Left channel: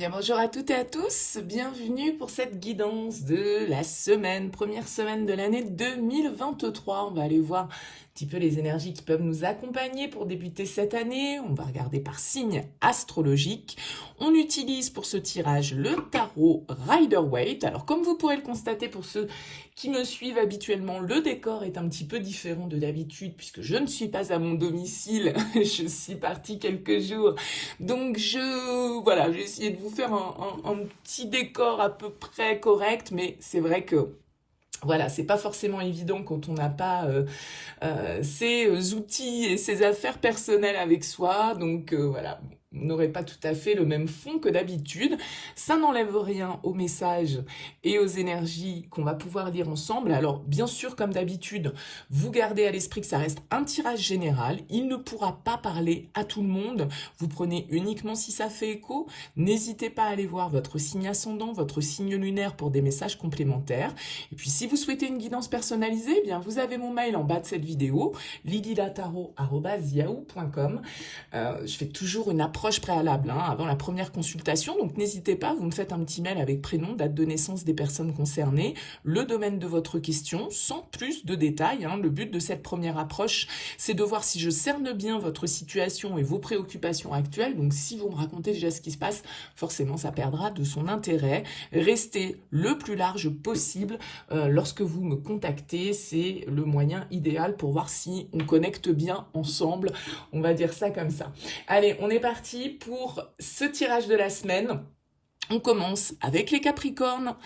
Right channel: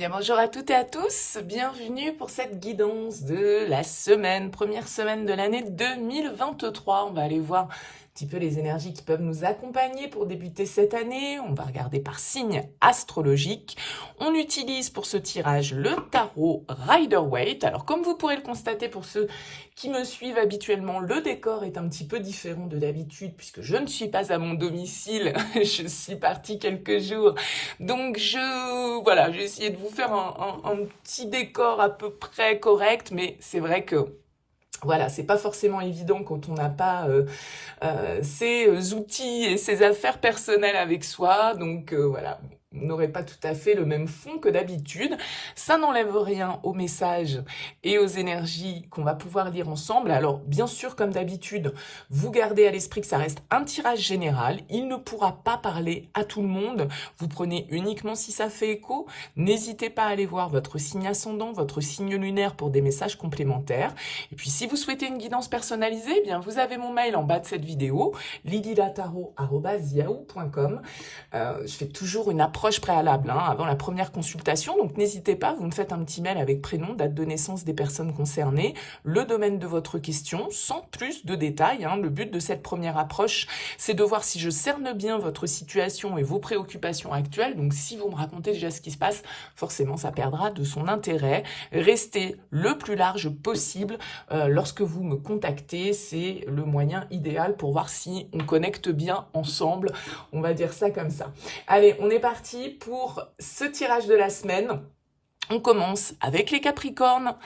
Bien, bonjour à toutes et à tous, bienvenue pour cette guidance de la semaine, première semaine de l'année 2023. On va aller voir un petit peu les énergies qui peuvent nous accompagner pour débuter cette année. On va regarder par signe astrologique. On utilise pour ce tirage le tarot Rider-Waite. Alors comme vous pourrez le constater pour ceux qui me suivent habituellement, le décor est un petit peu différent de d'habitude puisque je ne suis pas à mon domicile, je suis partie quelques jours. Donc voilà, j'ai essayé de vous faire un petit décor à peu près correct, mais c'est vrai que voilà, c'est pas forcément évident quand on n'a pas ses outils et ses affaires personnelles avec soi. Donc voilà, on n'aurait pas tout à fait le même fond que d'habitude. Ça n'enlève rien au message et aux énergies qu'on va pouvoir lire ensemble. Alors bien sûr, comme d'habitude, vous gardez à l'esprit que ça reste un tirage général. Il ne pourra pas parler à tout le monde. Vous prenez uniquement si ça fait écho. N'hésitez pas à aller voir votre signe ascendant, votre signe lunaire pour des messages complémentaires. Et puis si vous souhaitez une guidance personnalisée, eh bien vous avez mon mail en bas de cette vidéo, lilylataro@yahoo.com. Je fais toujours une approche préalable avant la première consultation, donc n'hésitez pas, vous me faites un petit mail avec prénom, date de naissance des personnes concernées, le domaine de votre question, sans plus de détails. Le but de cette première approche, c'est de voir si je cerne bien votre situation et vos préoccupations actuelles. Donc si vous me racontez déjà ce qui se passe, forcément ça perdra de son intérêt. Restez le plus large possible lorsque vous me contactez, c'est le moyen idéal pour voir si on connecte bien ensemble, on va dire ça comme ça. Allez, on est parti pour ce tirage de la semaine. On commence avec les Capricornes,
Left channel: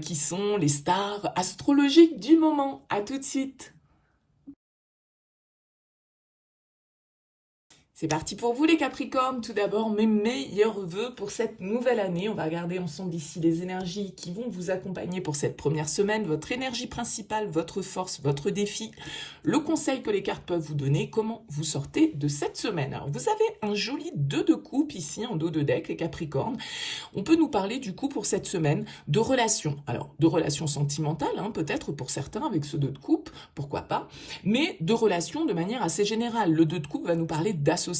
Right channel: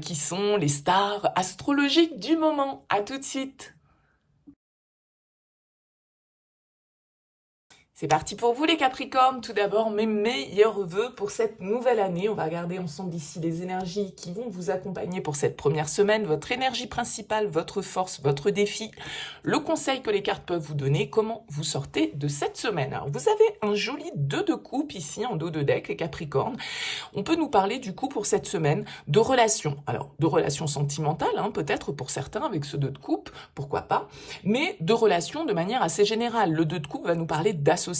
qui sont les stars astrologiques du moment. À tout de suite. C'est parti pour vous les Capricornes. Tout d'abord, mes meilleurs vœux pour cette nouvelle année. On va regarder ensemble ici les énergies qui vont vous accompagner pour cette première semaine. Votre énergie principale, votre force, votre défi. Le conseil que les cartes peuvent vous donner, comment vous sortez de cette semaine. Alors, vous avez un joli 2 de coupe ici en dos de deck, les Capricornes. On peut nous parler du coup pour cette semaine de relations. Alors, de relations sentimentales, peut-être pour certains avec ce 2 de coupe, pourquoi pas. Mais de relations de manière assez générale. Le 2 de coupe va nous parler d'association,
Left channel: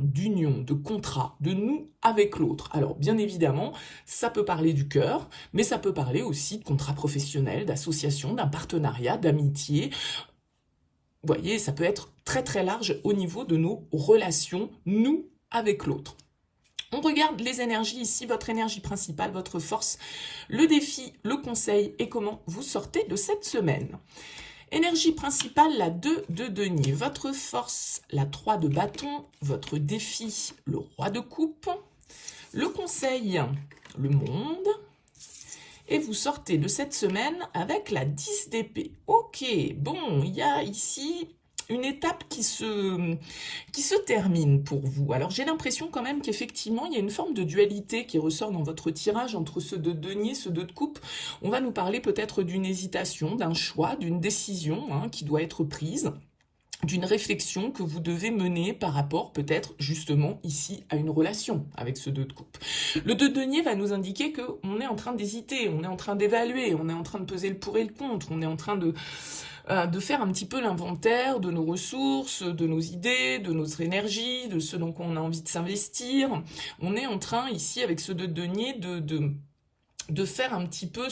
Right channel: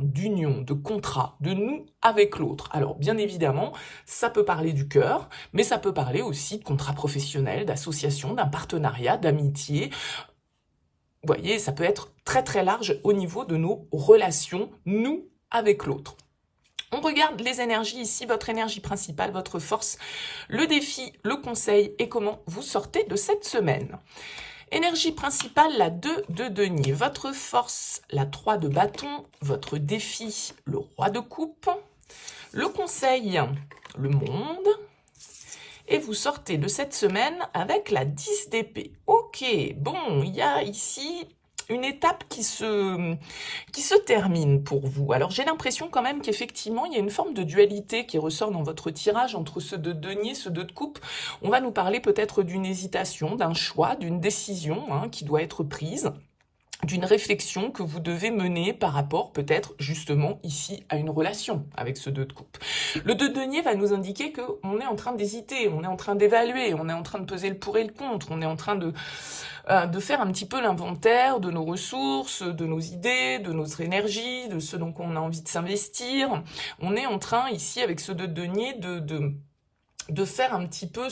d'union, de contrat, de nous avec l'autre. Alors bien évidemment, ça peut parler du cœur, mais ça peut parler aussi de contrat professionnel, d'association, d'un partenariat, d'amitié. Vous voyez, ça peut être très très large au niveau de nos relations, nous avec l'autre. On regarde les énergies ici, votre énergie principale, votre force, le défi, le conseil et comment vous sortez de cette semaine. Énergie principale, la 2 de denier. Votre force, la 3 de bâton. Votre défi, le roi de coupe. Le conseil, le monde. Et vous sortez de cette semaine avec la 10 d'épée. Ok, bon, il y a ici une étape qui se termine pour vous. Alors j'ai l'impression quand même qu'effectivement il y a une forme de dualité qui ressort dans votre tirage entre ce 2 de denier, ce 2 de coupe. On va nous parler peut-être d'une hésitation, d'un choix, d'une décision qui doit être prise, d'une réflexion que vous devez mener par rapport peut-être justement ici à une relation avec ce 2 de coupe. Le 2 de denier va nous indiquer qu'on est en train d'hésiter, on est en train d'évaluer, on est en train de peser le pour et le contre, on est en train de faire un petit peu l'inventaire de nos ressources, de nos idées, de notre énergie, de ce dont on a envie de s'investir. On est en train ici avec ce 2 de denier de faire un petit peu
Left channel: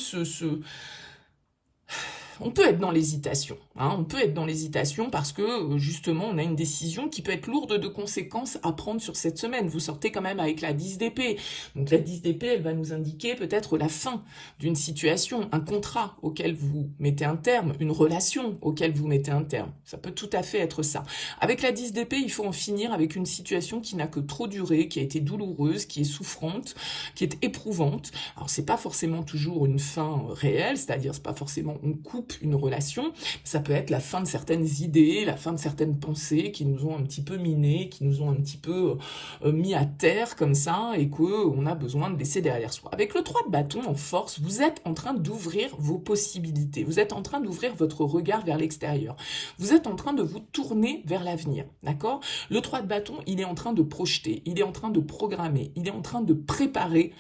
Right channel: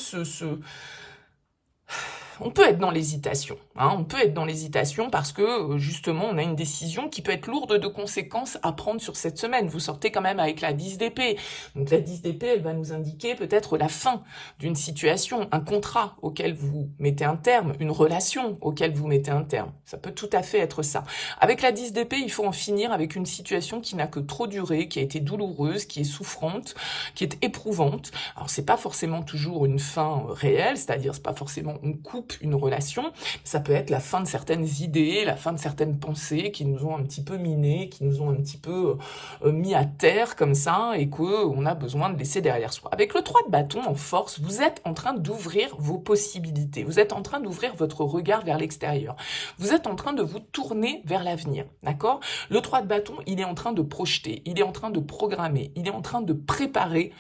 on peut être dans l'hésitation, on peut être dans l'hésitation parce que justement on a une décision qui peut être lourde de conséquences à prendre sur cette semaine. Vous sortez quand même avec la 10 d'épée, donc la 10 d'épée elle va nous indiquer peut-être la fin d'une situation, un contrat auquel vous mettez un terme, une relation auquel vous mettez un terme, ça peut tout à fait être ça. Avec la 10 d'épée il faut en finir avec une situation qui n'a que trop duré, qui a été douloureuse, qui est souffrante, qui est éprouvante. Alors c'est pas forcément toujours une fin réelle, c'est-à-dire c'est pas forcément on coupe une relation, ça peut être la fin de certaines idées, la fin de certaines pensées qui nous ont un petit peu minés, qui nous ont un petit peu mis à terre comme ça et qu'on a besoin de laisser derrière soi. Avec le 3 de bâton en force, vous êtes en train d'ouvrir vos possibilités, vous êtes en train d'ouvrir votre regard vers l'extérieur, vous êtes en train de vous tourner vers l'avenir, d'accord? Le 3 de bâton, il est en train de projeter, il est en train de programmer, il est en train de préparer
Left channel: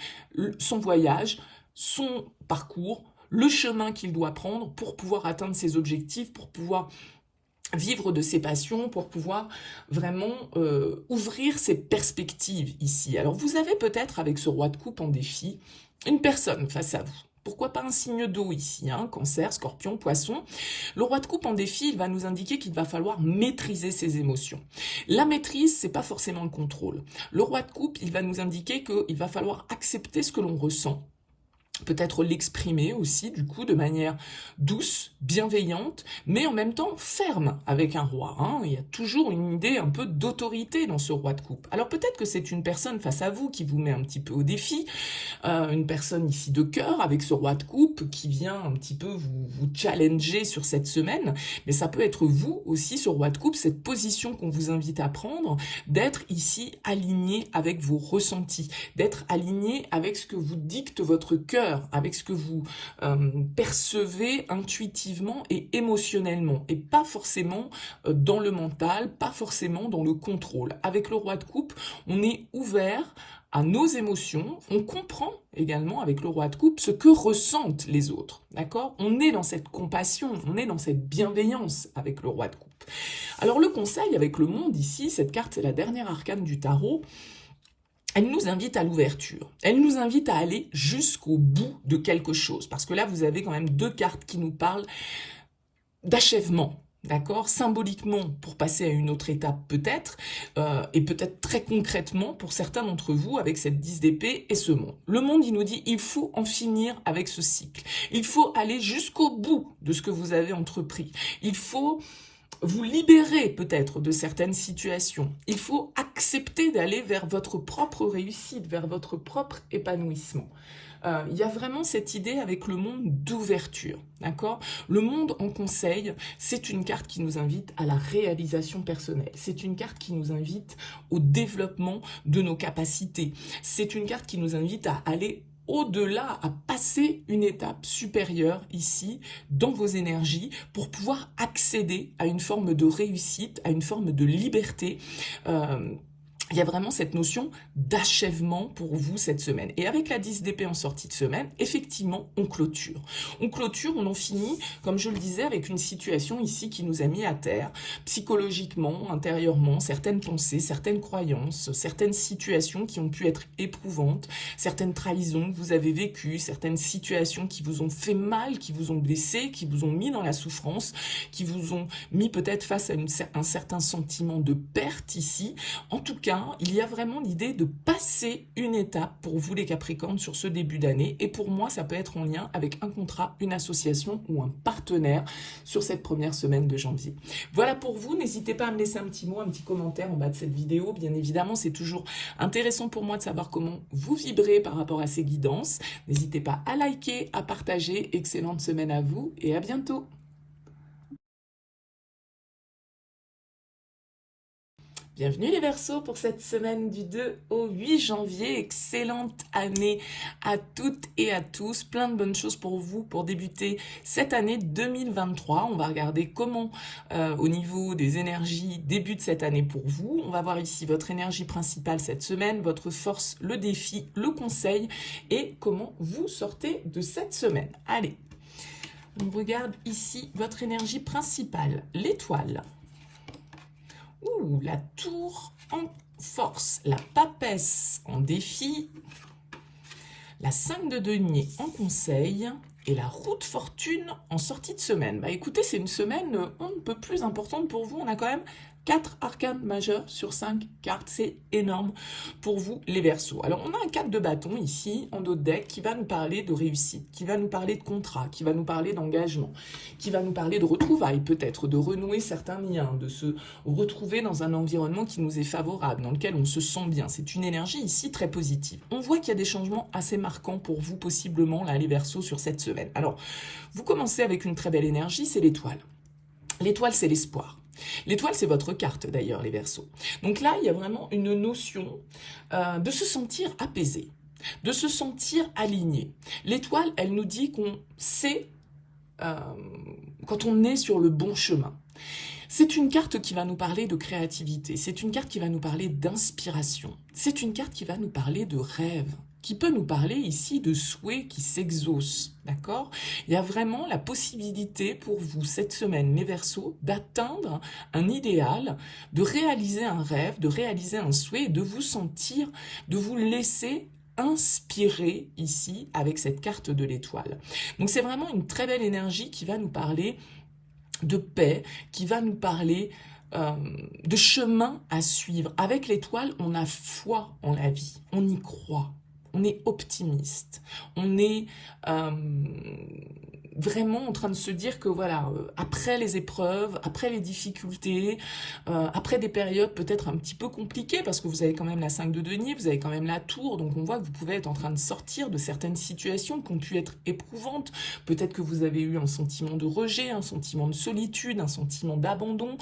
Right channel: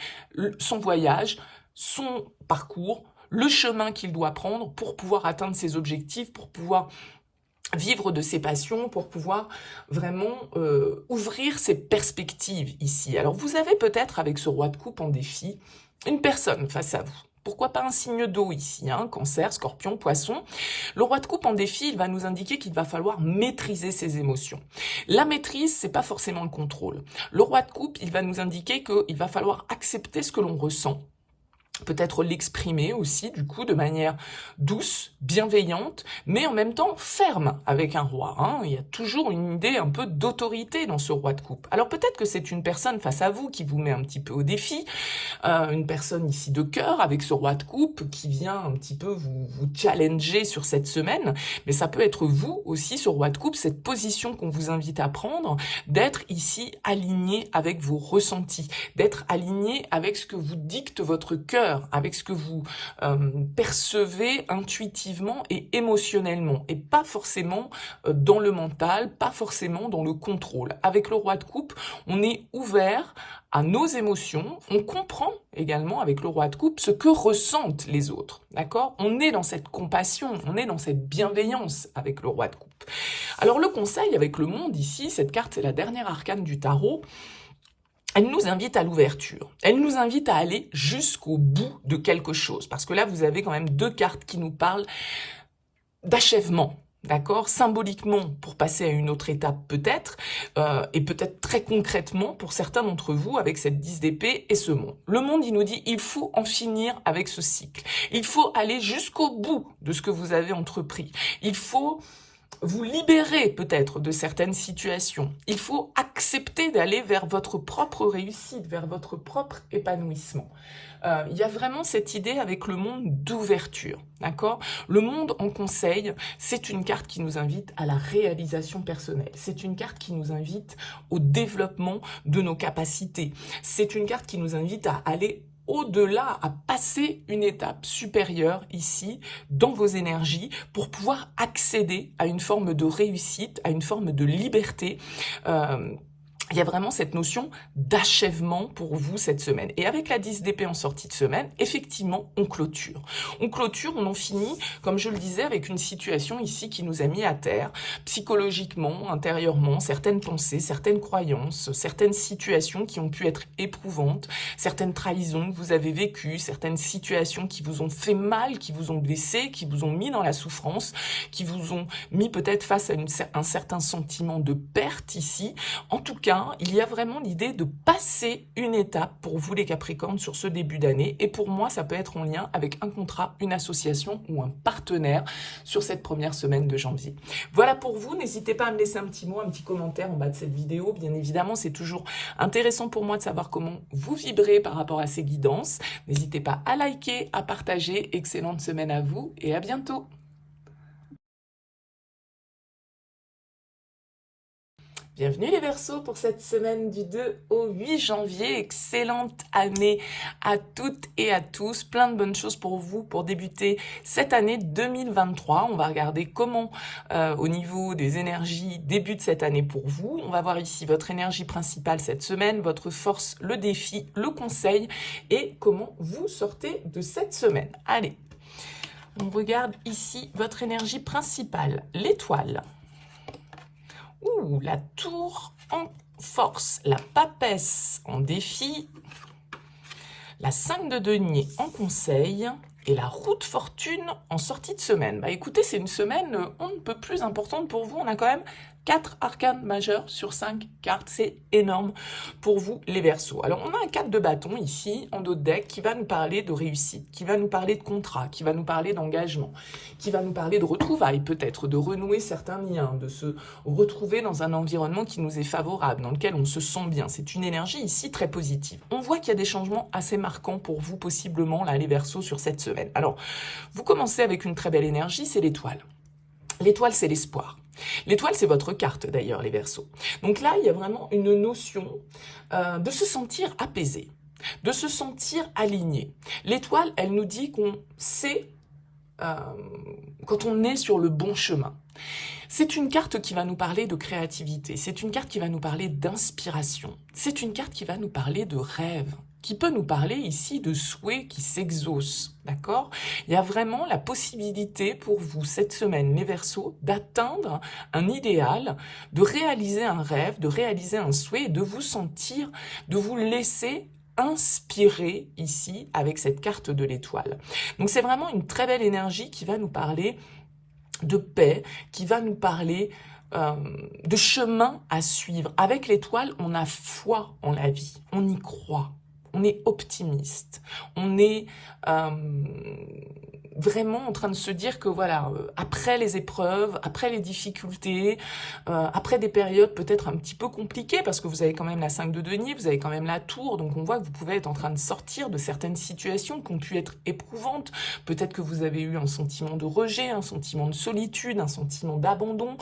son voyage, son parcours, le chemin qu'il doit prendre pour pouvoir atteindre ses objectifs, pour pouvoir vivre de ses passions, pour pouvoir vraiment ouvrir ses perspectives ici. Alors vous avez peut-être avec ce roi de coupe en défi, une personne face à vous. Pourquoi pas un signe d'eau ici, hein, Cancer, Scorpion, Poisson. Le roi de coupe en défi, il va nous indiquer qu'il va falloir maîtriser ses émotions. La maîtrise, c'est pas forcément le contrôle. Le roi de coupe, il va nous indiquer qu'il va falloir accepter ce que l'on ressent. Peut-être l'exprimer aussi, du coup, de manière douce, bienveillante, mais en même temps ferme avec un roi. Hein. Il y a toujours une idée un peu d'autorité dans ce roi de coupe. Alors peut-être que c'est une personne face à vous qui vous met un petit peu au défi, une personne ici de cœur avec ce roi de coupe qui vient un petit peu vous challenger sur cette semaine, mais ça peut être vous aussi, ce roi de coupe, cette position qu'on vous invite à prendre, d'être ici aligné avec vos ressentis, d'être aligné avec ce que vous dicte votre cœur, avec ce que vous percevez intuitivement et émotionnellement, et pas forcément dans le mental, pas forcément dans le contrôle. Avec le roi de coupe, on est ouvert à nos émotions, on comprend également avec le roi de coupe ce que ressentent les autres, d'accord? On est dans cette compassion, on est dans cette bienveillance avec le roi de coupe. Alors le conseil avec le monde ici, cette carte c'est la dernière arcane du tarot, elle nous invite à l'ouverture. Elle nous invite à aller jusqu'au bout de quelque chose. Parce que là, vous avez quand même deux cartes qui nous parlent d'achèvement. D'accord? Symboliquement, pour passer à une autre étape peut-être, et peut-être très concrètement pour certains d'entre vous avec cette 10 d'épée et ce monde. Le monde, il nous dit, il faut en finir avec ce cycle. Il faut aller jusqu'au bout de ce que vous avez entrepris. Il faut vous libérer peut-être de certaines situations. Il faut accepter d'aller vers votre propre réussite, vers votre propre épanouissement. Il y a vraiment cette idée avec le monde d'ouverture, d'accord? Le monde en conseil, c'est une carte qui nous invite à la réalisation personnelle. C'est une carte qui nous invite au développement de nos capacités. C'est une carte qui nous invite à aller au-delà, à passer une étape supérieure ici, dans vos énergies, pour pouvoir accéder à une forme de réussite, à une forme de liberté. Il y a vraiment cette notion d'achèvement pour vous cette semaine. Et avec la 10 d'épée en sortie de semaine, effectivement, on clôture. On clôture, on en finit, comme je le disais, avec une situation ici qui nous a mis à terre, psychologiquement, intérieurement, certaines pensées, certaines croyances, certaines situations qui ont pu être éprouvantes, certaines trahisons que vous avez vécues, certaines situations qui vous ont fait mal, qui vous ont blessé, qui vous ont mis dans la souffrance, qui vous ont mis peut-être face à un certain sentiment de perte ici. En tout cas, il y a vraiment l'idée de passer une étape pour vous les Capricornes sur ce début d'année, et pour moi ça peut être en lien avec un contrat, une association ou un partenaire sur cette première semaine de janvier. Voilà pour vous, n'hésitez pas à me laisser un petit mot, un petit commentaire en bas de cette vidéo. Bien évidemment, c'est toujours intéressant pour moi de savoir comment vous vibrez par rapport à ces guidances. N'hésitez pas à liker, à partager. Excellente semaine à vous et à bientôt. Bienvenue les Verseaux pour cette semaine du 2 au 8 janvier. Excellente année à toutes et à tous. Plein de bonnes choses pour vous pour débuter cette année 2023. On va regarder comment au niveau des énergies débute cette année pour vous. On va voir ici votre énergie principale cette semaine, votre force, le défi, le conseil et comment vous sortez de cette semaine. Allez, on regarde ici votre énergie principale, l'étoile. Ouh, la tour en force, la papesse en défi, la 5 de denier en conseil et la roue de fortune en sortie de semaine. Bah écoutez, c'est une semaine on ne peut plus importante pour vous. On a quand même 4 arcanes majeures sur 5 cartes, c'est énorme pour vous les Verseaux. Alors on a un 4 de bâton ici en dos de deck qui va nous parler de réussite, qui va nous parler de contrat, qui va nous parler d'engagement, qui va nous parler de retrouvailles peut-être, de renouer certains liens, de se retrouver dans un environnement qui nous est favorable, dans lequel on se sent bien. C'est une énergie ici très positive. On voit qu'il y a des changements assez marquants pour vous possiblement là les Verseaux sur cette semaine. Alors vous commencez avec une très belle énergie, c'est l'étoile. L'étoile c'est l'espoir. L'étoile, c'est votre carte d'ailleurs, les Verseaux. Donc là, il y a vraiment une notion de se sentir apaisé, de se sentir aligné. L'étoile, elle nous dit qu'on sait quand on est sur le bon chemin. C'est une carte qui va nous parler de créativité, c'est une carte qui va nous parler d'inspiration, c'est une carte qui va nous parler de rêve. qui peut nous parler ici de souhaits qui s'exaucent, d'accord? Il y a vraiment la possibilité pour vous, cette semaine, mes Verseaux, d'atteindre un idéal, de réaliser un rêve, de réaliser un souhait, et de vous sentir, de vous laisser inspirer ici avec cette carte de l'étoile. Donc c'est vraiment une très belle énergie qui va nous parler de paix, qui va nous parler de chemin à suivre. Avec l'étoile, on a foi en la vie, on y croit, on est optimiste, on est vraiment en train de se dire que voilà, après les épreuves, après les difficultés, après des périodes peut-être un petit peu compliquées, parce que vous avez quand même la 5 de denier, vous avez quand même la tour, donc on voit que vous pouvez être en train de sortir de certaines situations qui ont pu être éprouvantes. Peut-être que vous avez eu un sentiment de rejet, un sentiment de solitude, un sentiment d'abandon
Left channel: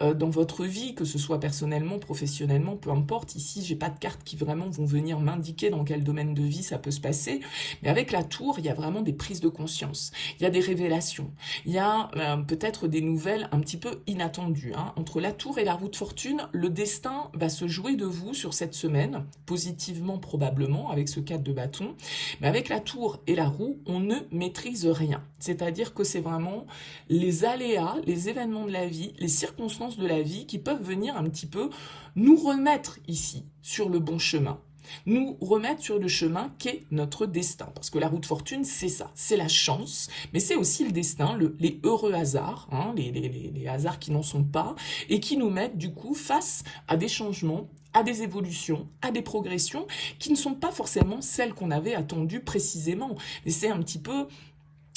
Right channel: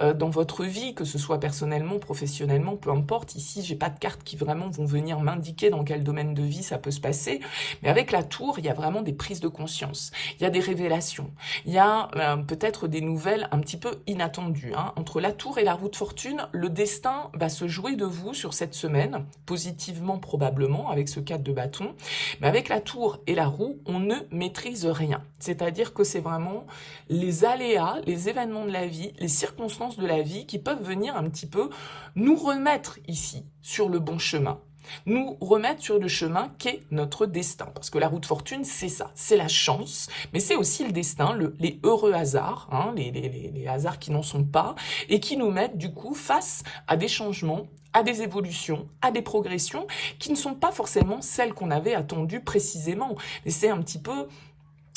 dans votre vie, que ce soit personnellement, professionnellement, peu importe. Ici, j'ai pas de cartes qui vraiment vont venir m'indiquer dans quel domaine de vie ça peut se passer, mais avec la tour, il y a vraiment des prises de conscience. Il y a des révélations, il y a peut-être des nouvelles un petit peu inattendues. Entre la tour et la roue de fortune, le destin va se jouer de vous sur cette semaine, positivement probablement, avec ce 4 de bâton. Mais avec la tour et la roue, on ne maîtrise rien. C'est-à-dire que c'est vraiment les aléas, les événements de la vie, les circonstances de la vie qui peuvent venir un petit peu nous remettre ici sur le bon chemin. Nous remettre sur le chemin qu'est notre destin. Parce que la roue de fortune, c'est ça, c'est la chance, mais c'est aussi le destin, les heureux hasards, les hasards qui n'en sont pas, et qui nous mettent du coup face à des changements, à des évolutions, à des progressions, qui ne sont pas forcément celles qu'on avait attendues précisément. Et c'est un petit peu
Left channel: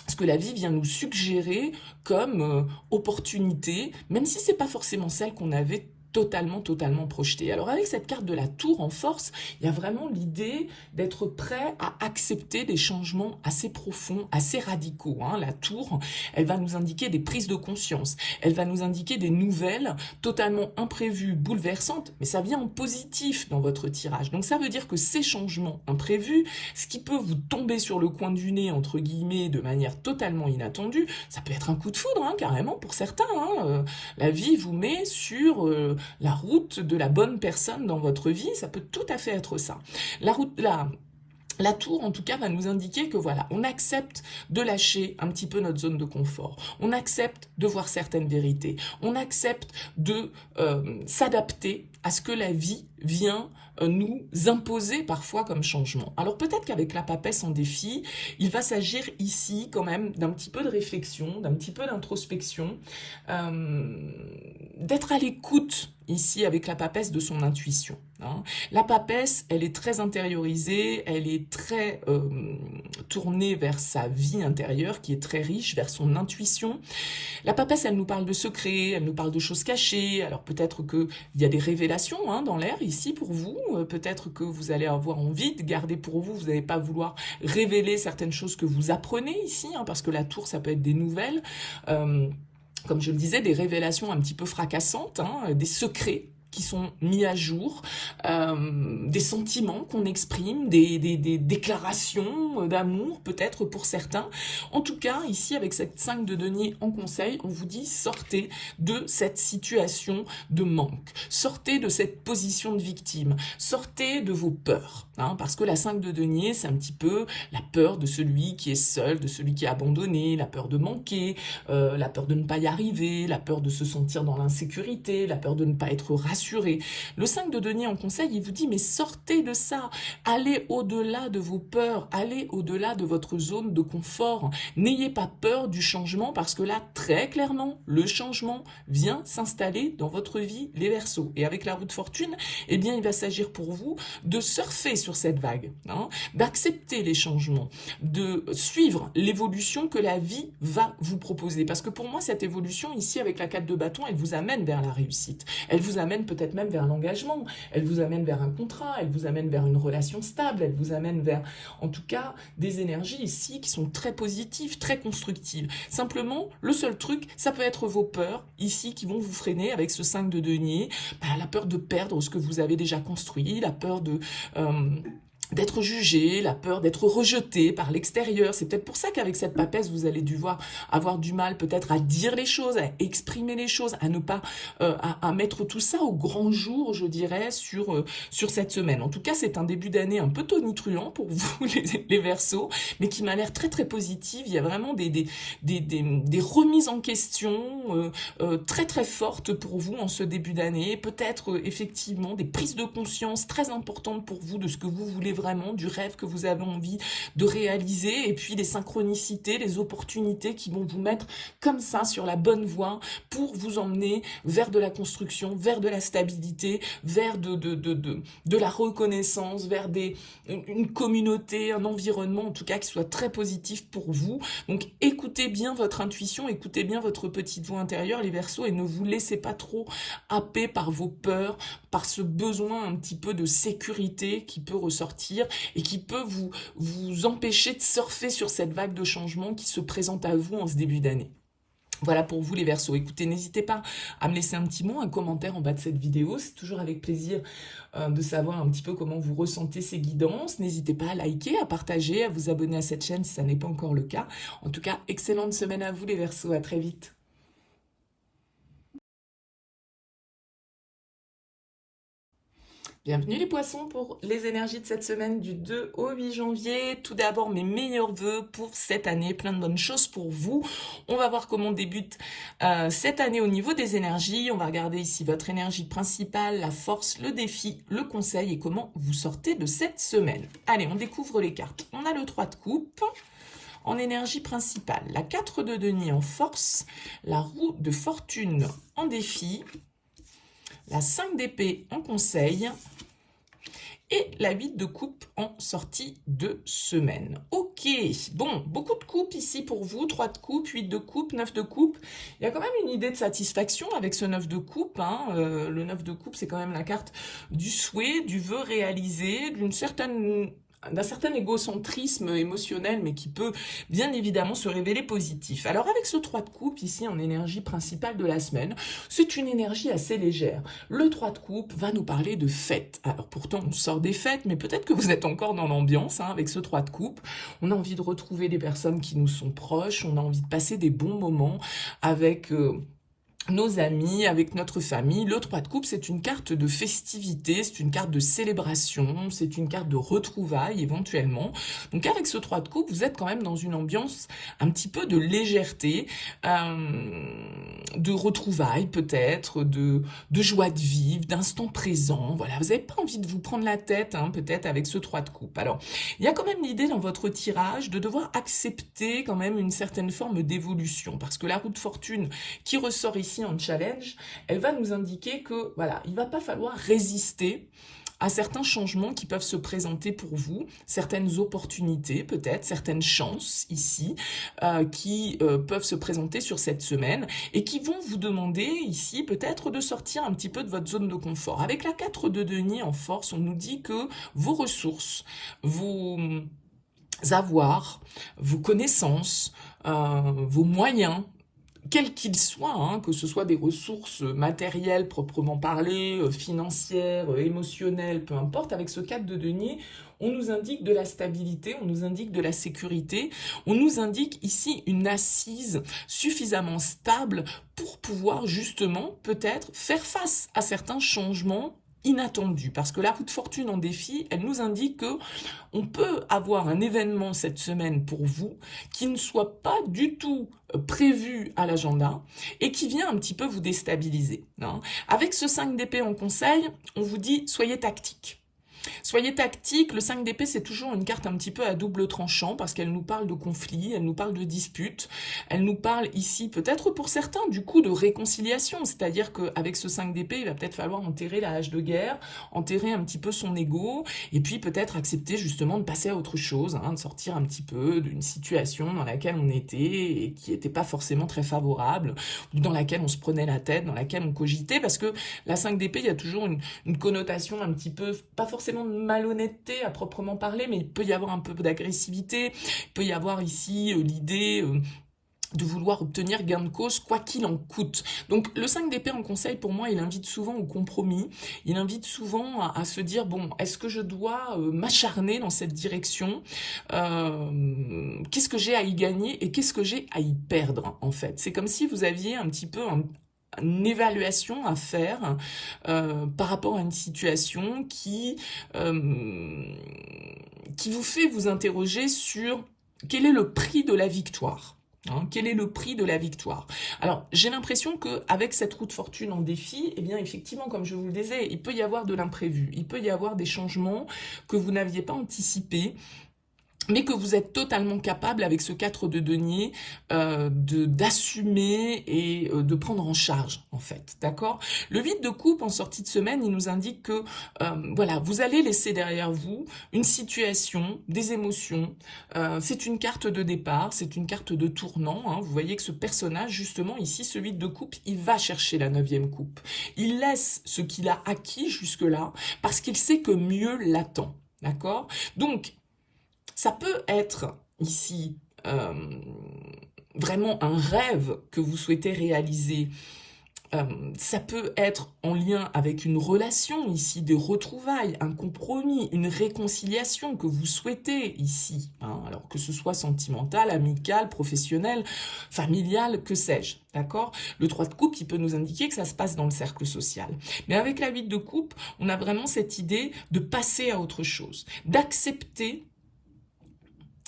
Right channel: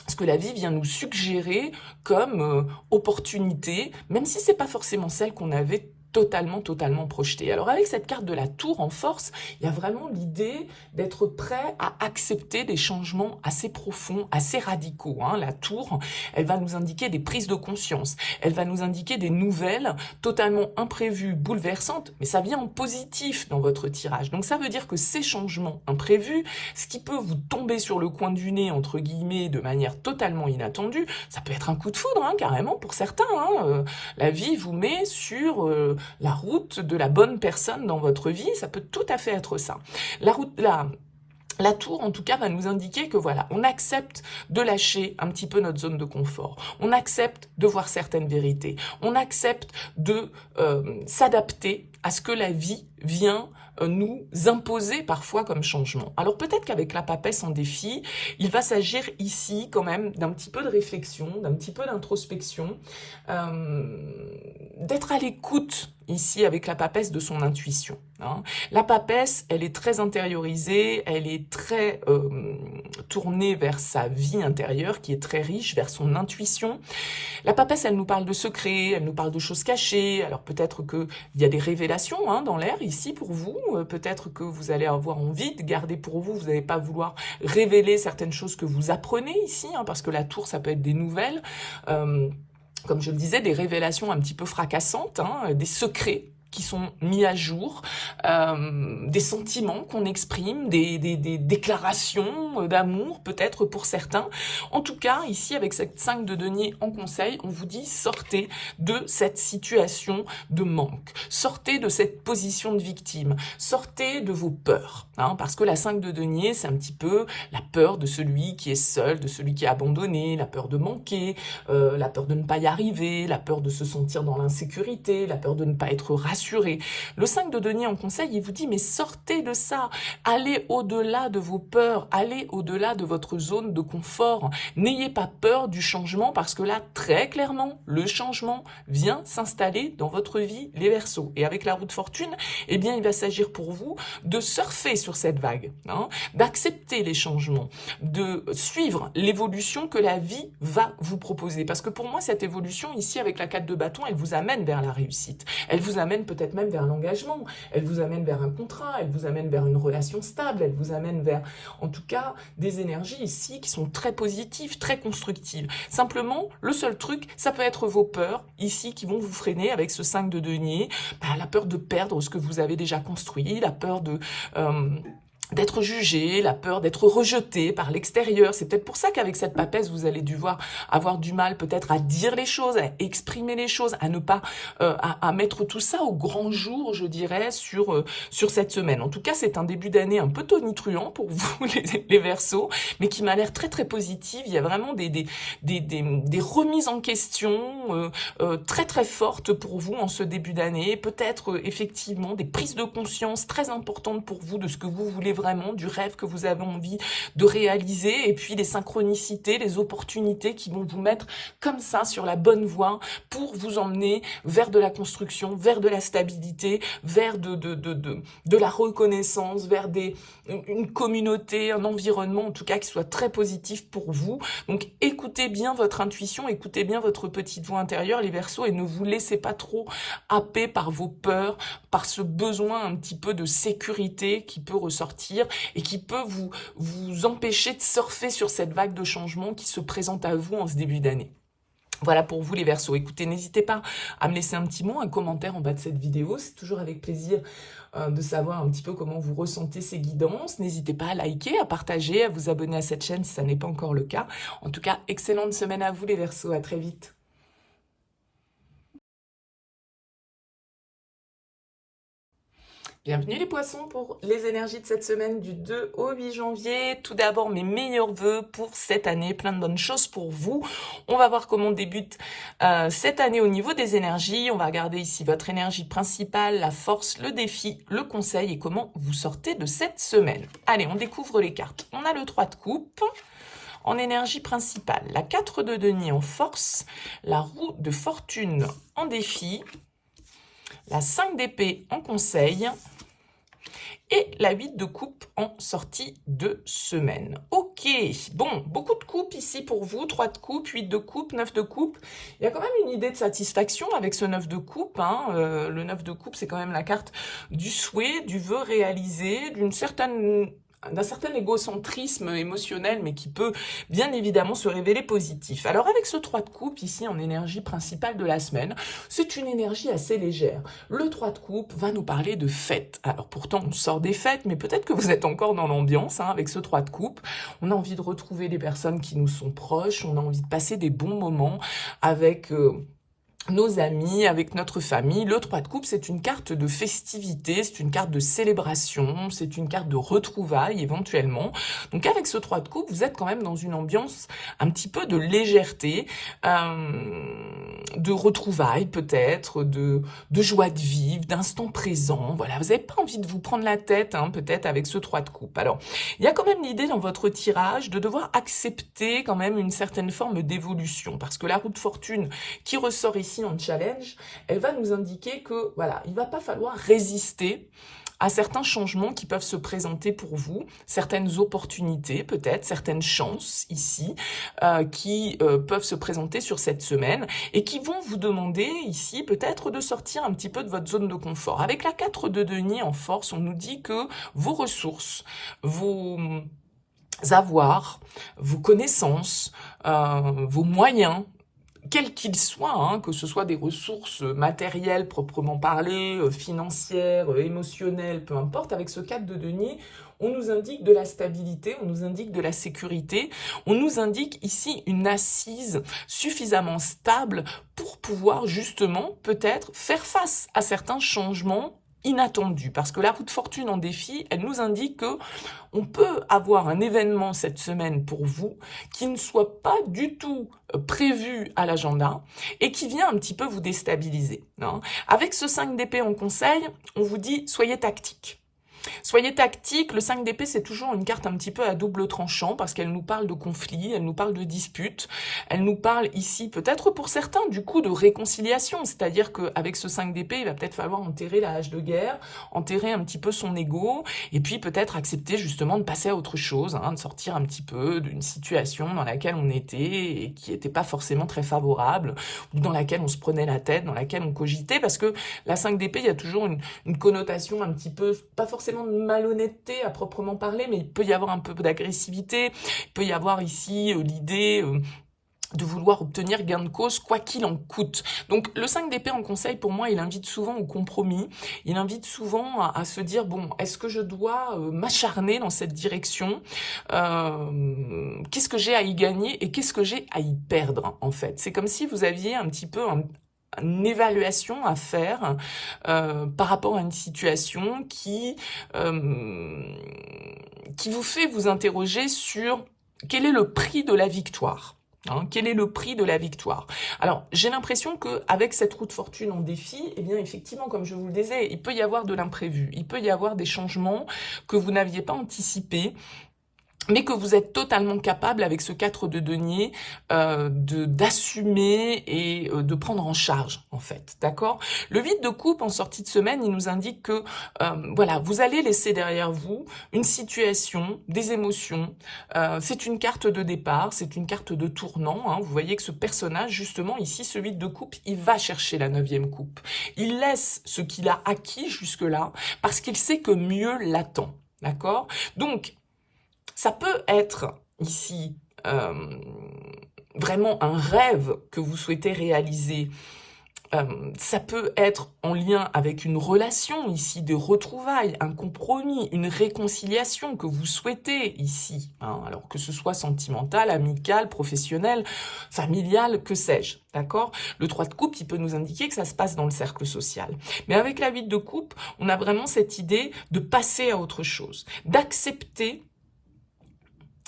ce que la vie vient nous suggérer comme opportunité, même si c'est pas forcément celle qu'on avait totalement projeté. Alors avec cette carte de la tour en force, il y a vraiment l'idée d'être prêt à accepter des changements assez profonds, assez radicaux. La tour, elle va nous indiquer des prises de conscience, elle va nous indiquer des nouvelles totalement imprévues, bouleversantes, mais ça vient en positif dans votre tirage. Donc ça veut dire que ces changements imprévus, ce qui peut vous tomber sur le coin du nez, entre guillemets, de manière totalement inattendue, ça peut être un coup de foudre, carrément, pour certains. La vie vous met sur la route de la bonne personne dans votre vie, ça peut tout à fait être ça. La tour, en tout cas, va nous indiquer que voilà, on accepte de lâcher un petit peu notre zone de confort. On accepte de voir certaines vérités. On accepte de s'adapter à ce que la vie vient nous imposer parfois comme changement. Alors peut-être qu'avec la papesse en défi, il va s'agir ici quand même d'un petit peu de réflexion, d'un petit peu d'introspection, d'être à l'écoute ici avec la papesse de son intuition. La papesse, elle est très intériorisée, elle est très tournée vers sa vie intérieure qui est très riche, vers son intuition. La papesse, elle nous parle de secrets, elle nous parle de choses cachées. Alors peut-être qu'il y a des révélations dans l'air ici pour vous. Peut-être que vous allez avoir envie de garder pour vous. Vous n'allez pas vouloir révéler certaines choses que vous apprenez ici, parce que la tour, ça peut être des nouvelles. Comme je le disais, des révélations un petit peu fracassantes, des secrets qui sont mis à jour, des sentiments qu'on exprime, des déclarations d'amour peut-être pour certains. En tout cas, ici avec cette 5 de denier en conseil, on vous dit sortez de cette situation de manque, sortez de cette position de victime, sortez de vos peurs, parce que la 5 de denier, c'est un petit peu la peur de celui qui est seul, de celui qui est abandonné, la peur de manquer, la peur de ne pas y arriver, la peur de se sentir dans l'insécurité, la peur de ne pas être rassuré. Le 5 de denier en conseil, il vous dit, mais sortez de ça, allez au-delà de vos peurs, allez au-delà de votre zone de confort, n'ayez pas peur du changement, parce que là, très clairement, le changement vient s'installer dans votre vie, les Verseaux. Et avec la roue de fortune, eh bien, il va s'agir pour vous de surfer sur cette vague, d'accepter les changements, de suivre l'évolution que la vie va vous proposer. Parce que pour moi, cette évolution, ici, avec la 4 de bâton, elle vous amène vers la réussite. Elle vous amène peut-être même vers l'engagement, elle vous amène vers un contrat, elle vous amène vers une relation stable, elle vous amène vers, en tout cas, des énergies ici qui sont très positives, très constructives. Simplement, le seul truc, ça peut être vos peurs, ici, qui vont vous freiner avec ce 5 de denier, la peur de perdre ce que vous avez déjà construit, la peur de d'être jugé, la peur d'être rejeté par l'extérieur. C'est peut-être pour ça qu'avec cette papesse, vous allez avoir du mal peut-être à dire les choses, à exprimer les choses, à ne pas à mettre tout ça au grand jour, je dirais, sur cette semaine. En tout cas, c'est un début d'année un peu tonitruant pour vous, les Verseaux, mais qui m'a l'air très très positive. Il y a vraiment des remises en question très très fortes pour vous en ce début d'année. Peut-être effectivement des prises de conscience très importantes pour vous de ce que vous voulez vraiment, du rêve que vous avez envie de réaliser, et puis les synchronicités, les opportunités qui vont vous mettre comme ça sur la bonne voie pour vous emmener vers de la construction, vers de la stabilité, vers de la reconnaissance, vers une communauté, un environnement en tout cas qui soit très positif pour vous. Donc écoutez bien votre intuition, écoutez bien votre petite voix intérieure, les Verseaux, et ne vous laissez pas trop happer par vos peurs, par ce besoin un petit peu de sécurité qui peut ressortir et qui peut vous empêcher de surfer sur cette vague de changement qui se présente à vous en ce début d'année. Voilà pour vous les Verseaux. Écoutez, n'hésitez pas à me laisser un petit mot, un commentaire en bas de cette vidéo. C'est toujours avec plaisir de savoir un petit peu comment vous ressentez ces guidances. N'hésitez pas à liker, à partager, à vous abonner à cette chaîne si ça n'est pas encore le cas. En tout cas, excellente semaine à vous les Verseaux. À très vite. Bienvenue les poissons pour les énergies de cette semaine du 2 au 8 janvier. Tout d'abord, mes meilleurs vœux pour cette année, plein de bonnes choses pour vous. On va voir comment débute cette année au niveau des énergies. On va regarder ici votre énergie principale, la force, le défi, le conseil et comment vous sortez de cette semaine. Allez, on découvre les cartes. On a le 3 de coupe en énergie principale, la 4 de denier en force, la roue de fortune en défi, la 5 d'épée en conseil et la 8 de coupe en sortie de semaine. Ok, bon, beaucoup de coupes ici pour vous, 3 de coupe, 8 de coupe, 9 de coupe. Il y a quand même une idée de satisfaction avec ce 9 de coupe. Hein. Le 9 de coupe, c'est quand même la carte du souhait, du vœu réalisé, d'un certain égocentrisme émotionnel, mais qui peut bien évidemment se révéler positif. Alors avec ce 3 de coupe, ici en énergie principale de la semaine, c'est une énergie assez légère. Le 3 de coupe va nous parler de fêtes. Alors pourtant, on sort des fêtes, mais peut-être que vous êtes encore dans l'ambiance avec ce 3 de coupe. On a envie de retrouver des personnes qui nous sont proches, on a envie de passer des bons moments avec nos amis, avec notre famille. Le 3 de coupe, c'est une carte de festivité, c'est une carte de célébration, c'est une carte de retrouvailles éventuellement. Donc avec ce 3 de coupe, vous êtes quand même dans une ambiance un petit peu de légèreté, de retrouvailles peut-être, de joie de vivre, d'instant présent. Voilà, vous n'avez pas envie de vous prendre la tête peut-être avec ce 3 de coupe. Alors, il y a quand même l'idée dans votre tirage de devoir accepter quand même une certaine forme d'évolution, parce que la roue de fortune qui ressort ici en challenge, elle va nous indiquer que voilà, il va pas falloir résister à certains changements qui peuvent se présenter pour vous, certaines opportunités peut-être, certaines chances ici qui peuvent se présenter sur cette semaine et qui vont vous demander ici peut-être de sortir un petit peu de votre zone de confort. Avec la 4 de denier en force, on nous dit que vos ressources, vos avoirs, vos connaissances, vos moyens, quels qu'ils soient, que ce soit des ressources matérielles proprement parlées, financières, émotionnelles, peu importe, avec ce 4 de denier, on nous indique de la stabilité, on nous indique de la sécurité, on nous indique ici une assise suffisamment stable pour pouvoir justement peut-être faire face à certains changements inattendus, parce que la roue de fortune en défi, elle nous indique que on peut avoir un événement cette semaine pour vous qui ne soit pas du tout prévu à l'agenda et qui vient un petit peu vous déstabiliser. Avec ce 5 d'épée en conseil, on vous dit soyez tactique. Soyez tactique, le 5 d'épée c'est toujours une carte un petit peu à double tranchant parce qu'elle nous parle de conflits, elle nous parle de disputes, elle nous parle ici peut-être pour certains du coup de réconciliation, c'est-à-dire qu'avec ce 5 d'épée il va peut-être falloir enterrer la hache de guerre, enterrer un petit peu son ego et puis peut-être accepter justement de passer à autre chose, de sortir un petit peu d'une situation dans laquelle on était et qui n'était pas forcément très favorable, ou dans laquelle on se prenait la tête, dans laquelle on cogitait, parce que la 5 d'épée il y a toujours une connotation un petit peu, pas forcément de malhonnêteté à proprement parler, mais il peut y avoir un peu d'agressivité, il peut y avoir ici l'idée de vouloir obtenir gain de cause quoi qu'il en coûte. Donc le 5 d'épée en conseil, pour moi, il invite souvent au compromis, il invite souvent à se dire, bon, est-ce que je dois m'acharner dans cette direction, qu'est-ce que j'ai à y gagner et qu'est-ce que j'ai à y perdre, en fait. C'est comme si vous aviez un petit peu une évaluation à faire par rapport à une situation qui vous fait vous interroger sur quel est le prix de la victoire. Quel est le prix de la victoire? Alors, j'ai l'impression qu'avec cette roue de fortune en défi, eh bien, effectivement, comme je vous le disais, il peut y avoir de l'imprévu, il peut y avoir des changements que vous n'aviez pas anticipés, mais que vous êtes totalement capable, avec ce 4 de denier, d'assumer et de prendre en charge, en fait, d'accord? Le 8 de coupe, en sortie de semaine, il nous indique que, voilà, vous allez laisser derrière vous une situation, des émotions, c'est une carte de départ, c'est une carte de tournant, vous voyez que ce personnage, justement, ici, ce 8 de coupe, il va chercher la 9e coupe. Il laisse ce qu'il a acquis jusque-là, parce qu'il sait que mieux l'attend, d'accord? Donc, ça peut être ici vraiment un rêve que vous souhaitez réaliser. Ça peut être en lien avec une relation ici, des retrouvailles, un compromis, une réconciliation que vous souhaitez ici. Alors que ce soit sentimental, amical, professionnel, familial, que sais-je. D'accord? Le 3 de coupe, il peut nous indiquer que ça se passe dans le cercle social. Mais avec la 8 de coupe, on a vraiment cette idée de passer à autre chose, d'accepter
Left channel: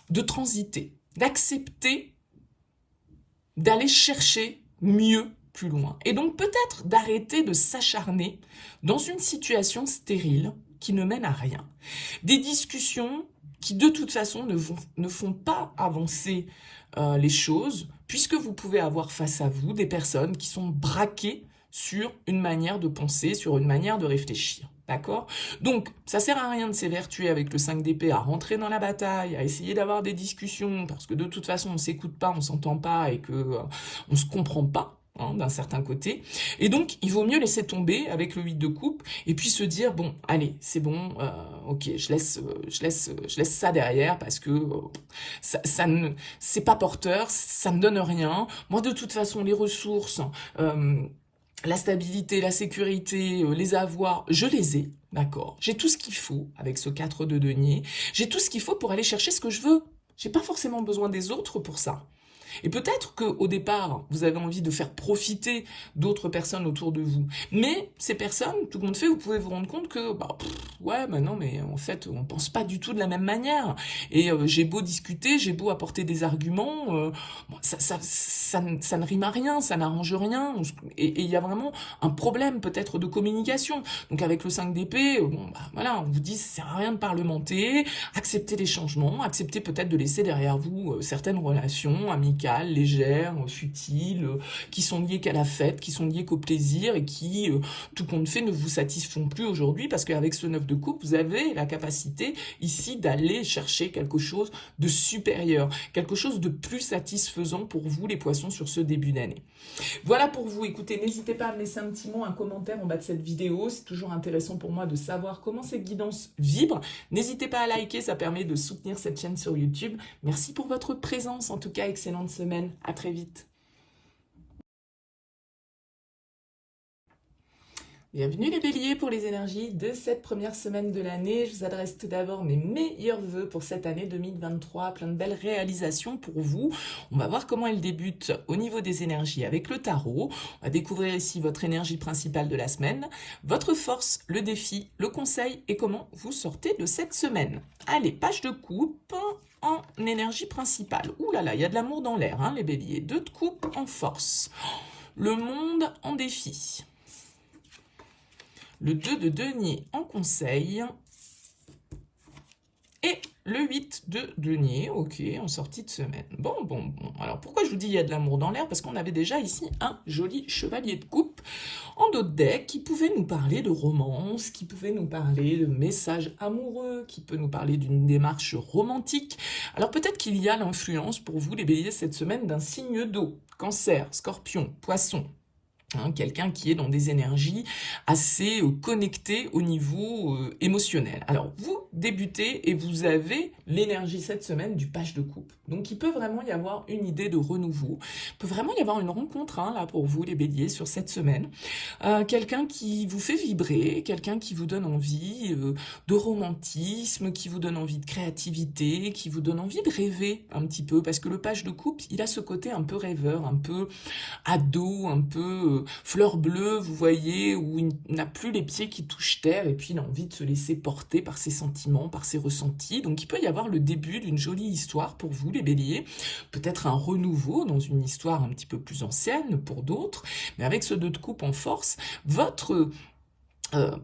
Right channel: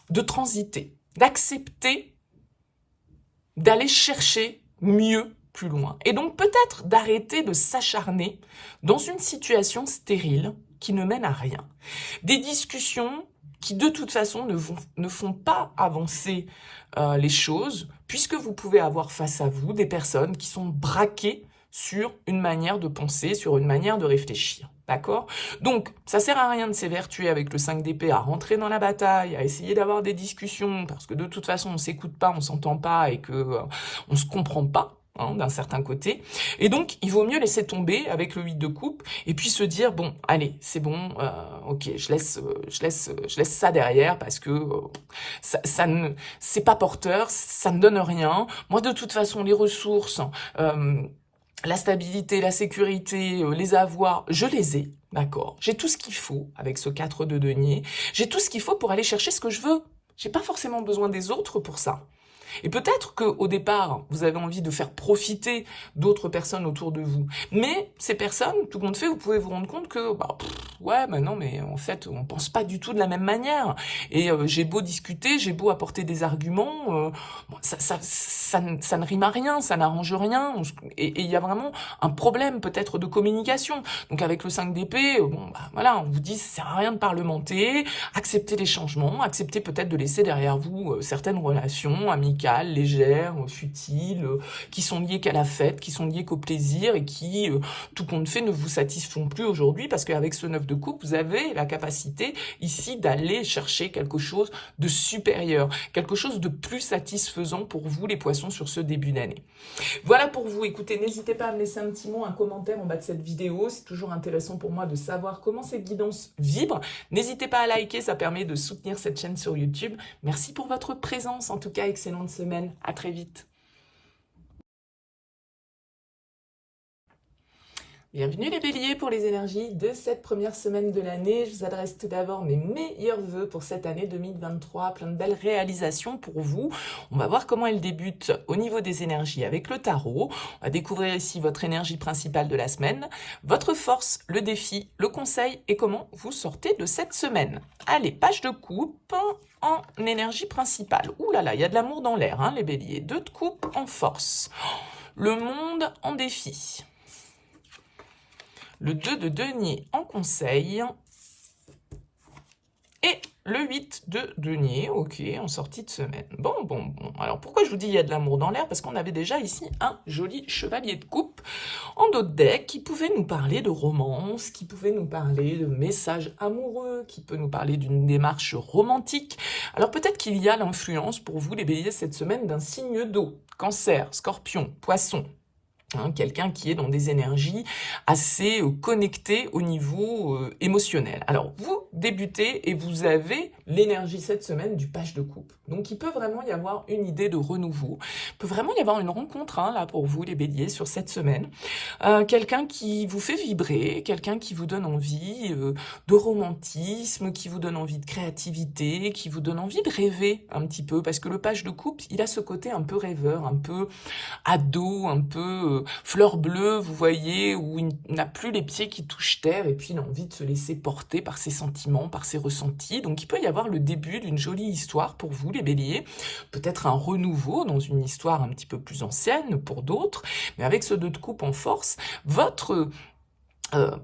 de transiter, d'accepter d'aller chercher mieux plus loin. Et donc peut-être d'arrêter de s'acharner dans une situation stérile qui ne mène à rien. Des discussions qui de toute façon ne font pas avancer les choses, puisque vous pouvez avoir face à vous des personnes qui sont braquées sur une manière de penser, sur une manière de réfléchir. D'accord? Donc, ça sert à rien de s'évertuer avec le 5 d'épée à rentrer dans la bataille, à essayer d'avoir des discussions, parce que de toute façon, on ne s'écoute pas, on ne s'entend pas et qu'on ne se comprend pas. D'un certain côté, et donc il vaut mieux laisser tomber avec le 8 de coupe et puis se dire bon allez c'est bon, ok je laisse ça derrière parce que c'est pas porteur, ça ne donne rien. Moi de toute façon les ressources, la stabilité, la sécurité, les avoirs, je les ai, d'accord. J'ai tout ce qu'il faut avec ce 4 de denier. J'ai tout ce qu'il faut pour aller chercher ce que je veux. J'ai pas forcément besoin des autres pour ça. Et peut-être qu'au départ, vous avez envie de faire profiter d'autres personnes autour de vous. Mais ces personnes, tout compte fait, vous pouvez vous rendre compte que, non, mais en fait, on pense pas du tout de la même manière. Et j'ai beau discuter, j'ai beau apporter des arguments, ça ne rime à rien, ça n'arrange rien. Et il y a vraiment un problème peut-être de communication. Donc avec le 5 d'épée, on vous dit, ça sert à rien de parlementer, acceptez les changements, acceptez peut-être de laisser derrière vous certaines relations amicales, légères, futiles, qui sont liées qu'à la fête, qui sont liées qu'au plaisir et qui, tout compte fait, ne vous satisfont plus aujourd'hui parce qu'avec ce 9 de coupe, vous avez la capacité ici d'aller chercher quelque chose de supérieur, quelque chose de plus satisfaisant pour vous les poissons sur ce début d'année. Voilà pour vous. Écoutez, n'hésitez pas à me laisser un petit mot, un commentaire en bas de cette vidéo. C'est toujours intéressant pour moi de savoir comment cette guidance vibre. N'hésitez pas à liker, ça permet de soutenir cette chaîne sur YouTube. Merci pour votre présence. En tout cas, excellente semaine. À très vite. Bienvenue les béliers pour les énergies de cette première semaine de l'année. Je vous adresse tout d'abord mes meilleurs vœux pour cette année 2023. Plein de belles réalisations pour vous. On va voir comment elle débute au niveau des énergies avec le tarot. On va découvrir ici votre énergie principale de la semaine, votre force, le défi, le conseil et comment vous sortez de cette semaine. Allez, page de coupe en énergie principale. Ouh là là, il y a de l'amour dans l'air, les béliers. 2 de coupe en force. Le monde en défi. Le 2 de denier en conseil et le 8 de denier, ok, en sortie de semaine. Bon. Alors, pourquoi je vous dis il y a de l'amour dans l'air? Parce qu'on avait déjà ici un joli chevalier de coupe en dos de deck qui pouvait nous parler de romance, qui pouvait nous parler de messages amoureux, qui peut nous parler d'une démarche romantique. Alors, peut-être qu'il y a l'influence pour vous, les béliers, cette semaine d'un signe d'eau. Cancer, Scorpion, Poisson. hein, quelqu'un qui est dans des énergies assez connectées au niveau émotionnel. Alors, vous débutez et vous avez l'énergie cette semaine du page de coupe. Donc, il peut vraiment y avoir une idée de renouveau. Il peut vraiment y avoir une rencontre, hein, là, pour vous, les béliers, sur cette semaine. Quelqu'un qui vous fait vibrer, quelqu'un qui vous donne envie de romantisme, qui vous donne envie de créativité, qui vous donne envie de rêver un petit peu. Parce que le page de coupe, il a ce côté un peu rêveur, un peu ado, un peu fleur bleue, vous voyez, où il n'a plus les pieds qui touchent terre et puis il a envie de se laisser porter par ses sentiments, par ses ressentis. Donc il peut y avoir le début d'une jolie histoire pour vous, les béliers, peut-être un renouveau dans une histoire un petit peu plus ancienne pour d'autres, mais avec ce 2 de coupe en force, votre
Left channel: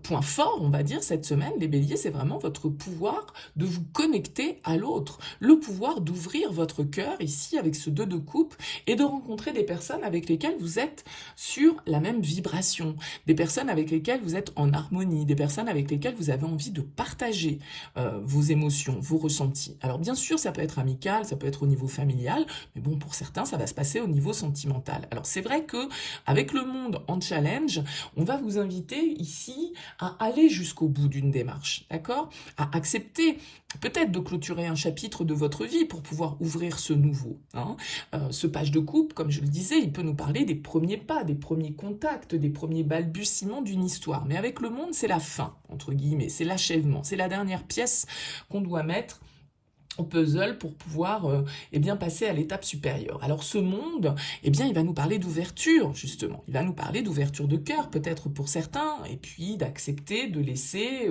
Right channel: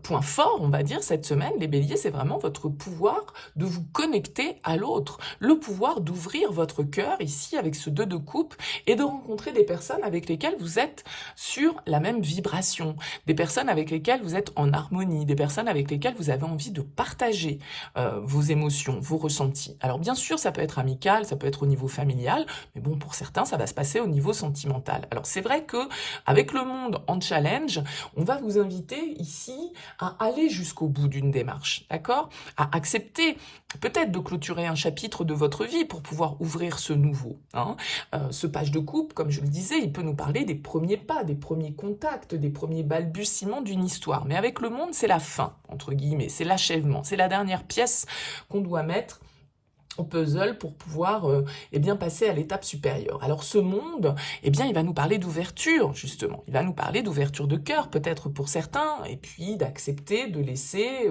point fort, on va dire, cette semaine, les béliers, c'est vraiment votre pouvoir de vous connecter à l'autre, le pouvoir d'ouvrir votre cœur ici avec ce 2 de coupe et de rencontrer des personnes avec lesquelles vous êtes sur la même vibration, des personnes avec lesquelles vous êtes en harmonie, des personnes avec lesquelles vous avez envie de partager vos émotions, vos ressentis. Alors bien sûr, ça peut être amical, ça peut être au niveau familial, mais bon, pour certains, ça va se passer au niveau sentimental. Alors c'est vrai que avec le monde en challenge, on va vous inviter ici à aller jusqu'au bout d'une démarche, d'accord? À accepter peut-être de clôturer un chapitre de votre vie pour pouvoir ouvrir ce nouveau. Hein. Ce page de coupe, comme je le disais, il peut nous parler des premiers pas, des premiers contacts, des premiers balbutiements d'une histoire. Mais avec le monde, c'est la fin, entre guillemets, c'est l'achèvement, c'est la dernière pièce qu'on doit mettre au puzzle pour pouvoir eh bien, passer à l'étape supérieure. Alors ce monde, eh bien, il va nous parler d'ouverture, justement. Il va nous parler d'ouverture de cœur, peut-être pour certains, et puis d'accepter de laisser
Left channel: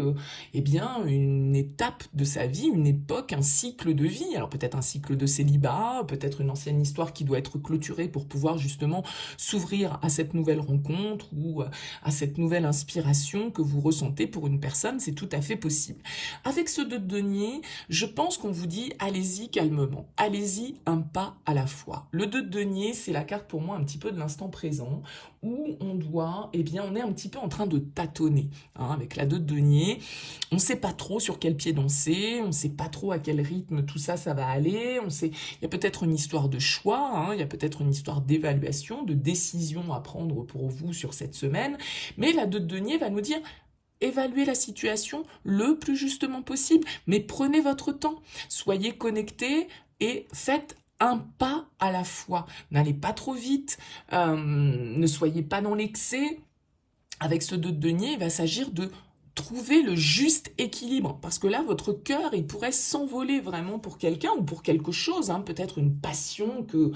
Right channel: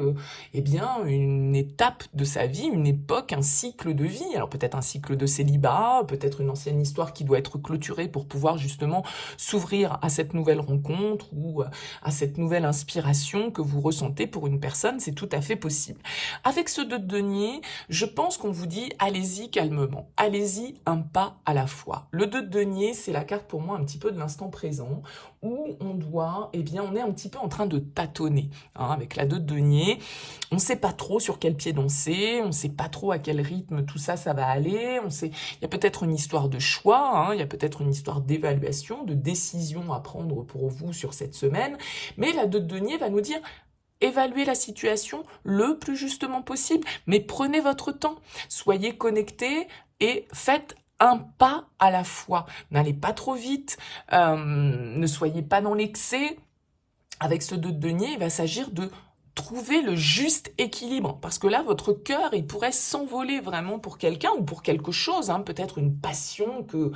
eh bien, une étape de sa vie, une époque, un cycle de vie. Alors peut-être un cycle de célibat, peut-être une ancienne histoire qui doit être clôturée pour pouvoir justement s'ouvrir à cette nouvelle rencontre ou à cette nouvelle inspiration que vous ressentez pour une personne, c'est tout à fait possible. Avec ce 2 de denier, je pense qu'on vous dit allez-y calmement, allez-y un pas à la fois. Le 2 de denier, c'est la carte pour moi un petit peu de l'instant présent, où on doit, eh bien, on est un petit peu en train de tâtonner. Hein, avec la 2 de denier, on ne sait pas trop sur quel pied danser, on ne sait pas trop à quel rythme tout ça, ça va aller. Il y a peut-être une histoire de choix, hein, il y a peut-être une histoire d'évaluation, de décision à prendre pour vous sur cette semaine, mais la 2 de denier va nous dire évaluez la situation le plus justement possible, mais prenez votre temps, soyez connectés et faites un pas à la fois. N'allez pas trop vite, ne soyez pas dans l'excès. Avec ce 2 de denier, il va s'agir de trouver le juste équilibre, parce que là, votre cœur, il pourrait s'envoler vraiment pour quelqu'un ou pour quelque chose, hein, peut-être une passion que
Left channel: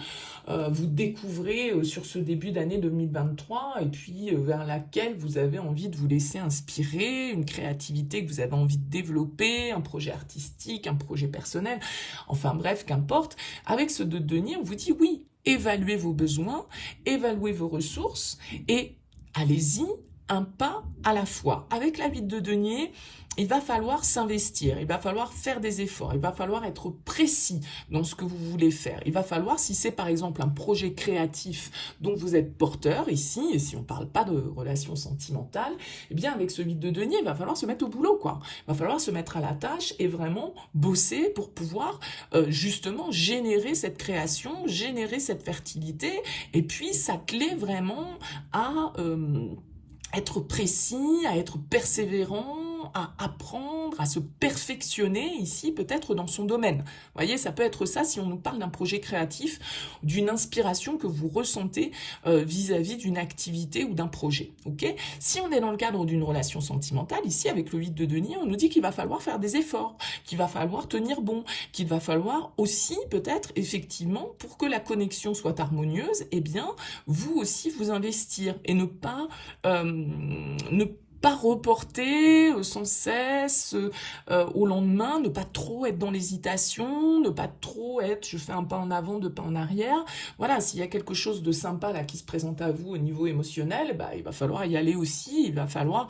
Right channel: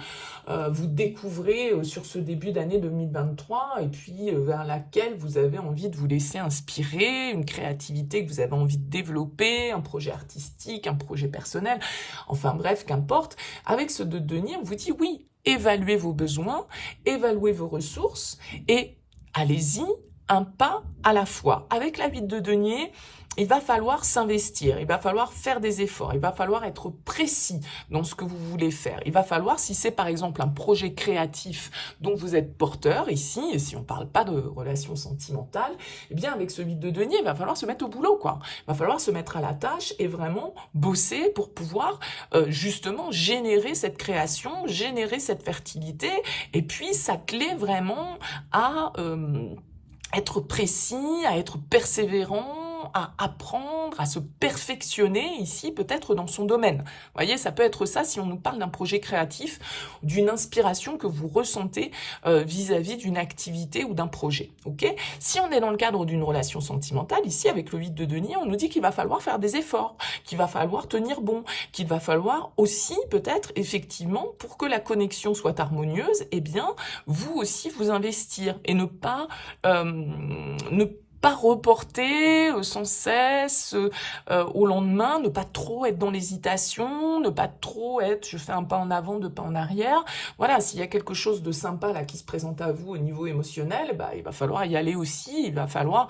vous découvrez sur ce début d'année 2023, et puis vers laquelle vous avez envie de vous laisser inspirer, une créativité que vous avez envie de développer, un projet artistique, un projet personnel, enfin bref, qu'importe. Avec ce 2 de denier, on vous dit oui, évaluez vos besoins, évaluez vos ressources, et allez-y, un pas à la fois. Avec la 8 de denier, il va falloir s'investir, il va falloir faire des efforts, il va falloir être précis dans ce que vous voulez faire. Il va falloir, si c'est par exemple un projet créatif dont vous êtes porteur ici, et si on ne parle pas de relations sentimentales, eh bien avec ce 8 de denier, il va falloir se mettre au boulot, quoi. Il va falloir se mettre à la tâche et vraiment bosser pour pouvoir justement générer cette création, générer cette fertilité, et puis s'atteler vraiment à être précis, à être persévérant, à apprendre, à se perfectionner ici peut-être dans son domaine. Vous voyez, ça peut être ça si on nous parle d'un projet créatif, d'une inspiration que vous ressentez vis-à-vis d'une activité ou d'un projet. Ok ? Si on est dans le cadre d'une relation sentimentale, ici avec le 8 de denier, on nous dit qu'il va falloir faire des efforts, qu'il va falloir tenir bon, qu'il va falloir aussi peut-être effectivement pour que la connexion soit harmonieuse, eh bien vous aussi vous investir et ne pas reporter sans cesse au lendemain, ne pas trop être dans l'hésitation, ne pas trop être je fais un pas en avant, 2 pas en arrière. Voilà, s'il y a quelque chose de sympa là qui se présente à vous au niveau émotionnel, bah, il va falloir y aller aussi, il va falloir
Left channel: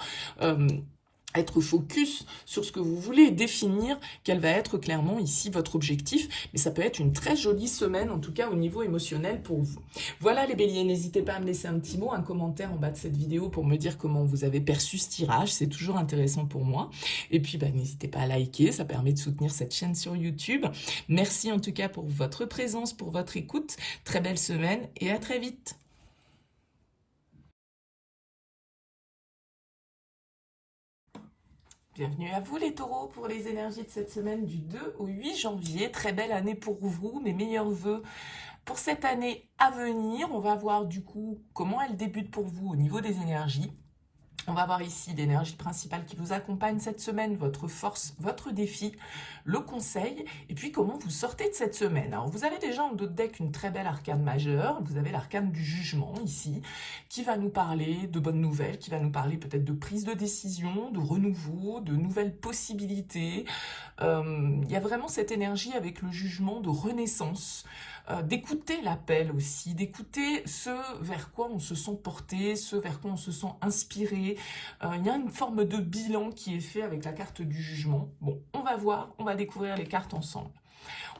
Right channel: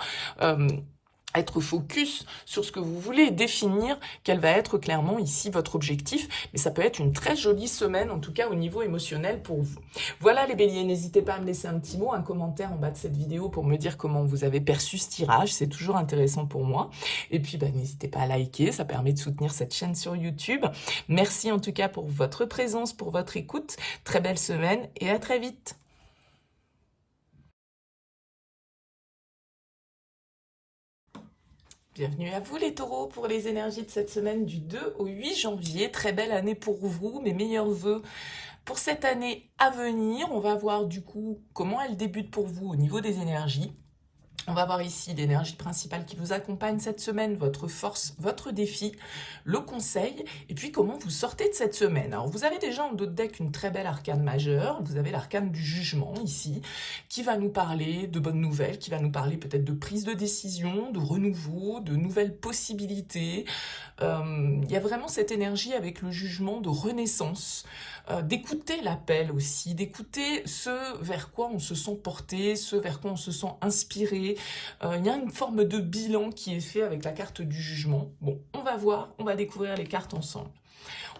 être focus sur ce que vous voulez, définir quel va être clairement ici votre objectif, mais ça peut être une très jolie semaine, en tout cas au niveau émotionnel pour vous. Voilà les béliers, n'hésitez pas à me laisser un petit mot, un commentaire en bas de cette vidéo pour me dire comment vous avez perçu ce tirage, c'est toujours intéressant pour moi. Et puis bah, n'hésitez pas à liker, ça permet de soutenir cette chaîne sur YouTube. Merci en tout cas pour votre présence, pour votre écoute, très belle semaine et à très vite. Bienvenue à vous les taureaux pour les énergies de cette semaine du 2 au 8 janvier. Très belle année pour vous, mes meilleurs vœux pour cette année à venir. On va voir du coup comment elle débute pour vous au niveau des énergies. On va voir ici l'énergie principale qui vous accompagne cette semaine, votre force, votre défi, le conseil, et puis comment vous sortez de cette semaine. Alors vous avez déjà en dos de deck une très belle arcane majeure, vous avez l'arcane du jugement ici, qui va nous parler de bonnes nouvelles, qui va nous parler peut-être de prise de décision, de renouveau, de nouvelles possibilités. Il y a vraiment cette énergie avec le jugement de renaissance, d'écouter l'appel aussi, d'écouter ce vers quoi on se sent porté, ce vers quoi on se sent inspiré. Il y a une forme de bilan qui est fait avec la carte du jugement. Bon, on va voir, on va découvrir les cartes ensemble.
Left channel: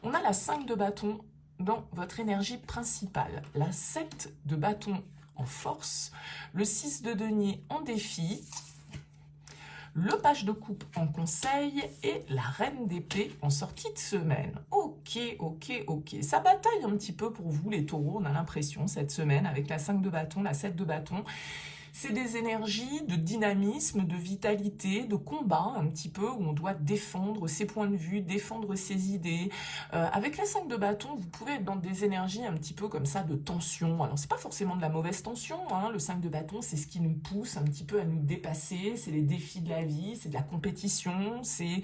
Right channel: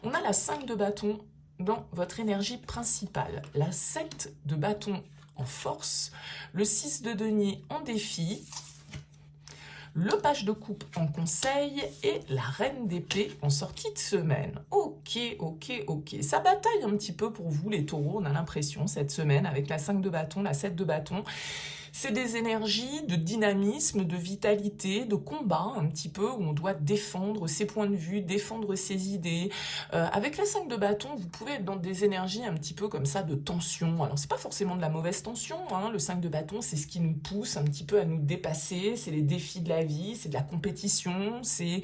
On a la 5 de bâton dans votre énergie principale, la 7 de bâton en force, le 6 de denier en défi, le page de coupe en conseil et la reine d'épée en sortie de semaine. Ok. Ça bataille un petit peu pour vous les taureaux, on a l'impression cette semaine avec la 5 de bâton, la 7 de bâton. C'est des énergies de dynamisme, de vitalité, de combat un petit peu où on doit défendre ses points de vue, défendre ses idées. Avec la 5 de bâton, vous pouvez être dans des énergies un petit peu comme ça de tension. Alors c'est pas forcément de la mauvaise tension, hein. Le 5 de bâton, c'est ce qui nous pousse un petit peu à nous dépasser, c'est les défis de la vie, c'est de la compétition, c'est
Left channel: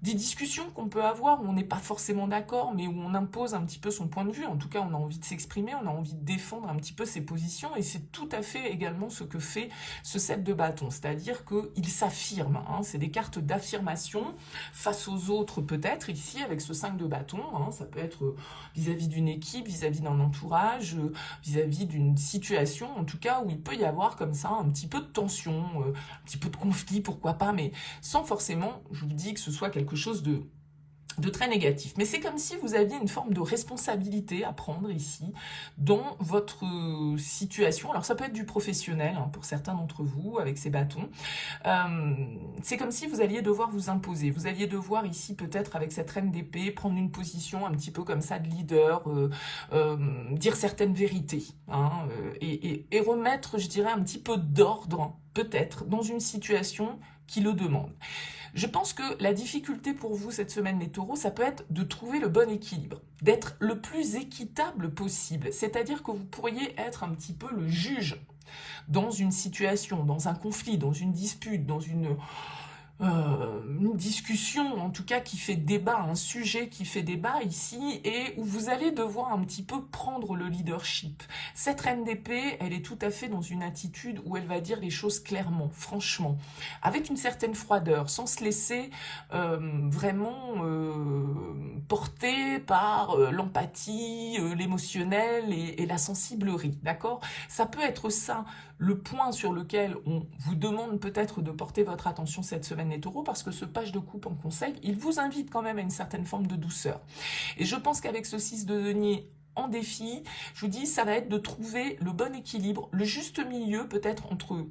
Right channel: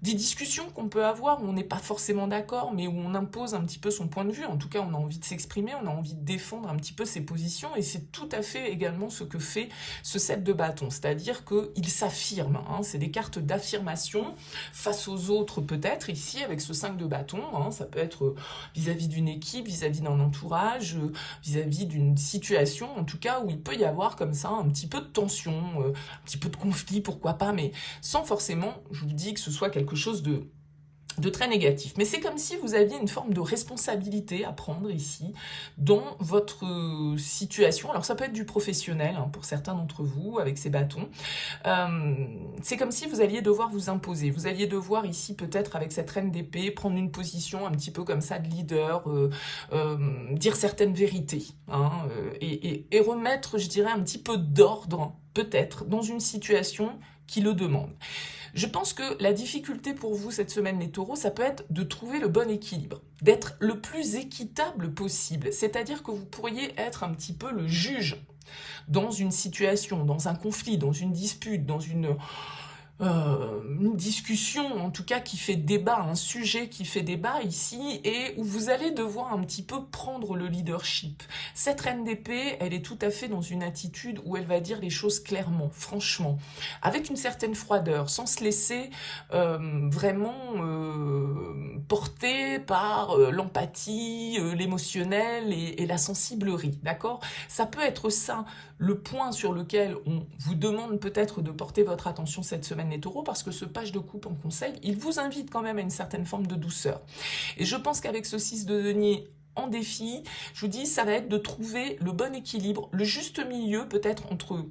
des discussions qu'on peut avoir où on n'est pas forcément d'accord, mais où on impose un petit peu son point de vue. En tout cas, on a envie de s'exprimer, on a envie de défendre un petit peu ses positions, et c'est tout à fait également ce que fait ce 7 de bâton, c'est-à-dire qu'il s'affirme, hein. C'est des cartes d'affirmation face aux autres peut-être, ici avec ce 5 de bâton, hein. Ça peut être vis-à-vis d'une équipe, vis-à-vis d'un entourage, vis-à-vis d'une situation, en tout cas, où il peut y avoir comme ça un petit peu de tension, un petit peu de conflit, pourquoi pas, mais sans forcément, je vous dis, que ce soit quelque chose de très négatif. Mais c'est comme si vous aviez une forme de responsabilité à prendre ici dans votre situation. Alors ça peut être du professionnel, hein, pour certains d'entre vous avec ces bâtons. C'est comme si vous alliez devoir vous imposer. Vous alliez devoir ici peut-être avec cette reine d'épée prendre une position un petit peu comme ça de leader, dire certaines vérités, hein, et remettre, je dirais, un petit peu d'ordre peut-être dans une situation qui le demande. Je pense que la difficulté pour vous cette semaine, les taureaux, ça peut être de trouver le bon équilibre, d'être le plus équitable possible. C'est-à-dire que vous pourriez être un petit peu le juge dans une situation, dans un conflit, dans une dispute, dans une discussion, en tout cas qui fait débat, un sujet qui fait débat ici, et où vous allez devoir un petit peu prendre le leadership. Cette reine d'épée, elle est tout à fait dans une attitude où elle va dire les choses clairement, franchement, avec une certaine froideur, sans se laisser vraiment porter par l'empathie, l'émotionnel et la sensiblerie, d'accord? Ça peut être ça, le point sur lequel on vous demande peut-être de porter votre attention cette semaine, les taureaux, parce que ce page de coupe en conseil, il vous invite quand même à une certaine forme de douceur. Et je pense qu'avec ce 6 de denier en défi, je vous dis, ça va être de trouver le bon équilibre, le juste milieu peut-être entre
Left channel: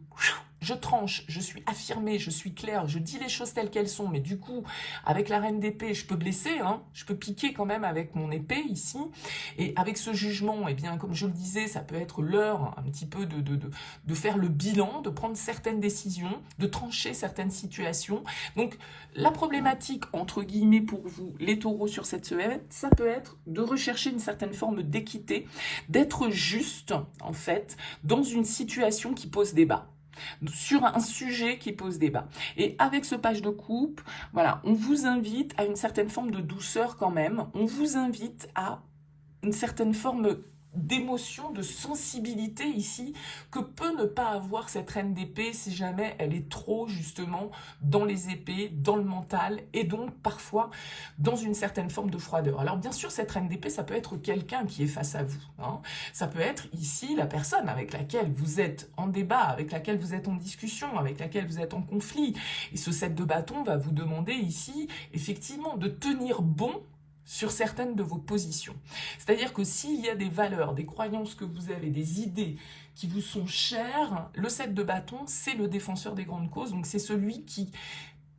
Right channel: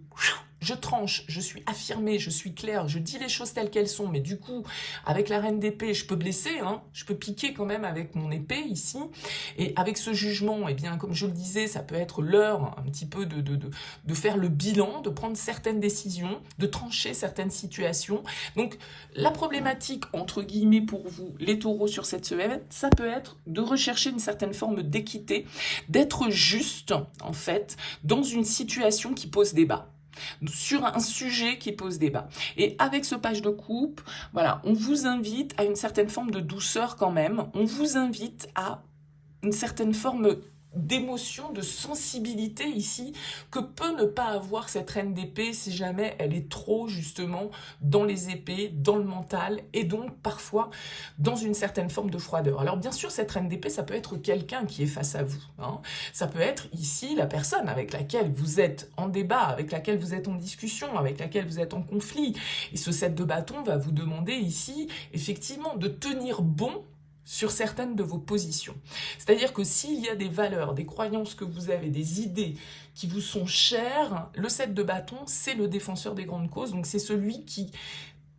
je tranche, je suis affirmée, je suis claire, je dis les choses telles qu'elles sont, mais du coup, avec la reine d'épée, je peux blesser, hein, je peux piquer quand même avec mon épée ici, et avec ce jugement, eh bien, comme je le disais, ça peut être l'heure un petit peu de faire le bilan, de prendre certaines décisions, de trancher certaines situations. Donc, la problématique, entre guillemets, pour vous, les taureaux sur cette semaine, ça peut être de rechercher une certaine forme d'équité, d'être juste, en fait, dans une situation qui pose débat, sur un sujet qui pose débat. Et avec ce page de coupe, voilà, on vous invite à une certaine forme de douceur quand même, on vous invite à une certaine forme d'émotion, de sensibilité ici, que peut ne pas avoir cette reine d'épée si jamais elle est trop justement dans les épées, dans le mental, et donc parfois dans une certaine forme de froideur. Alors bien sûr, cette reine d'épée, ça peut être quelqu'un qui est face à vous, hein. Ça peut être ici la personne avec laquelle vous êtes en débat, avec laquelle vous êtes en discussion, avec laquelle vous êtes en conflit. Et ce 7 de bâton va vous demander ici, effectivement, de tenir bon sur certaines de vos positions. C'est-à-dire que s'il y a des valeurs, des croyances que vous avez, des idées qui vous sont chères, le 7 de bâton, c'est le défenseur des grandes causes. Donc c'est celui qui,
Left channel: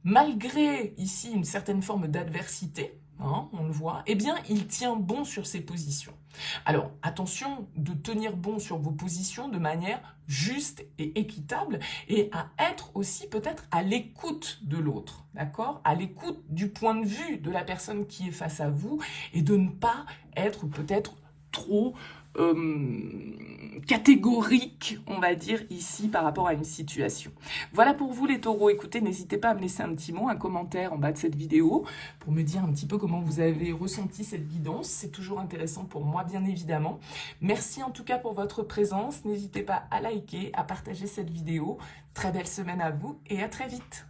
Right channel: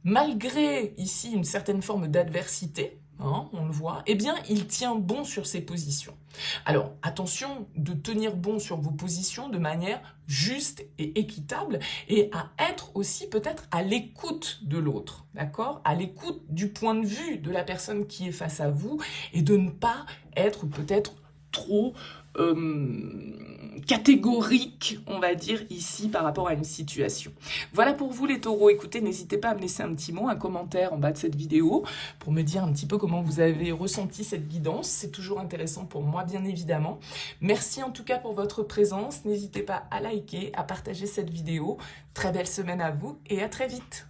malgré ici une certaine forme d'adversité, hein, on le voit, eh bien, il tient bon sur ses positions. Alors, attention de tenir bon sur vos positions de manière juste et équitable et à être aussi peut-être à l'écoute de l'autre, d'accord? À l'écoute du point de vue de la personne qui est face à vous et de ne pas être peut-être trop catégorique, on va dire, ici par rapport à une situation. Voilà pour vous les taureaux. Écoutez, n'hésitez pas à me laisser un petit mot, un commentaire en bas de cette vidéo pour me dire un petit peu comment vous avez ressenti cette guidance. C'est toujours intéressant pour moi, bien évidemment. Merci en tout cas pour votre présence. N'hésitez pas à liker, à partager cette vidéo. Très belle semaine à vous et à très vite.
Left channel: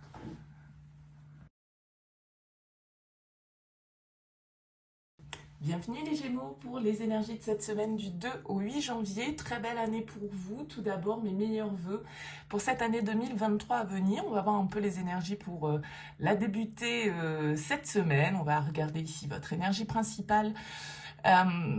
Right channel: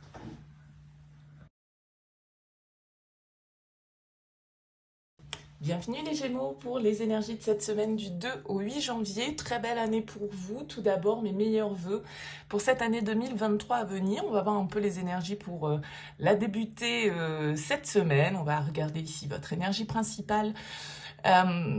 Bienvenue les Gémeaux pour les énergies de cette semaine du 2 au 8 janvier. Très belle année pour vous. Tout d'abord, mes meilleurs vœux pour cette année 2023 à venir. On va voir un peu les énergies pour la débuter cette semaine. On va regarder ici votre énergie principale,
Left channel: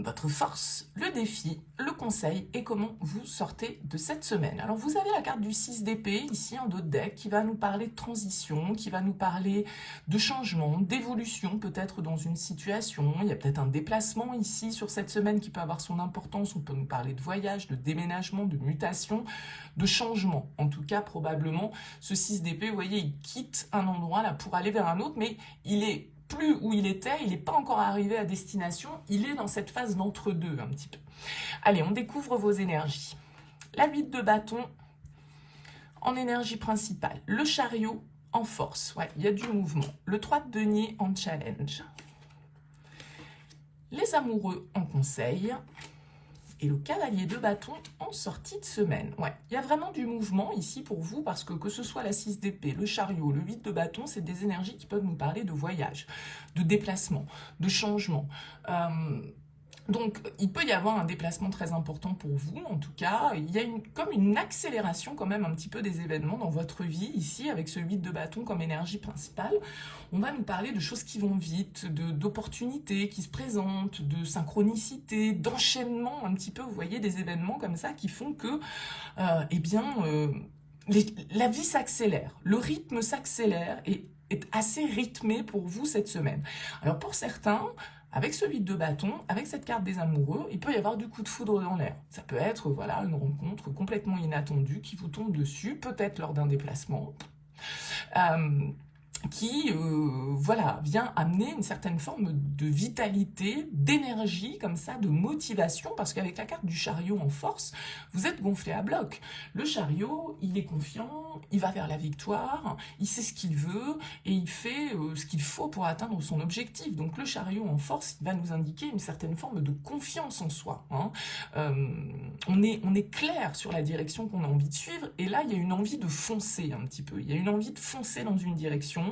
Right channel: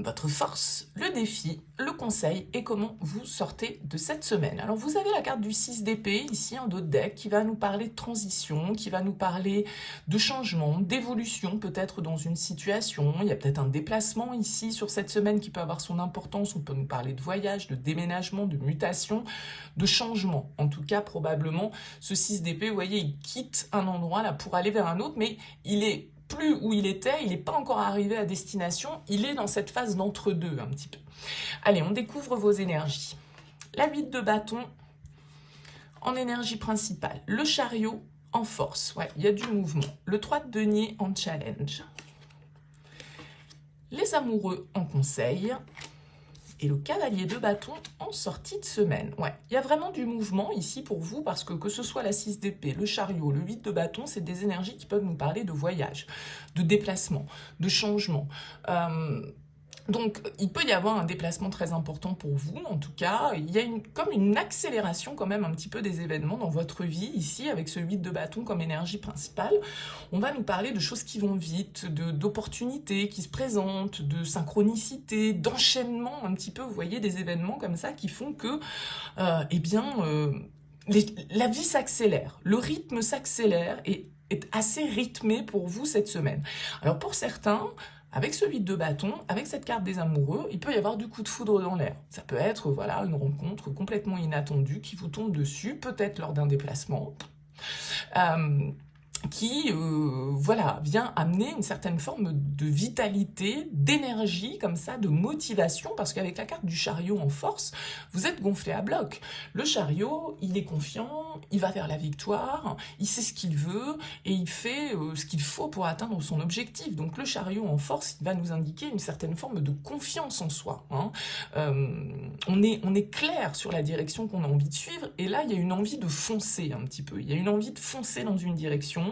votre force, le défi, le conseil et comment vous sortez de cette semaine. Alors vous avez la carte du 6 d'épée ici en dos de deck qui va nous parler de transition, qui va nous parler de changement, d'évolution peut-être dans une situation. Il y a peut-être un déplacement ici sur cette semaine qui peut avoir son importance. On peut nous parler de voyage, de déménagement, de mutation, de changement. En tout cas probablement ce 6 d'épée, vous voyez, il quitte un endroit là pour aller vers un autre, mais il est plus où il était, il n'est pas encore arrivé à destination, il est dans cette phase d'entre-deux un petit peu. Allez, on découvre vos énergies. La 8 de bâton en énergie principale, le chariot en force, ouais, il y a du mouvement, le 3 de denier en challenge, les amoureux en conseil, et le cavalier de bâton en sortie de semaine. Ouais, il y a vraiment du mouvement ici pour vous parce que ce soit la 6 d'épée, le chariot, le 8 de bâton, c'est des énergies qui peuvent nous parler de voyage, de déplacement, de changement. Donc, il peut y avoir un déplacement très important pour vous, en tout cas. Il y a comme une accélération quand même un petit peu des événements dans votre vie, ici, avec ce 8 de bâton comme énergie principale. On va nous parler de choses qui vont vite, d'opportunités qui se présentent, de synchronicité, d'enchaînement, un petit peu, vous voyez, des événements comme ça qui font que, la vie s'accélère, le rythme s'accélère et est assez rythmé pour vous cette semaine. Alors, pour certains, avec ce 8 de bâton, avec cette carte des amoureux, il peut y avoir du coup de foudre dans l'air. Ça peut être voilà, une rencontre complètement inattendue qui vous tombe dessus, peut-être lors d'un déplacement, qui voilà, vient amener une certaine forme de vitalité, d'énergie, comme ça, de motivation, parce qu'avec la carte du chariot en force, vous êtes gonflé à bloc. Le chariot, il est confiant, il va vers la victoire, il sait ce qu'il veut, et il fait ce qu'il faut pour atteindre son objectif. Donc le chariot en force, il va nous indiquer une certaine forme de confiance en soi. Hein. On est clair sur la direction qu'on a envie de suivre, et là, il y a une envie de foncer un petit peu. Il y a une envie de foncer dans une direction,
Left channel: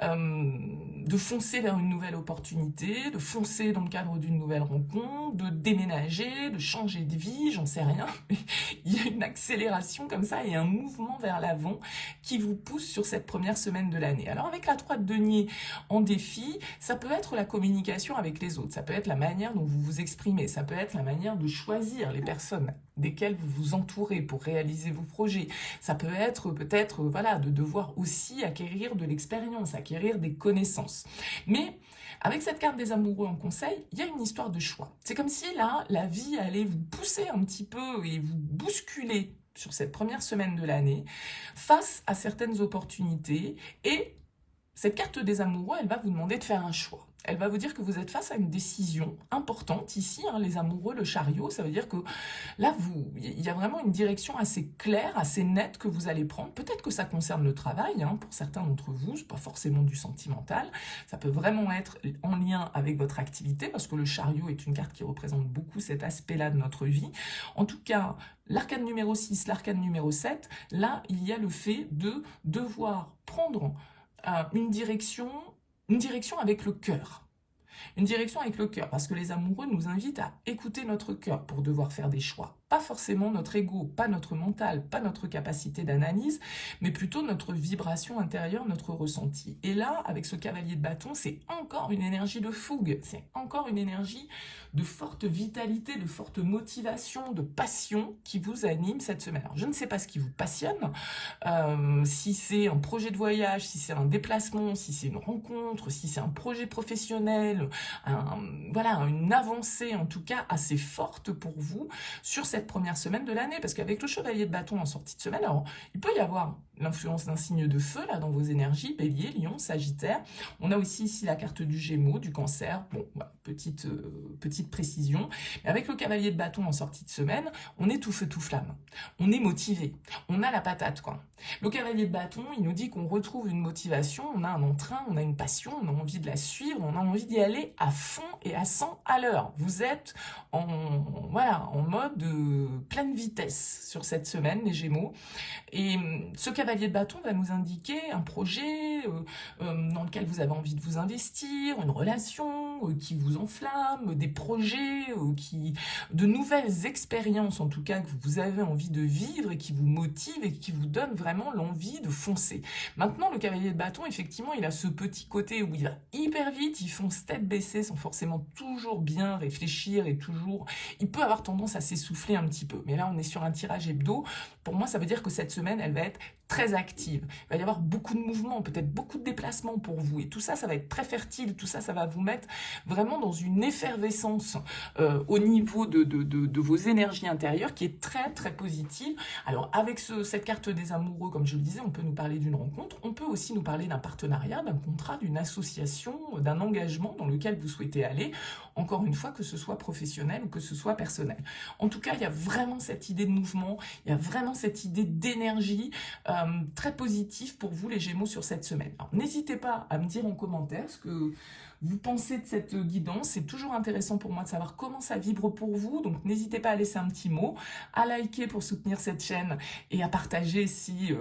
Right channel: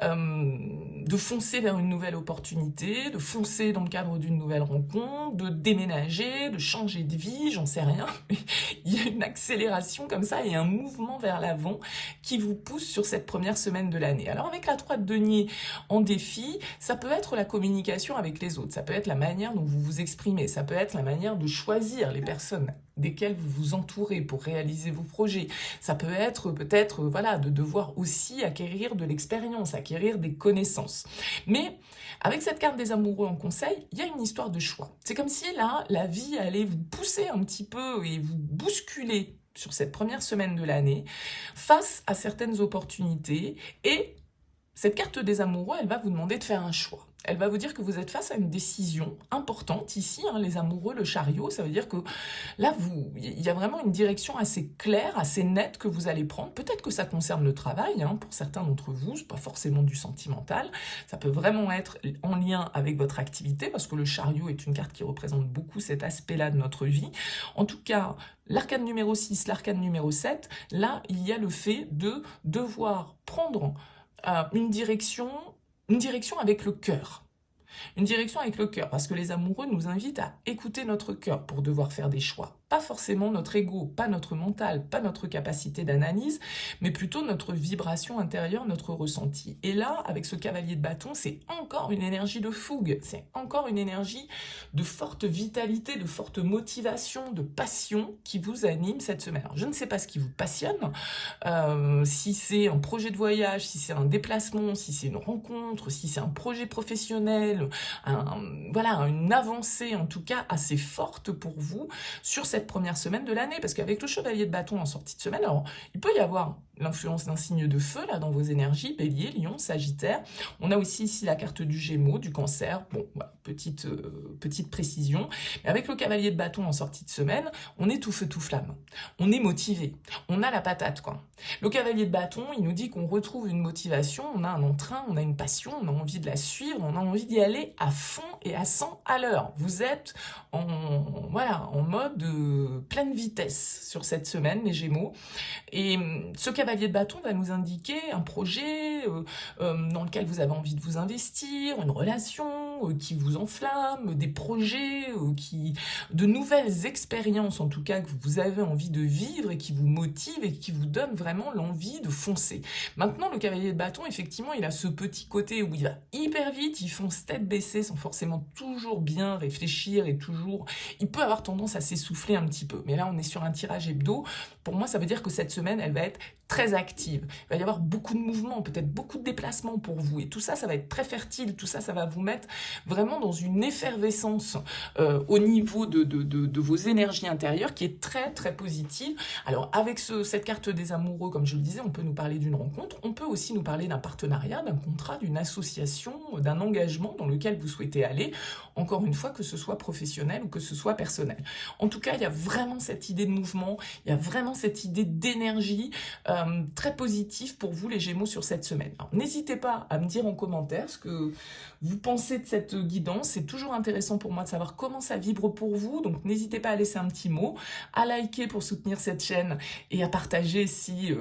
de foncer vers une nouvelle opportunité, de foncer dans le cadre d'une nouvelle rencontre, de déménager, de changer de vie, j'en sais rien. Mais il y a une accélération comme ça et un mouvement vers l'avant qui vous pousse sur cette première semaine de l'année. Alors avec la 3 de denier en défi, ça peut être la communication avec les autres, ça peut être la manière dont vous vous exprimez, ça peut être la manière de choisir les personnes desquelles vous vous entourez pour réaliser vos projets. Ça peut être peut-être voilà, de devoir aussi acquérir de l'expérience, acquérir des connaissances. Mais avec cette carte des amoureux en conseil, il y a une histoire de choix. C'est comme si là, la vie allait vous pousser un petit peu et vous bousculer sur cette première semaine de l'année face à certaines opportunités, et cette carte des amoureux, elle va vous demander de faire un choix. Elle va vous dire que vous êtes face à une décision importante ici, hein, les amoureux, le chariot, ça veut dire que là, il y a vraiment une direction assez claire, assez nette que vous allez prendre. Peut-être que ça concerne le travail, hein, pour certains d'entre vous, c'est pas forcément du sentimental, ça peut vraiment être en lien avec votre activité, parce que le chariot est une carte qui représente beaucoup cet aspect-là de notre vie. En tout cas, l'arcane numéro 6, l'arcane numéro 7, là, il y a le fait de devoir prendre une direction avec le cœur. Une direction avec le cœur, parce que les amoureux nous invitent à écouter notre cœur pour devoir faire des choix. Pas pas forcément notre ego, pas notre mental, pas notre capacité d'analyse, mais plutôt notre vibration intérieure, notre ressenti. Et là, avec ce cavalier de bâton, c'est encore une énergie de fougue, c'est encore une énergie de forte vitalité, de forte motivation, de passion qui vous anime cette semaine. Alors, je ne sais pas ce qui vous passionne, si c'est un projet de voyage, si c'est un déplacement, si c'est une rencontre, si c'est un projet professionnel, voilà, une avancée en tout cas assez forte pour vous sur cette première semaine de l'année, parce qu'avec le chevalier de bâton en sortie de semaine, alors il peut y avoir l'influence d'un signe de feu là dans vos énergies, Bélier, Lion, Sagittaire. On a aussi ici la carte du Gémeaux, du Cancer. Bon, voilà, petite précision. Mais avec le cavalier de bâton en sortie de semaine, on est tout feu tout flamme. On est motivé. On a la patate quoi. Le cavalier de bâton, il nous dit qu'on retrouve une motivation, on a un entrain, on a une passion, on a envie de la suivre, on a envie d'y aller à fond et à 100 à l'heure. Vous êtes en mode pleine vitesse sur cette semaine, les Gémeaux. Et ce cavalier de bâton va nous indiquer un projet dans lequel vous avez envie de vous investir, une relation qui vous enflamme, des projets, de nouvelles expériences en tout cas que vous avez envie de vivre et qui vous motivent et qui vous donnent vraiment l'envie de foncer. Maintenant, le cavalier de bâton, effectivement, il a ce petit côté où il va hyper vite, il fonce tête baissée sans forcément toujours bien réfléchir et toujours... Il peut avoir tendance à s'essouffler un petit peu. Mais là, on est sur un tirage hebdo. Pour moi, ça veut dire que cette semaine, elle va être très active. Il va y avoir beaucoup de mouvements, peut-être beaucoup de déplacements pour vous. Et tout ça, ça va être très fertile. Tout ça, ça va vous mettre vraiment dans une effervescence au niveau de vos énergies intérieures qui est très, très positive. Alors, avec cette carte des amoureux, comme je le disais, on peut nous parler d'une rencontre. On peut aussi nous parler d'un partenariat, d'un contrat, d'une association, d'un engagement dans lequel vous souhaitez aller. Encore une fois, que ce soit professionnel ou que ce soit personnel. En tout cas, il y a vraiment cette idée de mouvement, il y a vraiment cette idée d'énergie très positive pour vous, les Gémeaux, sur cette semaine. Alors, n'hésitez pas à me dire en commentaire ce que vous pensez de cette guidance. C'est toujours intéressant pour moi de savoir comment ça vibre pour vous. Donc, n'hésitez pas à laisser un petit mot, à liker pour soutenir cette chaîne et à partager si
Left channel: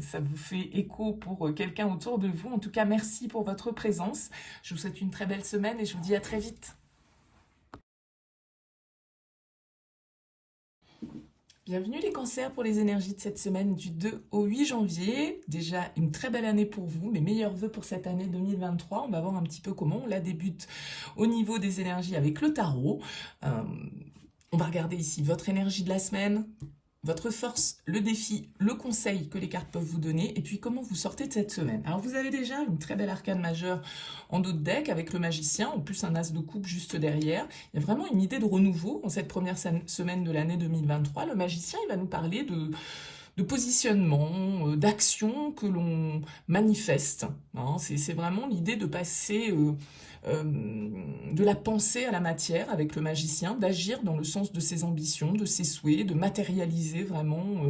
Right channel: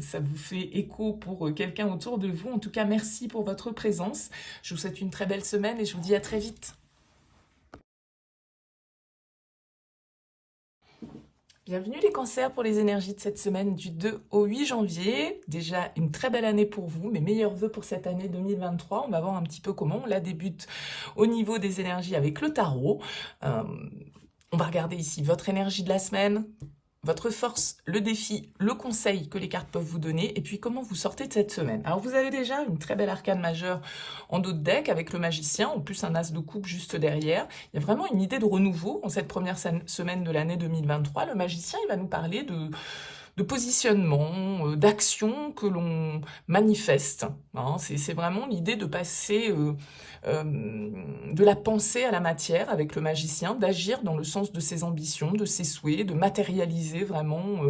ça vous fait écho pour quelqu'un autour de vous. En tout cas, merci pour votre présence. Je vous souhaite une très belle semaine et je vous dis à très vite. Bienvenue les cancers pour les énergies de cette semaine du 2 au 8 janvier. Déjà une très belle année pour vous, mes meilleurs vœux pour cette année 2023. On va voir un petit peu comment on la débute au niveau des énergies avec le tarot. On va regarder ici votre énergie de la semaine, votre force, le défi, le conseil que les cartes peuvent vous donner, et puis comment vous sortez de cette semaine. Alors vous avez déjà une très belle arcane majeure en dos de deck avec le magicien, en plus un as de coupe juste derrière. Il y a vraiment une idée de renouveau en cette première semaine de l'année 2023. Le magicien, il va nous parler de positionnement, d'action que l'on manifeste. Hein. C'est vraiment l'idée de passer de la pensée à la matière avec le magicien, d'agir dans le sens de ses ambitions, de ses souhaits, de matérialiser vraiment,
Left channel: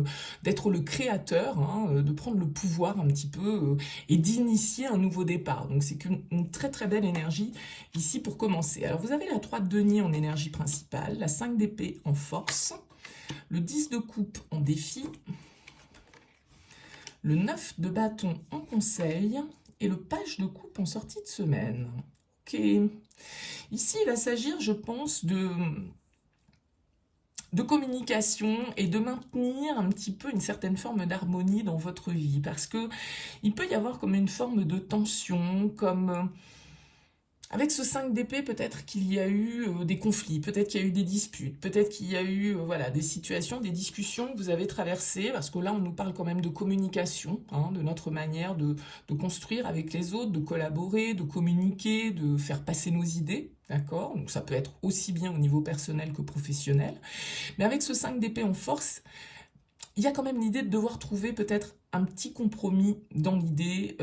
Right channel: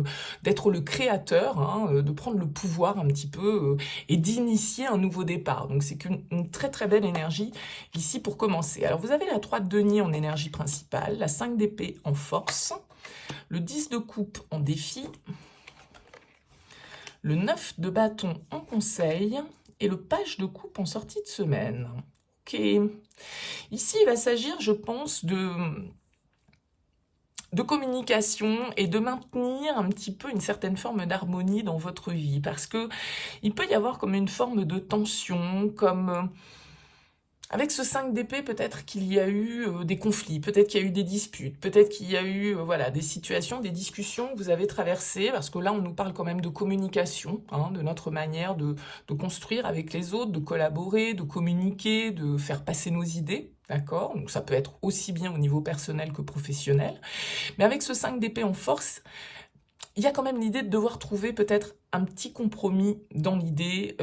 d'être le créateur, hein, de prendre le pouvoir un petit peu et d'initier un nouveau départ. Donc c'est une très très belle énergie ici pour commencer. Alors vous avez la 3 de denier en énergie principale, la 5 d'épée en force, le 10 de coupe en défi, le 9 de bâton en conseil et le page de coupe en sortie de semaine. Ok. Ici, il va s'agir, je pense, de communication et de maintenir un petit peu une certaine forme d'harmonie dans votre vie. Parce que il peut y avoir comme une forme de tension, comme... Avec ce 5 d'épée, peut-être qu'il y a eu des conflits, peut-être qu'il y a eu des disputes, peut-être qu'il y a eu des situations, des discussions que vous avez traversées, parce que là, on nous parle quand même de communication, hein, de notre manière de construire avec les autres, de collaborer, de communiquer, de faire passer nos idées, d'accord? Donc ça peut être aussi bien au niveau personnel que professionnel. Mais avec ce 5 d'épée en force, il y a quand même l'idée de devoir trouver peut-être un petit compromis dans l'idée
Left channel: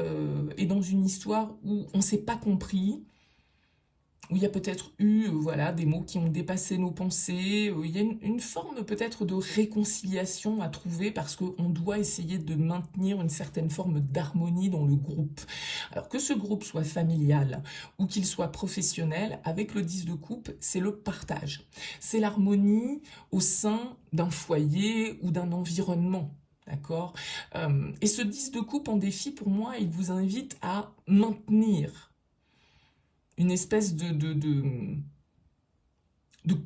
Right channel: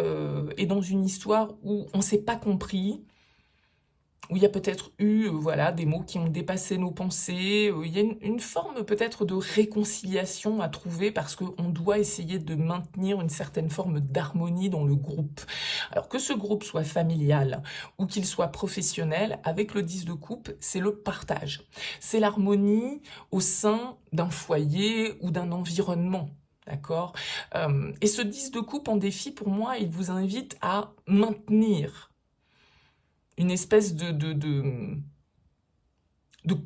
et dans une histoire où on ne s'est pas compris, où il y a peut-être eu des mots qui ont dépassé nos pensées, il y a une forme peut-être de réconciliation à trouver parce qu'on doit essayer de maintenir une certaine forme d'harmonie dans le groupe. Alors que ce groupe soit familial ou qu'il soit professionnel, avec le 10 de coupe, c'est le partage. C'est l'harmonie au sein d'un foyer ou d'un environnement. D'accord. Et ce 10 de coupe en défi, pour moi, il vous invite à maintenir une espèce de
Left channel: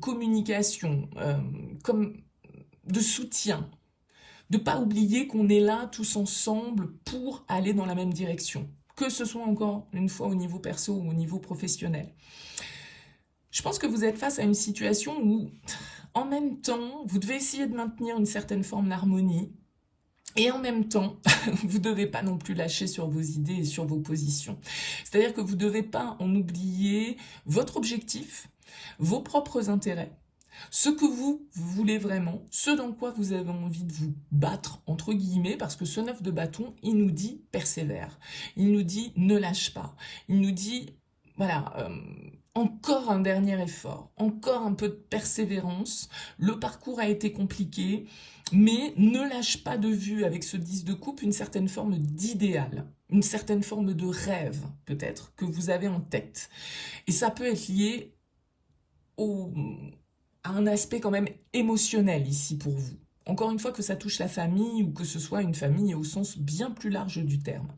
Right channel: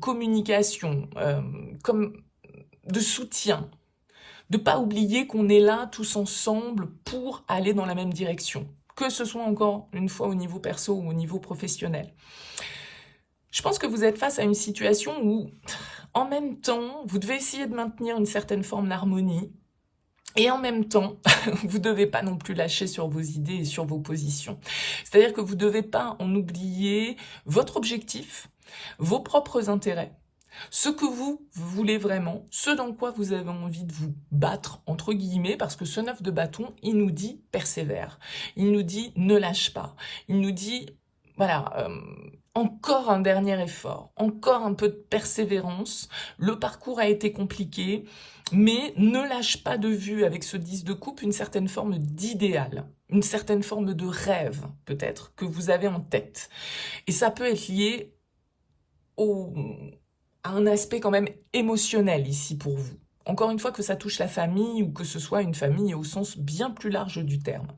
communication, comme de soutien, de ne pas oublier qu'on est là tous ensemble pour aller dans la même direction, que ce soit encore une fois au niveau perso ou au niveau professionnel. Je pense que vous êtes face à une situation où, en même temps, vous devez essayer de maintenir une certaine forme d'harmonie, et en même temps, vous ne devez pas non plus lâcher sur vos idées et sur vos positions. C'est-à-dire que vous ne devez pas en oublier votre objectif, vos propres intérêts, ce que vous voulez vraiment, ce dans quoi vous avez envie de vous battre, entre guillemets, parce que ce 9 de bâton, il nous dit persévère, il nous dit ne lâche pas, il nous dit, voilà, encore un dernier effort, encore un peu de persévérance, le parcours a été compliqué, mais ne lâche pas de vue avec ce 10 de coupe une certaine forme d'idéal, une certaine forme de rêve, peut-être, que vous avez en tête. Et ça peut être lié à un aspect quand même émotionnel ici pour vous. Encore une fois, que ça touche la famille ou que ce soit une famille au sens bien plus large du terme.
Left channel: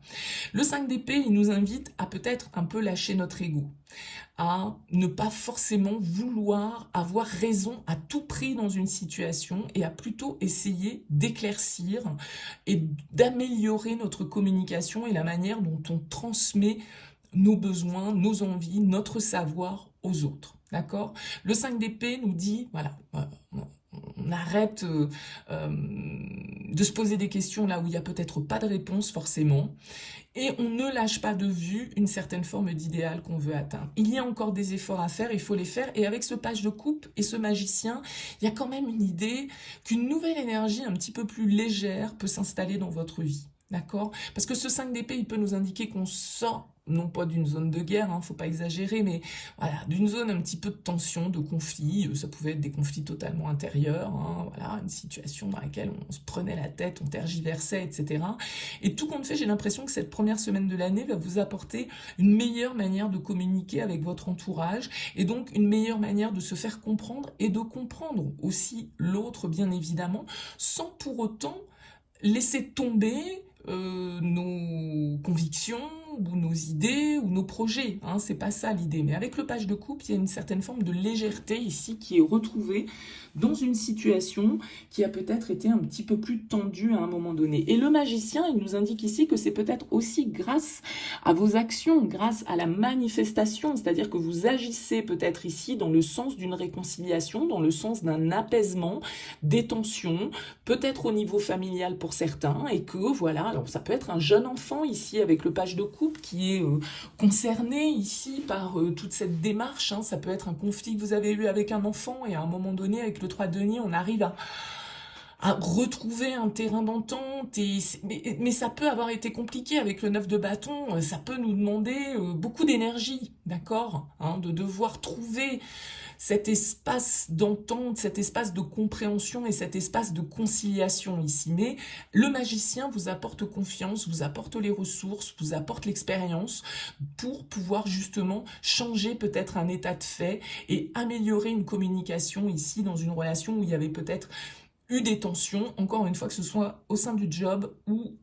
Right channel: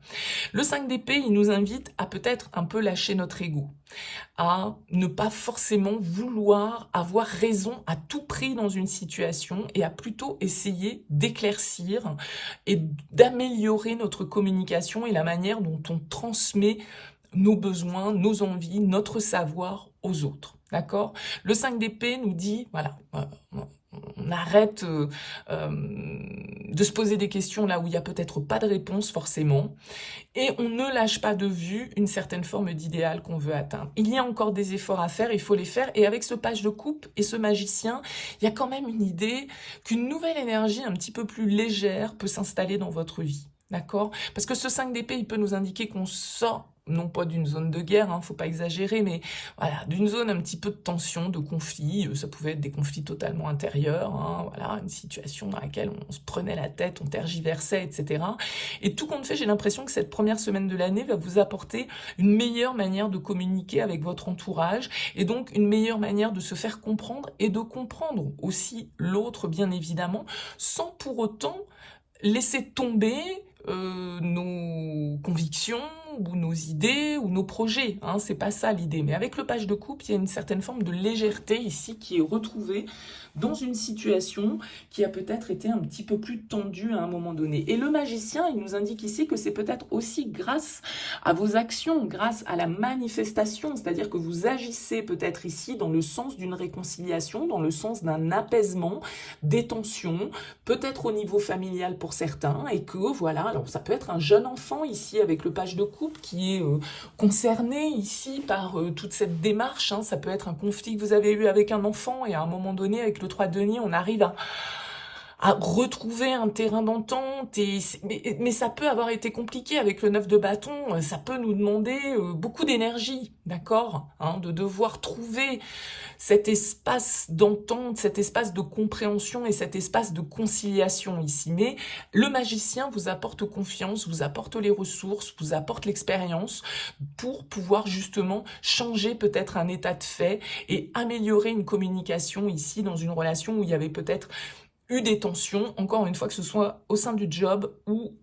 Le 5 d'épée, il nous invite à peut-être un peu lâcher notre ego, à ne pas forcément vouloir avoir raison à tout prix dans une situation et à plutôt essayer d'éclaircir et d'améliorer notre communication et la manière dont on transmet nos besoins, nos envies, notre savoir aux autres. D'accord ? Le 5 d'épée nous dit, voilà, on arrête de se poser des questions là où il n'y a peut-être pas de réponse forcément, et on ne lâche pas de vue une certaine forme d'idéal qu'on veut atteindre. Il y a encore des efforts à faire, il faut les faire, et avec ce page de coupe et ce magicien, il y a quand même une idée qu'une nouvelle énergie un petit peu plus légère peut s'installer dans votre vie. D'accord ? Parce que ce 5 d'épée, il peut nous indiquer qu'on sort, non pas d'une zone de guerre, hein, faut pas exagérer, mais voilà, d'une zone un petit peu de tension, de conflit. Ça pouvait être des conflits totalement intérieurs, hein, voilà, une situation dans laquelle on se prenait la tête, on tergiversait, etc. Et tout compte fait, j'ai l'impression que cette première semaine de l'année va vous apporter une meilleure manière de communiquer avec votre entourage, et donc une meilleure manière de se faire comprendre et de comprendre aussi l'autre, bien évidemment, sans pour autant laisser tomber nos convictions ou nos idées ou nos projets, hein, c'est pas ça l'idée. Mais avec le page de coupe, il y a une certaine forme de légèreté ici qui est retrouvée dans une situation qui a peut-être été un petit peu plus tendue à un moment donné. Et le magicien, il nous indique ici que c'est peut-être aussi grâce à vos actions, grâce à la manifestation, c'est-à-dire que vous agissez peut-être ici dans le sens d'une réconciliation, dans le sens d'un apaisement des tensions, peut-être au niveau familial pour certains, et que voilà, alors ça peut être un jeune enfant ici avec le page de coupe qui est concerné ici par toute cette démarche, hein. Ça peut être un conflit que vous avez eu avec un enfant, et à un moment donné avec le 3 de denier, on arrive à retrouver un terrain d'entente, mais ça peut avoir été compliqué avec le 9 de bâton, ça peut nous demander beaucoup d'énergie, d'accord, hein, de devoir trouver cet espace d'entente, cet espace de compréhension et cet espace de conciliation ici. Mais le magicien vous apporte confiance, vous apporte les ressources, vous apporte l'expérience pour pouvoir justement changer peut-être un état de fait et améliorer une communication ici dans une relation où il y avait peut-être eu des tensions, encore une fois, que ce soit au sein du job ou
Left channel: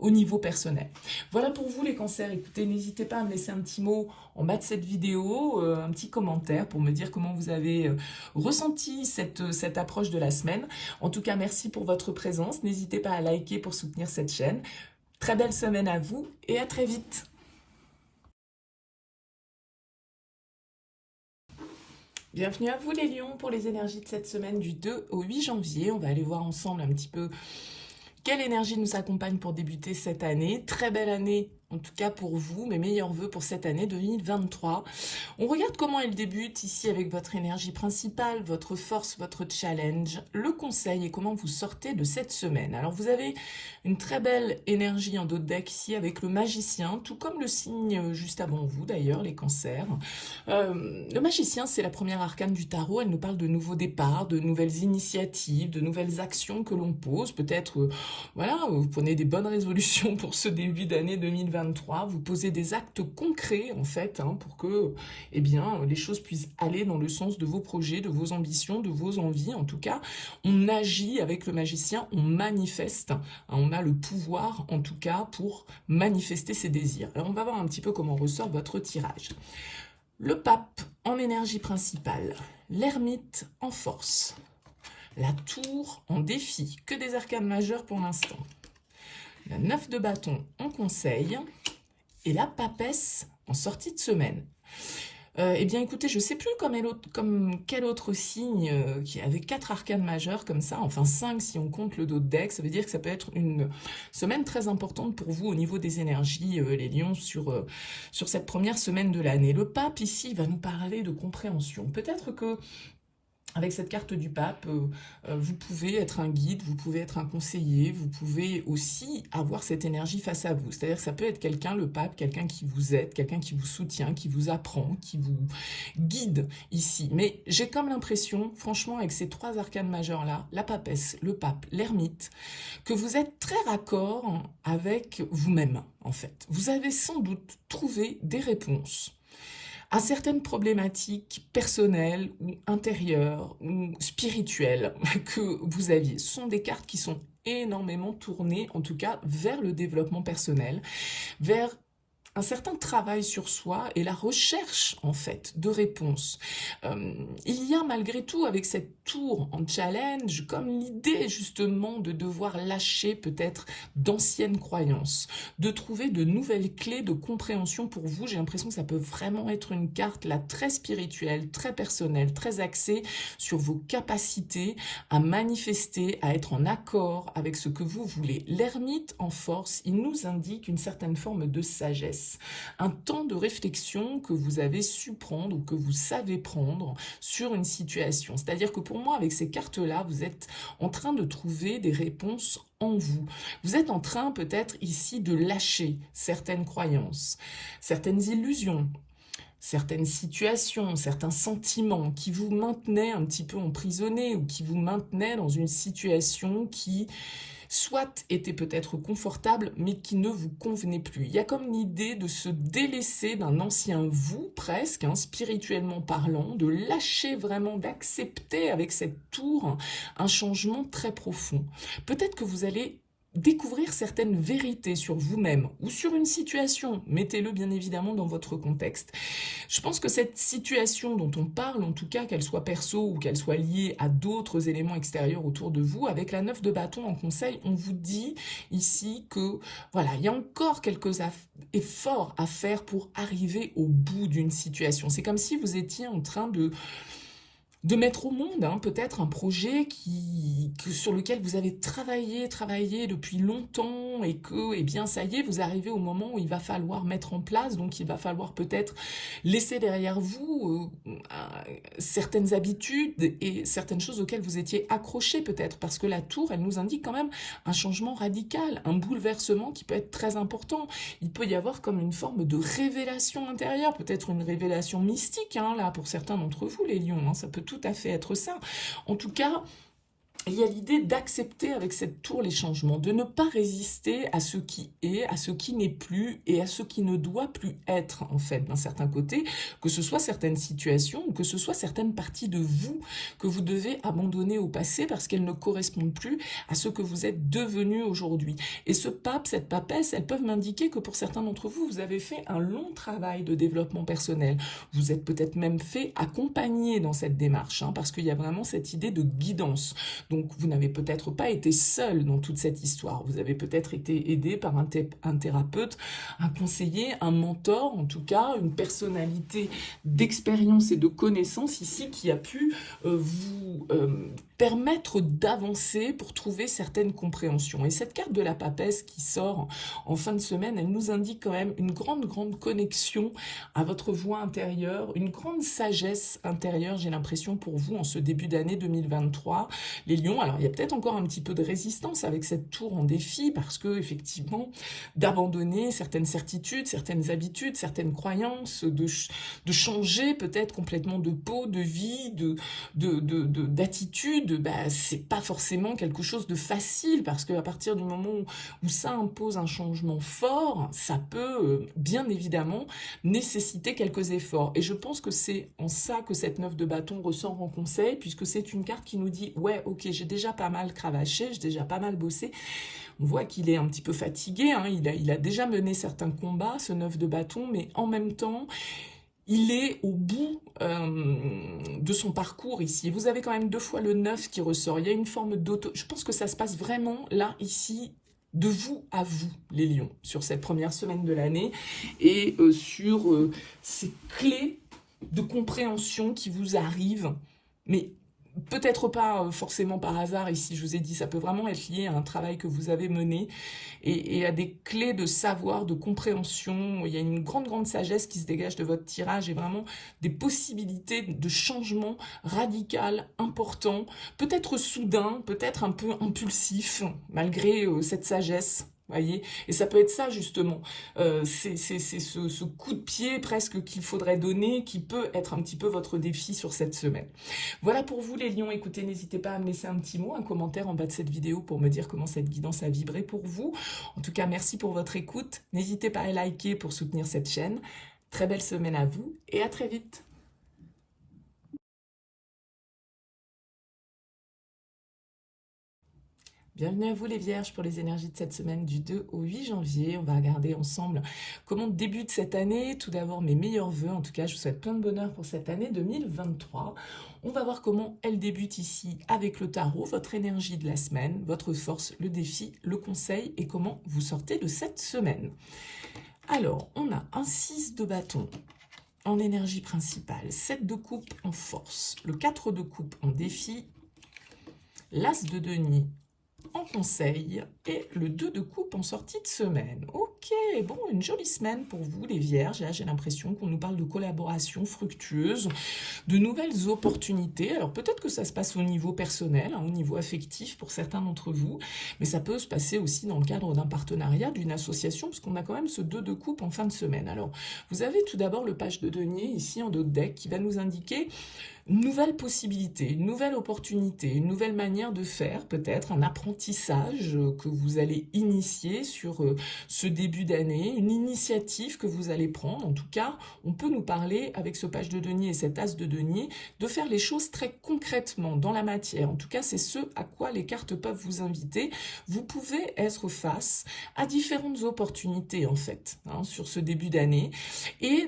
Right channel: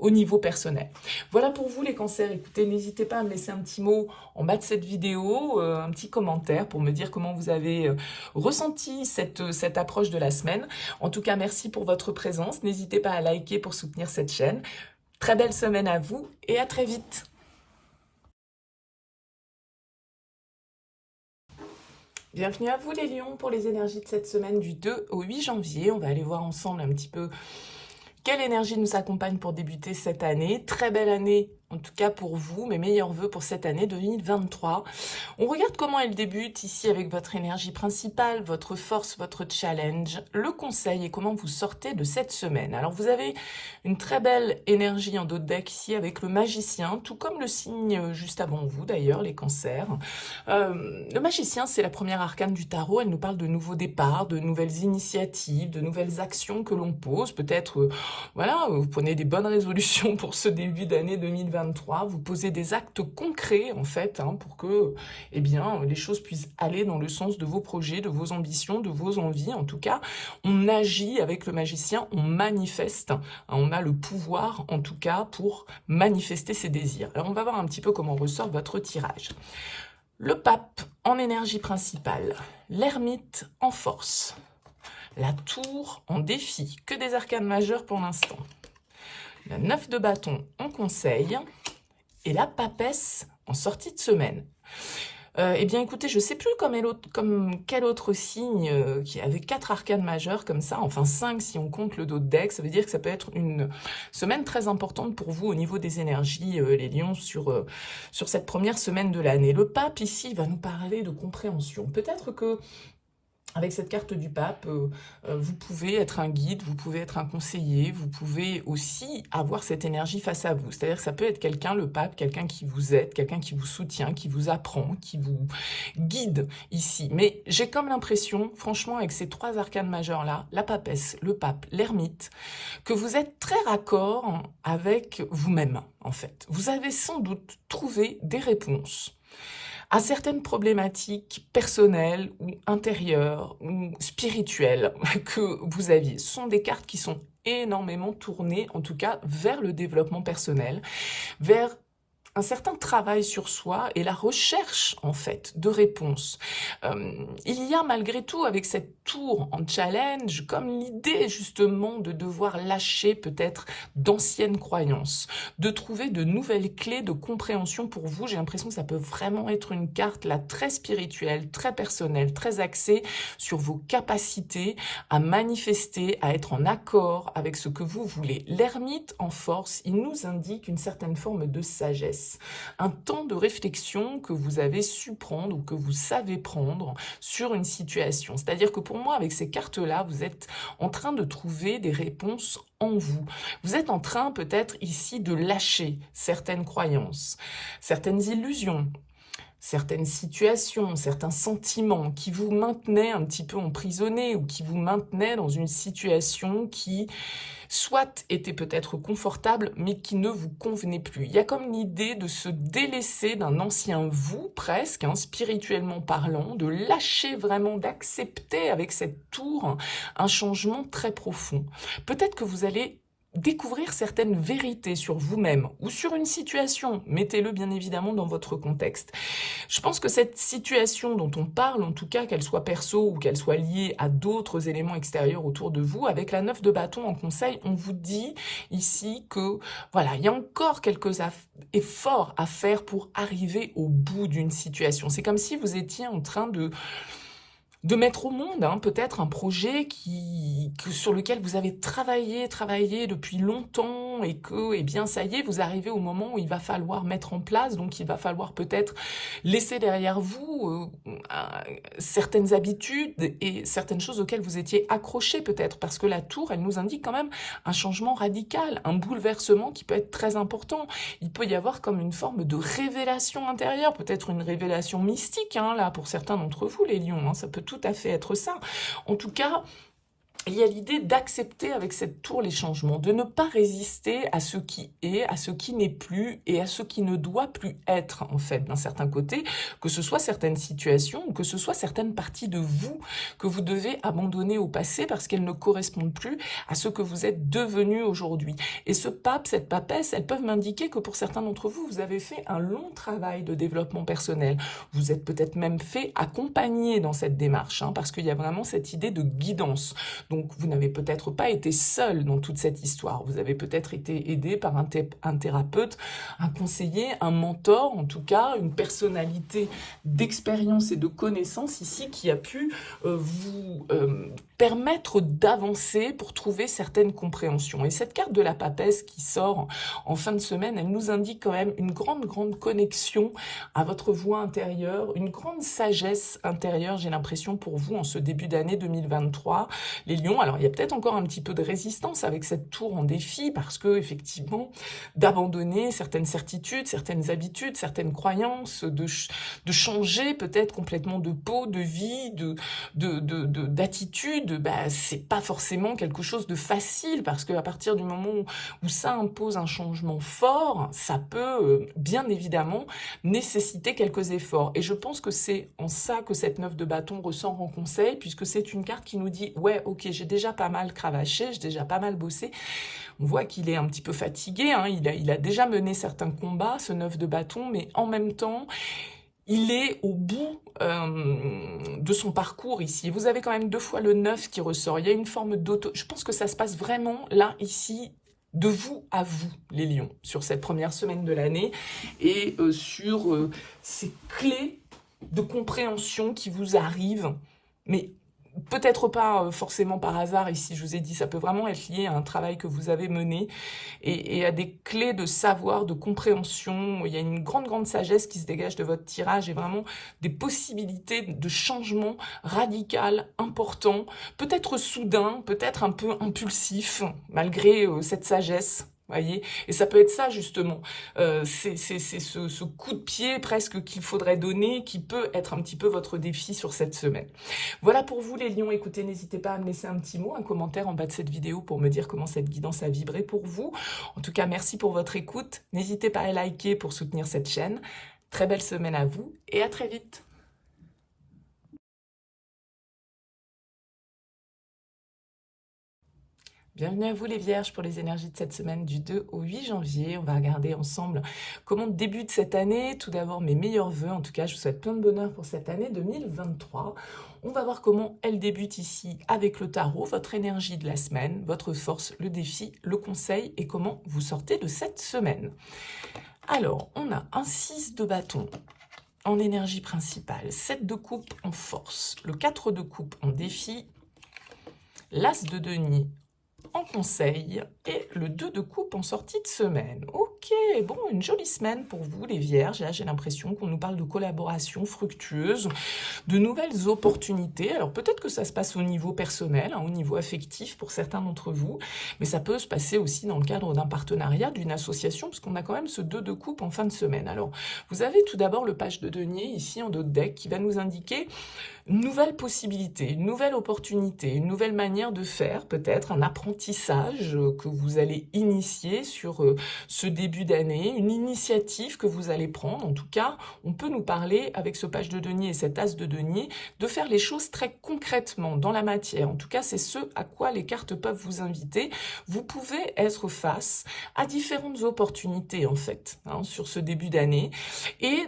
au niveau personnel. Voilà pour vous les cancers. Écoutez, n'hésitez pas à me laisser un petit mot en bas de cette vidéo, un petit commentaire pour me dire comment vous avez ressenti cette approche de la semaine. En tout cas, merci pour votre présence. N'hésitez pas à liker pour soutenir cette chaîne. Très belle semaine à vous et à très vite. Bienvenue à vous les lions pour les énergies de cette semaine du 2 au 8 janvier. On va aller voir ensemble un petit peu quelle énergie nous accompagne pour débuter cette année. Très belle année, en tout cas pour vous, mes meilleurs vœux pour cette année 2023. On regarde comment elle débute ici avec votre énergie principale, votre force, votre challenge, le conseil et comment vous sortez de cette semaine. Alors vous avez une très belle énergie en dos de deck ici avec le magicien, tout comme le signe juste avant vous d'ailleurs, les cancers. Le magicien, c'est la première arcane du tarot. Elle nous parle de nouveaux départs, de nouvelles initiatives, de nouvelles actions que l'on pose. Peut-être, voilà, vous prenez des bonnes résolutions pour ce début d'année 2023. Vous posez des actes concrets, en fait, hein, pour que, eh bien, les choses puissent aller dans le sens de vos projets, de vos ambitions, de vos envies. En tout cas, on agit avec le magicien, on manifeste. Hein, on a le pouvoir, en tout cas, pour manifester ses désirs. Alors, on va voir un petit peu comment ressort votre tirage. Le pape en énergie principale, l'ermite en force, La tour en défi, que des arcanes majeures pour l'instant. La 9 de bâton en conseil et la papesse en sortie de semaine. Eh bien, écoutez, je ne sais plus comme quel autre signe qui avait 4 arcanes majeures comme ça, enfin 5 si on compte le dos de deck. Ça veut dire que ça peut être une semaine très importante pour vous au niveau des énergies, les lions, sur cette première semaine de l'année. Le pape, ici, va nous parler de compréhension. Peut-être que avec cette carte du pape, vous pouvez être un guide, vous pouvez être un conseiller, vous pouvez aussi avoir cette énergie face à vous. C'est-à-dire que ça peut être quelqu'un, le pape, quelqu'un qui vous aide, quelqu'un qui vous soutient, qui vous apprend, qui vous guide ici. Mais j'ai comme l'impression, franchement, avec ces 3 arcanes majeures-là, la papesse, le pape, l'ermite, que vous êtes très raccord avec vous-même, en fait. Vous avez sans doute trouvé des réponses à certaines problématiques personnelles ou intérieures ou spirituelles que vous aviez. Ce sont des cartes qui sont énormément tournées, en tout cas, vers le développement personnel, vers un certain travail sur soi et la recherche, en fait, de réponses. Il y a malgré tout, avec cette tour en challenge, comme l'idée, justement, de devoir lâcher peut-être d'anciennes croyances, de trouver de nouvelles clés de compréhension pour vous. J'ai l'impression que ça peut vraiment être une carte, là, très spirituelle, très personnelle, très axée sur vos capacités à manifester, à être en accord avec ce que vous voulez. L'ermite, en force, il nous indique une certaine forme de sagesse. Un temps de réflexion que vous avez su prendre ou que vous savez prendre sur une situation. C'est-à-dire que pour moi, avec ces cartes-là, vous êtes en train de trouver des réponses en vous. Vous êtes en train peut-être ici de lâcher certaines croyances, certaines illusions, certaines situations, certains sentiments qui vous maintenaient un petit peu emprisonné ou qui vous maintenaient dans une situation qui soit était peut-être confortable, mais qui ne vous convenait plus. Il y a comme l'idée de se délaisser d'un ancien vous, presque, spirituellement parlant, de lâcher vraiment, d'accepter avec cette tour un changement très profond. Peut-être que vous allez découvrir certaines vérités sur vous-même ou sur une situation. Mettez-le bien évidemment dans votre contexte. Je pense que cette situation dont on parle, en tout cas qu'elle soit perso ou qu'elle soit liée à d'autres éléments extérieurs autour de vous, avec la 9 de bâton en conseil, on vous dit ici que voilà, il y a encore quelques efforts à faire pour arriver au bout d'une situation. C'est comme si vous étiez en train de mettre au monde peut-être un projet sur lequel vous avez travaillé depuis longtemps et que, eh bien, ça y est, vous arrivez au moment où il va falloir mettre en place, donc il va falloir peut-être laisser derrière vous certaines habitudes et certaines choses auxquelles vous étiez accroché peut-être, parce que la tour, elle nous indique quand même un changement radical, un bouleversement qui peut être très important. Il peut y avoir comme une forme de révélation intérieure, peut-être une révélation mystique, là, pour certains d'entre vous, les lions, ça peut tout à fait être ça. En tout cas, il y a l'idée d'accepter avec cette tour les changements, de ne pas résister à ce qui est, à ce qui n'est plus et à ce qui ne doit plus être, en fait, d'un certain côté, que ce soit certaines situations ou que ce soit certaines parties de vous que vous devez abandonner au passé parce qu'elles ne correspondent plus à ce que vous êtes devenu aujourd'hui. Et ce pape, cette papesse, elles peuvent m'indiquer que pour certains d'entre vous, vous avez fait un long travail de développement personnel. Vous êtes peut-être même fait accompagner dans cette démarche, parce qu'il y a vraiment cette idée de guidance. Donc, vous n'avez peut-être pas été seul dans toute cette histoire. Vous avez peut-être été aidé par un thérapeute, un conseiller, un mentor, en tout cas, une personnalité d'expérience et de connaissance ici qui a pu vous permettre d'avancer pour trouver certaines compréhensions. Et cette carte de la papesse qui sort en fin de semaine, elle nous indique quand même une grande connexion à votre voix intérieure, une grande sagesse intérieure, j'ai l'impression, pour vous en ce début d'année 2023. Les lions, alors il y a peut-être encore un petit peu de résistance avec cette tour en défi parce que, effectivement, d'abandonner certaines certitudes, certaines habitudes, certaines croyances, de changer peut-être complètement de peau, de vie, d'attitude, c'est pas forcément quelque chose de facile parce qu'à partir du moment où ça impose un changement fort, ça peut bien évidemment nécessiter quelques efforts. Et je pense que c'est en ça que cette 9 de bâton ressort en conseil, puisque c'est une carte qui nous dit « Ouais, ok, j'ai déjà pas mal cravaché, j'ai déjà pas mal bossé ». On voit qu'il est un petit peu fatigué, il a déjà mené certains combats, ce 9 de bâton, mais en même temps, il est au bout de son parcours ici. Vous avez quand même 2 fois le 9 qui ressort. Il y a une forme d'auto... Je pense que ça se passe vraiment là, ici, de vous à vous, les lions, sur cette première semaine de l'année et sur ces clés de compréhension qui vous arrivent, mais peut-être pas forcément par hasard ici, je vous ai dit, ça peut vraiment être lié à un travail que vous avez mené et à des clés de savoir, de compréhension. Il y a une grande sagesse qui se dégage de votre tirage et vraiment des possibilités de changement radical, important, peut-être soudain, peut-être un peu impulsif, malgré cette sagesse. Voyez, et ça peut être ça justement, c'est ce coup de pied presque qu'il faudrait donner, qui peut être un petit peu votre défi sur cette semaine. Voilà pour vous les lions, écoutez, n'hésitez pas à me laisser un petit mot, un commentaire en bas de cette vidéo pour me dire comment cette guidance a vibré pour vous. En tout cas, merci pour votre écoute, n'hésitez pas à liker pour soutenir cette chaîne. Très belle semaine à vous et à très vite. Bienvenue à vous les vierges pour les énergies de cette semaine du 2 au 8 janvier. On va regarder ensemble comment débute cette année. Tout d'abord mes meilleurs vœux, en tout cas je vous souhaite plein de bonheur pour cette année 2023. On va voir comment elle débute ici avec le tarot, votre énergie de la semaine, votre force, le défi, le conseil et comment vous sortez de cette semaine. Alors on a un 6 de bâton en énergie principale, 7 de coupe en force, le 4 de coupe en défi, l'as de denier en conseil et le 2 de coupe en sortie de semaine. Ok, bon, une jolie semaine pour vous les vierges. Là, j'ai l'impression qu'on nous parle de collaboration fructueuse, de nouvelles opportunités. Alors peut-être que ça se passe au niveau personnel, au niveau affectif pour certains d'entre vous, mais ça peut se passer aussi dans le cadre d'un partenariat, d'une association, parce qu'on a quand même ce 2 de coupe en fin de semaine. Alors, vous avez tout d'abord le page de denier ici en dos de deck qui va nous indiquer une nouvelle possibilité, une nouvelle opportunité, une nouvelle manière de faire, peut-être un apprentissage que vous allez initier sur ce début d'année, une initiative que vous allez prendre. En tout cas, on peut nous parler avec ce page de denier et cet as de denier de faire les choses très concrètement dans la matière. En tout cas, c'est ce à quoi les cartes peuvent vous inviter. Vous pouvez être face à différentes opportunités en fait, sur ce début d'année et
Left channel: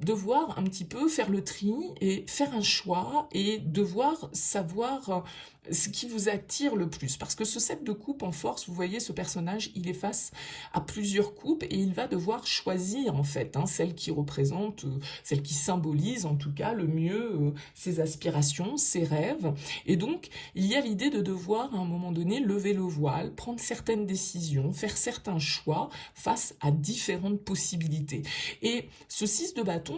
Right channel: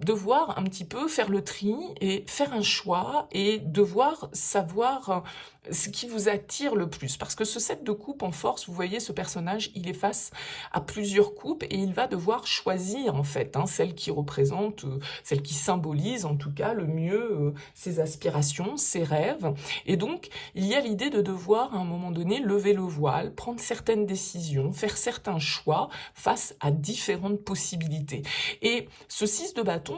devoir un petit peu faire le tri et faire un choix et devoir savoir ce qui vous attire le plus. Parce que ce 7 de coupe en force, vous voyez, ce personnage, il est face à plusieurs coupes et il va devoir choisir, en fait, celle qui représente, celle qui symbolise, en tout cas, le mieux ses aspirations, ses rêves. Et donc, il y a l'idée de devoir, à un moment donné, lever le voile, prendre certaines décisions, faire certains choix face à différentes possibilités. Et ce 6 de bâton,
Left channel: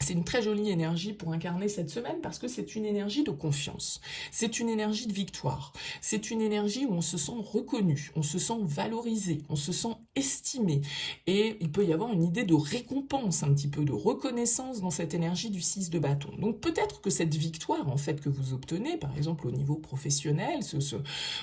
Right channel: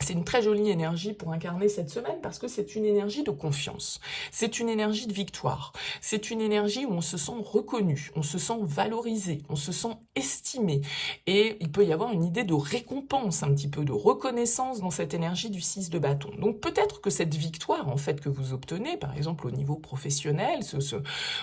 c'est une très jolie énergie pour incarner cette semaine parce que c'est une énergie de confiance, c'est une énergie de victoire, c'est une énergie où on se sent reconnu, on se sent valorisé, on se sent estimé et il peut y avoir une idée de récompense, un petit peu de reconnaissance dans cette énergie du 6 de bâton. Donc peut-être que cette victoire en fait que vous obtenez, par exemple au niveau professionnel,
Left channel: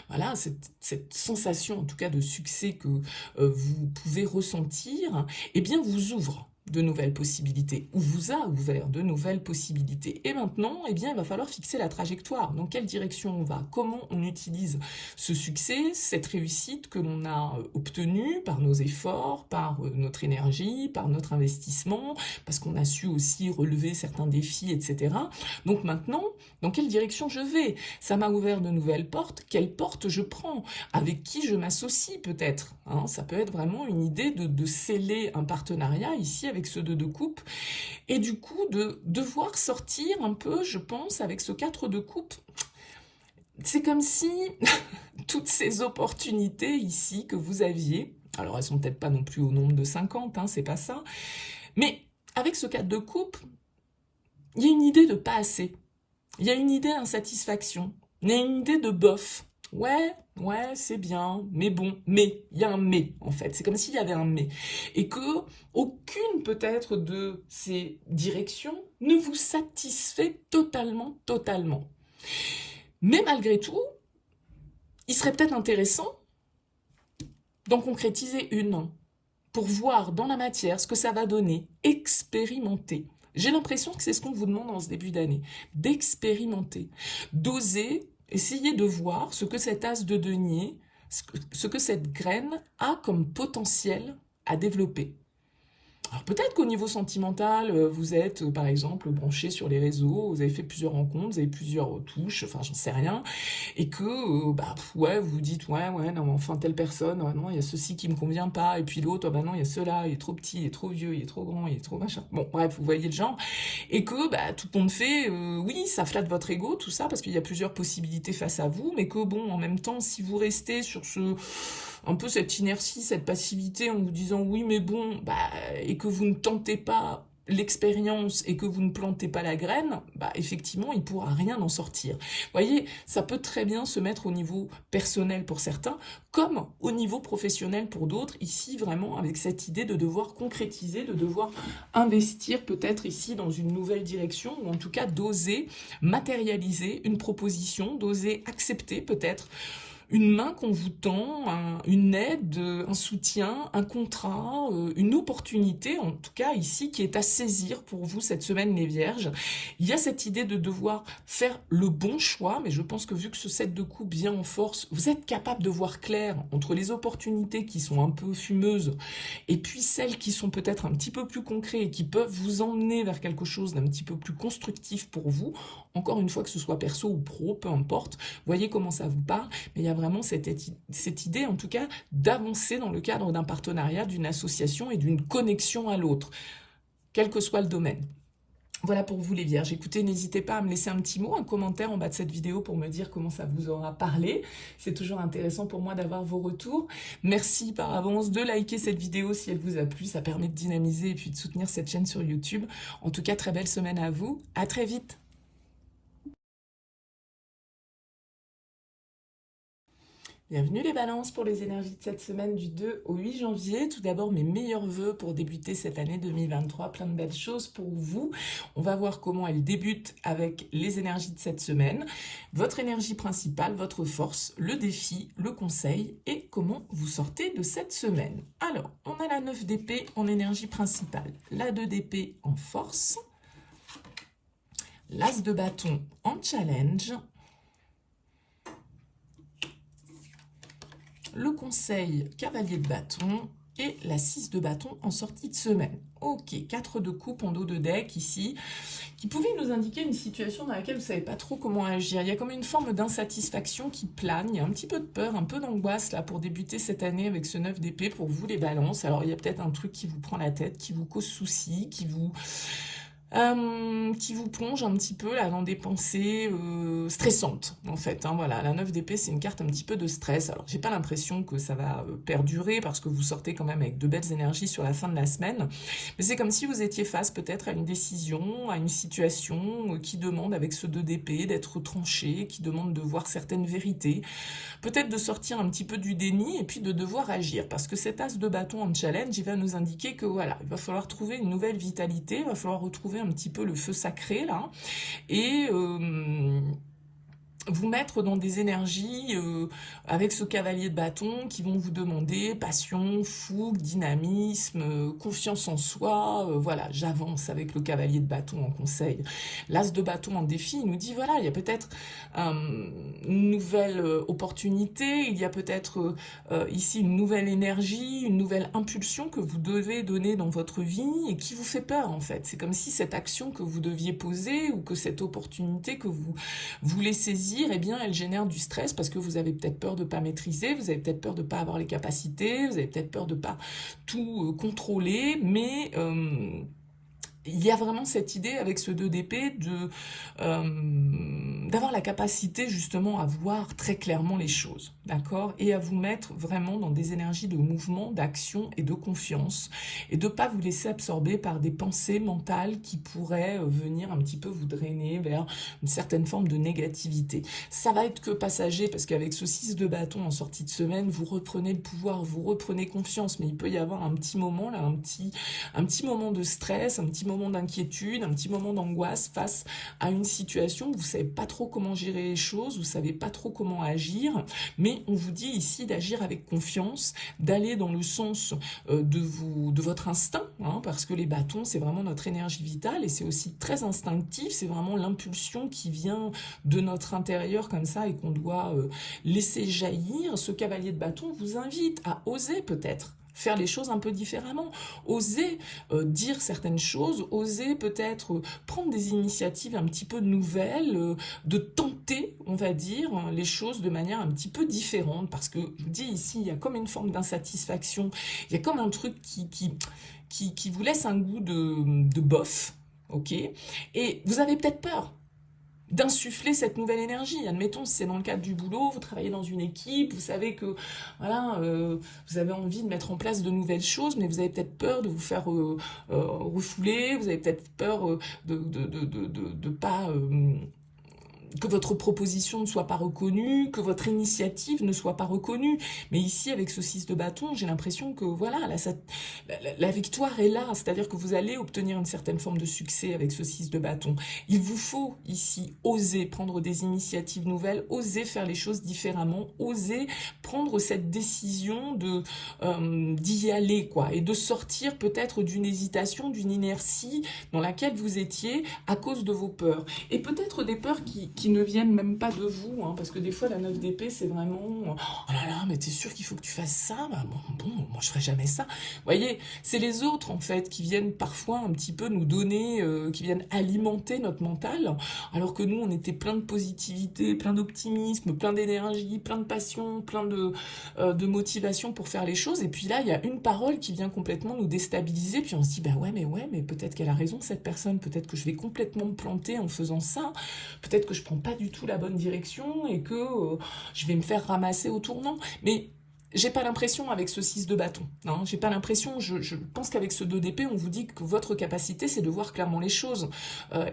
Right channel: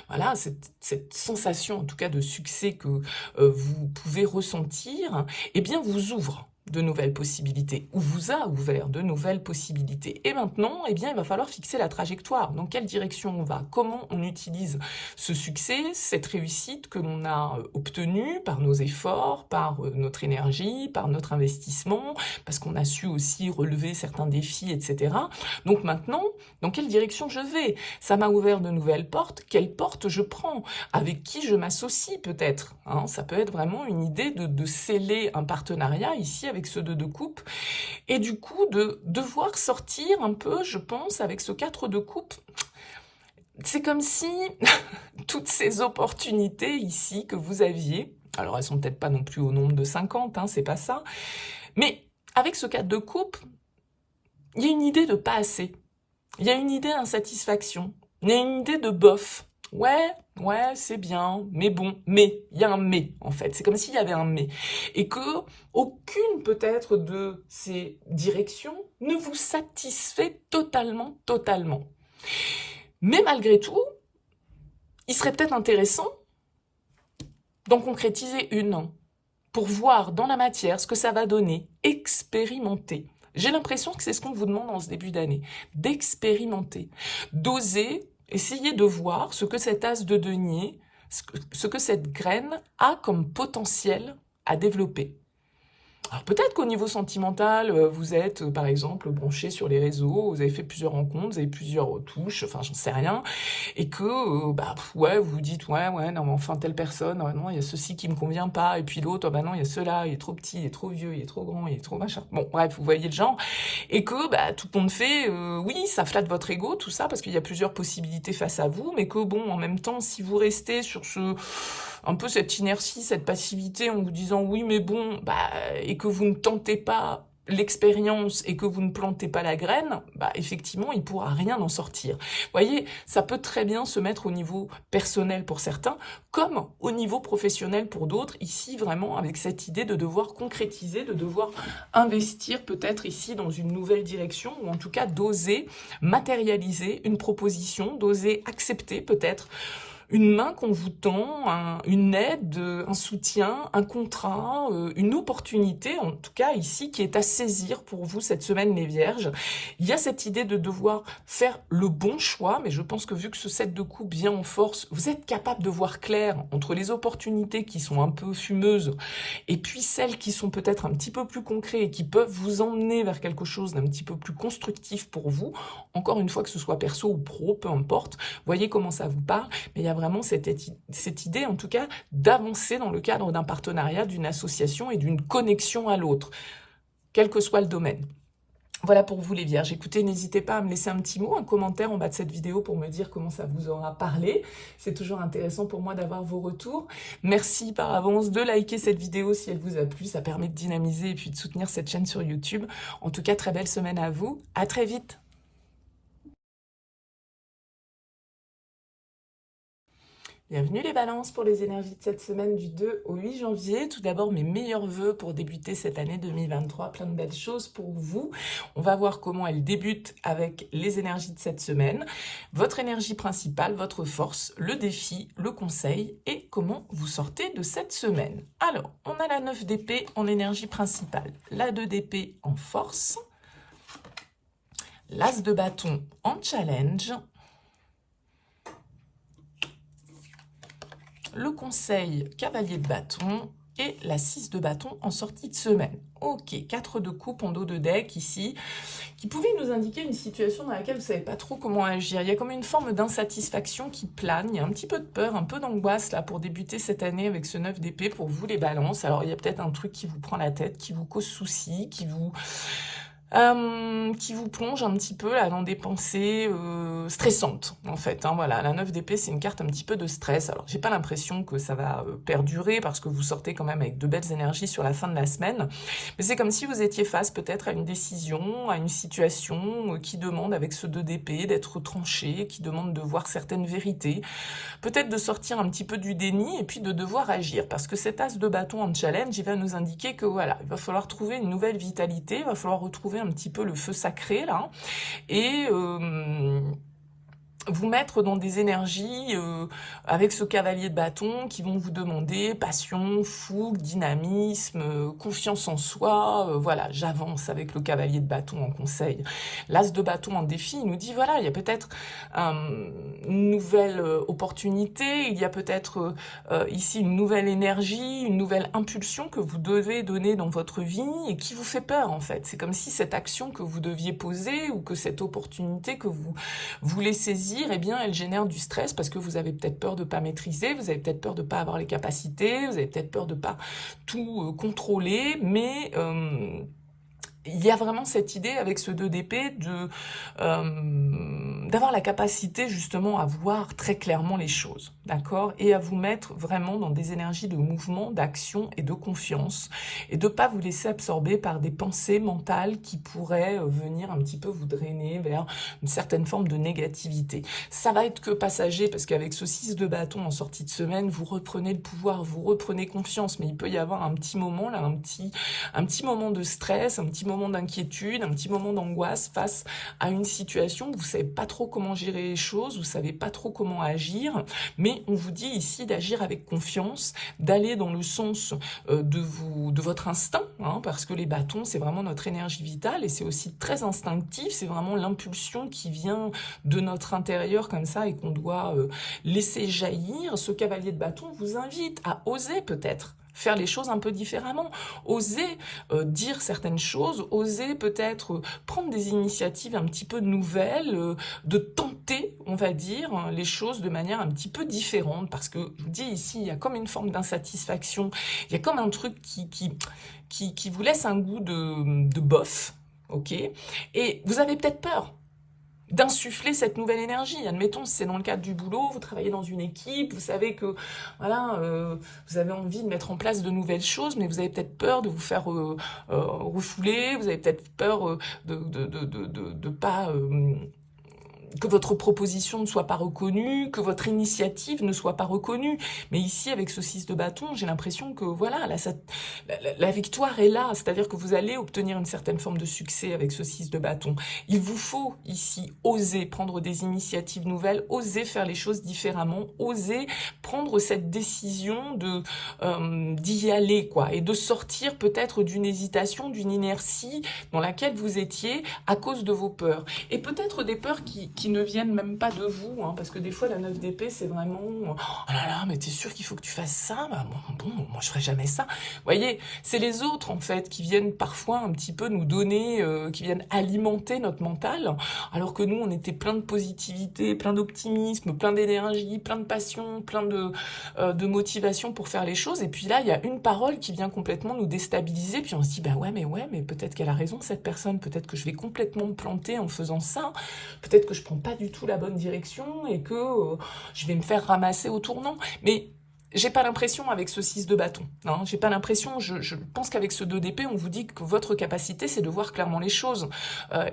voilà, cette sensation en tout cas de succès que vous pouvez ressentir, eh bien vous ouvre de nouvelles possibilités, ou vous a ouvert de nouvelles possibilités. Et maintenant, eh bien, il va falloir fixer la trajectoire. Dans quelle direction on va? Comment on utilise ce succès, cette réussite que l'on a obtenue par nos efforts, par notre énergie, par notre investissement, parce qu'on a su aussi relever certains défis, etc. Donc maintenant, dans quelle direction je vais? Ça m'a ouvert de nouvelles portes. Quelle porte je prends? Avec qui je m'associe peut-être? Ça peut être vraiment une idée de sceller un partenariat ici avec ce 2 de coupe, et du coup de devoir sortir un peu, je pense, avec ce 4 de coupe. C'est comme si toutes ces opportunités ici que vous aviez, alors elles sont peut-être pas non plus au nombre de 50, c'est pas ça, mais avec ce 4 de coupe, il y a une idée de pas assez, il y a une idée d'insatisfaction, il y a une idée de bof. Ouais, c'est bien, mais bon, mais, il y a un mais, en fait. C'est comme s'il y avait un mais. Et que aucune, peut-être, de ces directions ne vous satisfait totalement. Mais malgré tout, il serait peut-être intéressant d'en concrétiser une, pour voir dans la matière ce que ça va donner, expérimenter. J'ai l'impression que c'est ce qu'on vous demande en ce début d'année, d'expérimenter, d'oser essayer de voir ce que cet as de denier, ce que cette graine a comme potentiel à développer. Alors peut-être qu'au niveau sentimental, vous êtes par exemple branché sur les réseaux, vous avez fait plusieurs rencontres, vous avez plusieurs touches, enfin j'en sais rien, et que ouais, vous vous dites ouais, non mais enfin telle personne, non il y a ceci qui me convient pas, et puis l'autre, bah non il y a cela, il est trop petit, il est trop vieux, il est trop grand, il est trop machin. Bon bref, vous voyez le genre, et que tout le monde fait, oui ça flatte votre ego, tout ça, parce qu'il y a plusieurs possibilités face à vous, mais que bon en même temps si vous restez sur un peu cette inertie, cette passivité en vous disant oui mais bon, et que vous ne tentez pas l'expérience et que vous ne plantez pas la graine, effectivement, il ne pourra rien en sortir. Vous voyez, ça peut très bien se mettre au niveau personnel pour certains, comme au niveau professionnel pour d'autres, ici vraiment avec cette idée de devoir concrétiser, de devoir investir peut-être ici dans une nouvelle direction, ou en tout cas d'oser matérialiser une proposition, d'oser accepter peut-être une main qu'on vous tend, une aide, un soutien, un contrat, une opportunité, en tout cas ici, qui est à saisir pour vous cette semaine, les Vierges. Il y a cette idée de devoir faire le bon choix, mais je pense que vu que ce 7 de coupe vient en force, vous êtes capable de voir clair entre les opportunités qui sont un peu fumeuses et puis celles qui sont peut-être un petit peu plus concrètes et qui peuvent vous emmener vers quelque chose d'un petit peu plus constructif pour vous. Encore une fois, que ce soit perso ou pro, peu importe. Voyez comment ça vous parle, mais il y a vraiment cette idée, en tout cas, d'avancer dans le cadre d'un partenariat, d'une association et d'une connexion à l'autre, quel que soit le domaine. Voilà pour vous les Vierges. Écoutez, n'hésitez pas à me laisser un petit mot, un commentaire en bas de cette vidéo pour me dire comment ça vous aura parlé. C'est toujours intéressant pour moi d'avoir vos retours. Merci par avance de liker cette vidéo si elle vous a plu. Ça permet de dynamiser et puis de soutenir cette chaîne sur YouTube. En tout cas, très belle semaine à vous. À très vite. Bienvenue les balances pour les énergies de cette semaine du 2 au 8 janvier. Tout d'abord, mes meilleurs vœux pour débuter cette année 2023. Plein de belles choses pour vous. On va voir comment elle débute avec les énergies de cette semaine. Votre énergie principale, votre force, le défi, le conseil et comment vous sortez de cette semaine. Alors, on a la 9 d'épée en énergie principale, la 2 d'épée en force, l'as de bâton en challenge, le conseil cavalier de bâton et la 6 de bâton en sortie de semaine. Ok, 4 de coupe en dos de deck ici, qui pouvait nous indiquer une situation dans laquelle vous ne savez pas trop comment agir. Il y a comme une forme d'insatisfaction qui plane, il y a un petit peu de peur, un peu d'angoisse là pour débuter cette année avec ce 9 d'épée pour vous les balances. Alors il y a peut-être un truc qui vous prend la tête, qui vous cause souci, qui vous plonge un petit peu là, dans des pensées stressantes en fait, hein, voilà, la 9 d'épée c'est une carte un petit peu de stress. Alors j'ai pas l'impression que ça va perdurer parce que vous sortez quand même avec de belles énergies sur la fin de la semaine, mais c'est comme si vous étiez face peut-être à une décision, à une situation qui demande avec ce 2 d'épée d'être tranché, qui demande de voir certaines vérités, peut-être de sortir un petit peu du déni et puis de devoir agir, parce que cet as de bâton en challenge, il va nous indiquer que voilà, il va falloir trouver une nouvelle vitalité, il va falloir retrouver un petit peu le feu sacré là, et vous mettre dans des énergies avec ce cavalier de bâton qui vont vous demander passion, fougue, dynamisme, confiance en soi. Voilà, j'avance avec le cavalier de bâton en conseil. L'as de bâton en défi, il nous dit voilà, il y a peut-être une nouvelle opportunité, il y a peut-être ici une nouvelle énergie, une nouvelle impulsion que vous devez donner dans votre vie et qui vous fait peur en fait. C'est comme si cette action que vous deviez poser ou que cette opportunité que vous voulez saisir, eh bien, elle génère du stress parce que vous avez peut-être peur de ne pas maîtriser, vous avez peut-être peur de ne pas avoir les capacités, vous avez peut-être peur de ne pas tout contrôler, mais il y a vraiment cette idée avec ce 2 d'épée d'avoir la capacité justement à voir très clairement les choses, d'accord, et à vous mettre vraiment dans des énergies de mouvement, d'action et de confiance, et de ne pas vous laisser absorber par des pensées mentales qui pourraient venir un petit peu vous drainer vers une certaine forme de négativité. Ça va être que passager, parce qu'avec ce 6 de bâton en sortie de semaine, vous reprenez le pouvoir, vous reprenez confiance, mais il peut y avoir un petit moment là, un petit moment de stress, un petit moment d'inquiétude, un petit moment d'angoisse face à une situation où vous ne savez pas trop comment gérer les choses, vous ne savez pas trop comment agir, mais on vous dit ici d'agir avec confiance, d'aller dans le sens de votre instinct, hein, parce que les bâtons, c'est vraiment notre énergie vitale et c'est aussi très instinctif, c'est vraiment l'impulsion qui vient de notre intérieur comme ça et qu'on doit laisser jaillir. Ce cavalier de bâton vous invite à oser peut-être faire les choses un peu différemment, oser dire certaines choses, oser peut-être prendre des initiatives un petit peu nouvelles, de tenter, on va dire, les choses de manière un petit peu différente, parce que je vous dis ici, il y a comme une forme d'insatisfaction, il y a comme un truc qui vous laisse un goût de bof, ok? Et vous avez peut-être peur d'insuffler cette nouvelle énergie. Admettons, si c'est dans le cadre du boulot, vous travaillez dans une équipe, vous savez que voilà, vous avez envie de mettre en place de nouvelles choses, mais vous avez peut-être peur de vous faire refouler, vous avez peut-être peur de pas... que votre proposition ne soit pas reconnue, que votre initiative ne soit pas reconnue. Mais ici, avec ce 6 de bâton, j'ai l'impression que voilà, là, la victoire est là, c'est-à-dire que vous allez obtenir une certaine forme de succès avec ce 6 de bâton. Il vous faut ici oser prendre des initiatives nouvelles, oser faire les choses différemment, oser prendre cette décision d'y aller, quoi, et de sortir peut-être d'une hésitation, d'une inertie dans laquelle vous étiez à cause de vos peurs. Et peut-être des peurs qui ne viennent même pas de vous, hein, parce que des fois la 9 d'épée c'est vraiment oh là là, mais t'es sûr qu'il faut que tu fasses ça? Bah, bon, moi je ferai jamais ça. Vous voyez, c'est les autres en fait qui viennent parfois un petit peu nous donner, qui viennent alimenter notre mental, alors que nous on était plein de positivité, plein d'optimisme, plein d'énergie, plein de passion, plein de motivation pour faire les choses, et puis là il y a une parole qui vient complètement nous déstabiliser, puis on se dit bah ouais mais peut-être qu'elle a raison cette personne, peut-être que je vais complètement me planter en faisant ça, peut-être que je prends pas du tout la bonne direction et que je vais me faire ramasser au tournant. Mais j'ai pas l'impression avec ce 6 de bâton, hein, j'ai pas l'impression, je pense qu'avec ce 2 d'épée, on vous dit que votre capacité, c'est de voir clairement les choses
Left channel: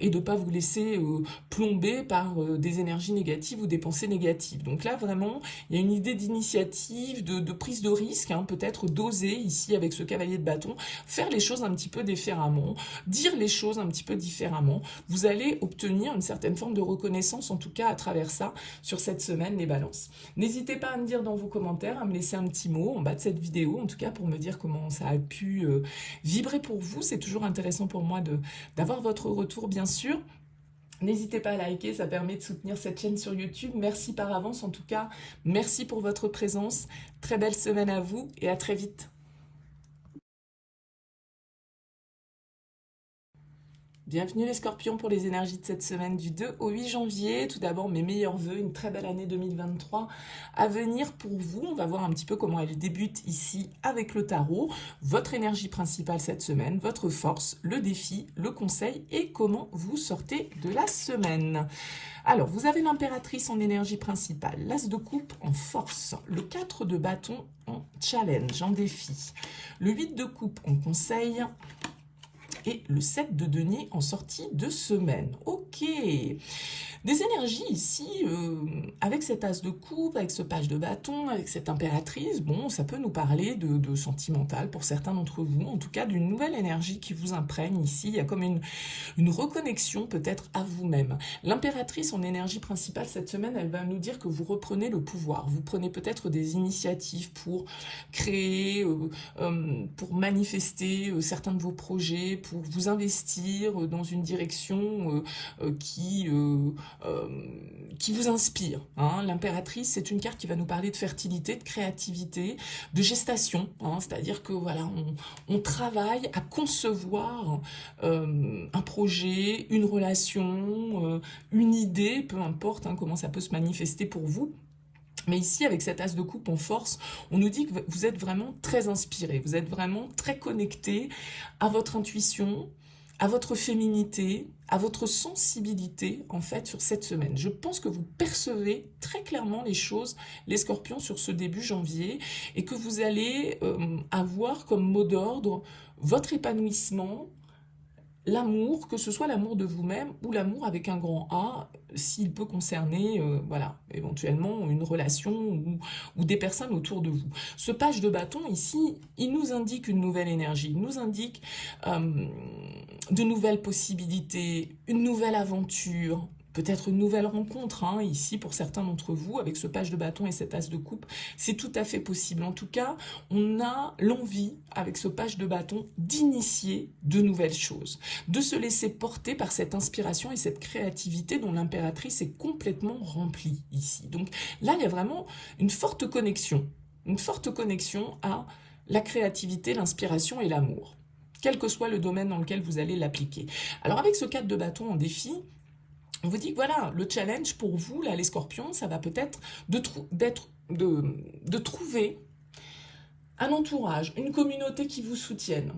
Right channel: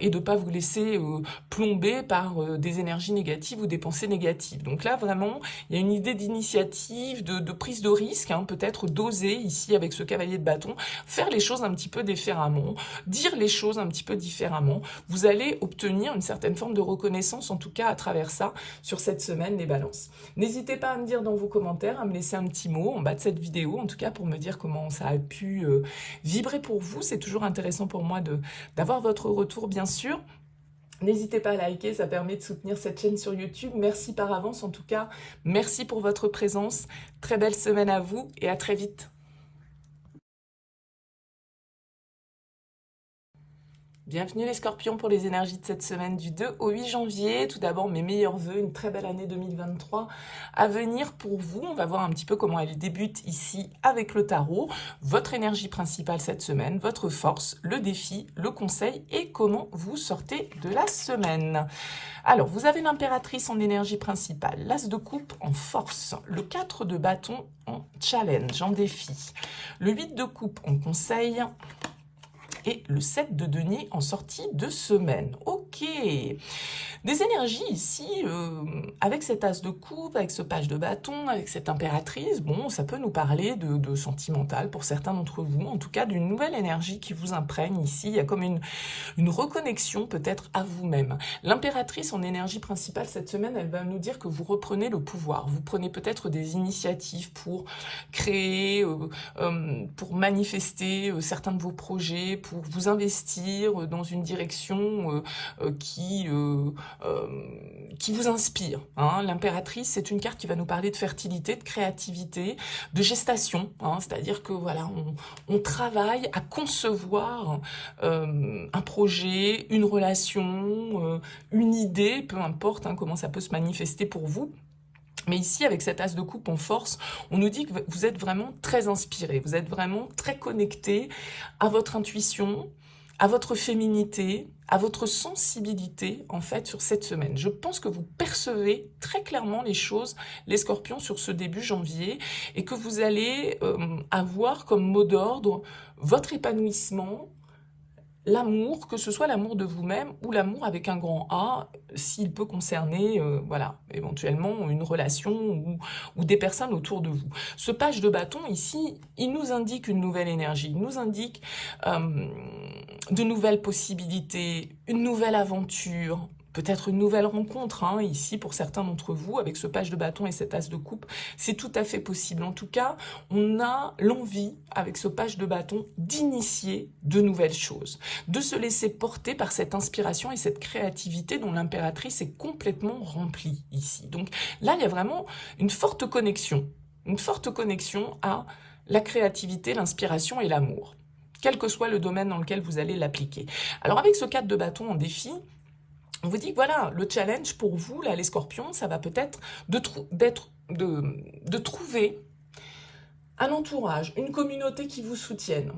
et de pas vous laisser plomber par des énergies négatives ou des pensées négatives. Donc là, vraiment, il y a une idée d'initiative, de prise de risque, hein, peut-être d'oser, ici, avec ce cavalier de bâton, faire les choses un petit peu différemment, dire les choses un petit peu différemment. Vous allez obtenir une certaine forme de reconnaissance, en tout cas à travers ça, sur cette semaine, les balances. N'hésitez pas à me dire dans vos commentaires, à me laisser un petit mot en bas de cette vidéo, en tout cas pour me dire comment ça a pu vibrer pour vous. C'est toujours intéressant pour moi d'avoir votre retour, bien sûr. N'hésitez pas à liker, ça permet de soutenir cette chaîne sur YouTube. Merci par avance, en tout cas. Merci pour votre présence. Très belle semaine à vous et à très vite. Bienvenue les scorpions pour les énergies de cette semaine du 2 au 8 janvier. Tout d'abord, mes meilleurs vœux, une très belle année 2023 à venir pour vous. On va voir un petit peu comment elle débute ici avec le tarot. Votre énergie principale cette semaine, votre force, le défi, le conseil et comment vous sortez de la semaine. Alors, vous avez l'impératrice en énergie principale, l'as de coupe en force, le 4 de bâton en challenge, en défi, le 8 de coupe en conseil, et le 7 de denier en sortie de semaine. Ok, des énergies ici, avec cet as de coupe, avec ce page de bâton, avec cette impératrice, bon, ça peut nous parler de sentimental pour certains d'entre vous, en tout cas d'une nouvelle énergie qui vous imprègne ici, il y a comme une reconnexion peut-être à vous-même. L'impératrice en énergie principale cette semaine, elle va nous dire que vous reprenez le pouvoir, vous prenez peut-être des initiatives pour créer, pour manifester certains de vos projets, pour vous investir dans une direction qui vous inspire. Hein. L'impératrice, c'est une carte qui va nous parler de fertilité, de créativité, de gestation. Hein. C'est-à-dire que voilà, on travaille à concevoir un projet, une relation, une idée, peu importe hein, comment ça peut se manifester pour vous. Mais ici, avec cet as de coupe en force, on nous dit que vous êtes vraiment très inspiré, vous êtes vraiment très connecté à votre intuition, à votre féminité, à votre sensibilité, en fait, sur cette semaine. Je pense que vous percevez très clairement les choses, les scorpions, sur ce début janvier, et que vous allez avoir comme mot d'ordre votre épanouissement, l'amour, que ce soit l'amour de vous-même ou l'amour avec un grand A, s'il peut concerner, voilà, éventuellement une relation ou des personnes autour de vous. Ce page de bâton ici, il nous indique une nouvelle énergie, il nous indique de nouvelles possibilités, une nouvelle aventure, peut-être une nouvelle rencontre, hein, ici pour certains d'entre vous, avec ce page de bâton et cet as de coupe, c'est tout à fait possible. En tout cas, on a l'envie, avec ce page de bâton, d'initier de nouvelles choses, de se laisser porter par cette inspiration et cette créativité dont l'impératrice est complètement remplie ici. Donc là, il y a vraiment une forte connexion à la créativité, l'inspiration et l'amour, quel que soit le domaine dans lequel vous allez l'appliquer. Alors avec ce 4 de bâton en défi, on vous dit que voilà, le challenge pour vous, là, les scorpions, ça va peut-être de trouver un entourage, une communauté qui vous soutienne.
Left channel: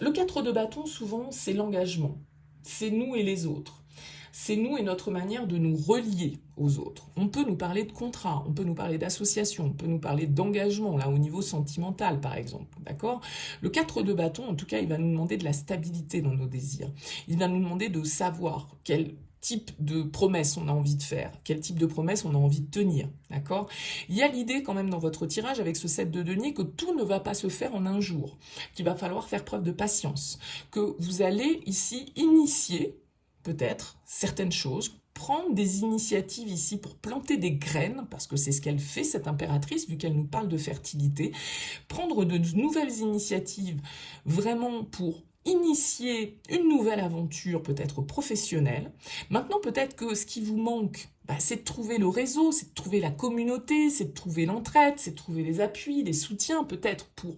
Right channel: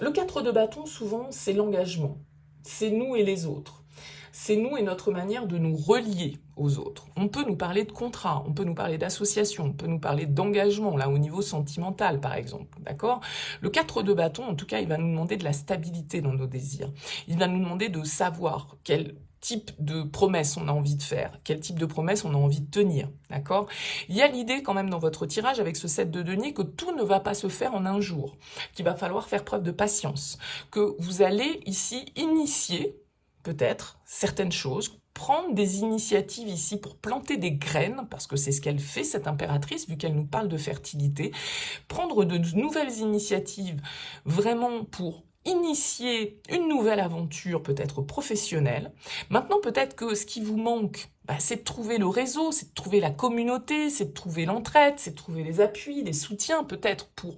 Le 4 de bâton, souvent, c'est l'engagement. C'est nous et les autres. C'est nous et notre manière de nous relier aux autres. On peut nous parler de contrat, on peut nous parler d'association, on peut nous parler d'engagement, là, au niveau sentimental, par exemple, d'accord? Le 4 de bâton, en tout cas, il va nous demander de la stabilité dans nos désirs. Il va nous demander de savoir quel type de promesse on a envie de faire, quel type de promesse on a envie de tenir, d'accord? Il y a l'idée quand même dans votre tirage avec ce 7 de denier que tout ne va pas se faire en un jour, qu'il va falloir faire preuve de patience, que vous allez ici initier peut-être certaines choses, prendre des initiatives ici pour planter des graines, parce que c'est ce qu'elle fait, cette impératrice, vu qu'elle nous parle de fertilité, prendre de nouvelles initiatives vraiment pour initier une nouvelle aventure, peut-être professionnelle. Maintenant, peut-être que ce qui vous manque, c'est de trouver le réseau, c'est de trouver la communauté, c'est de trouver l'entraide, c'est de trouver les appuis, les soutiens, peut-être pour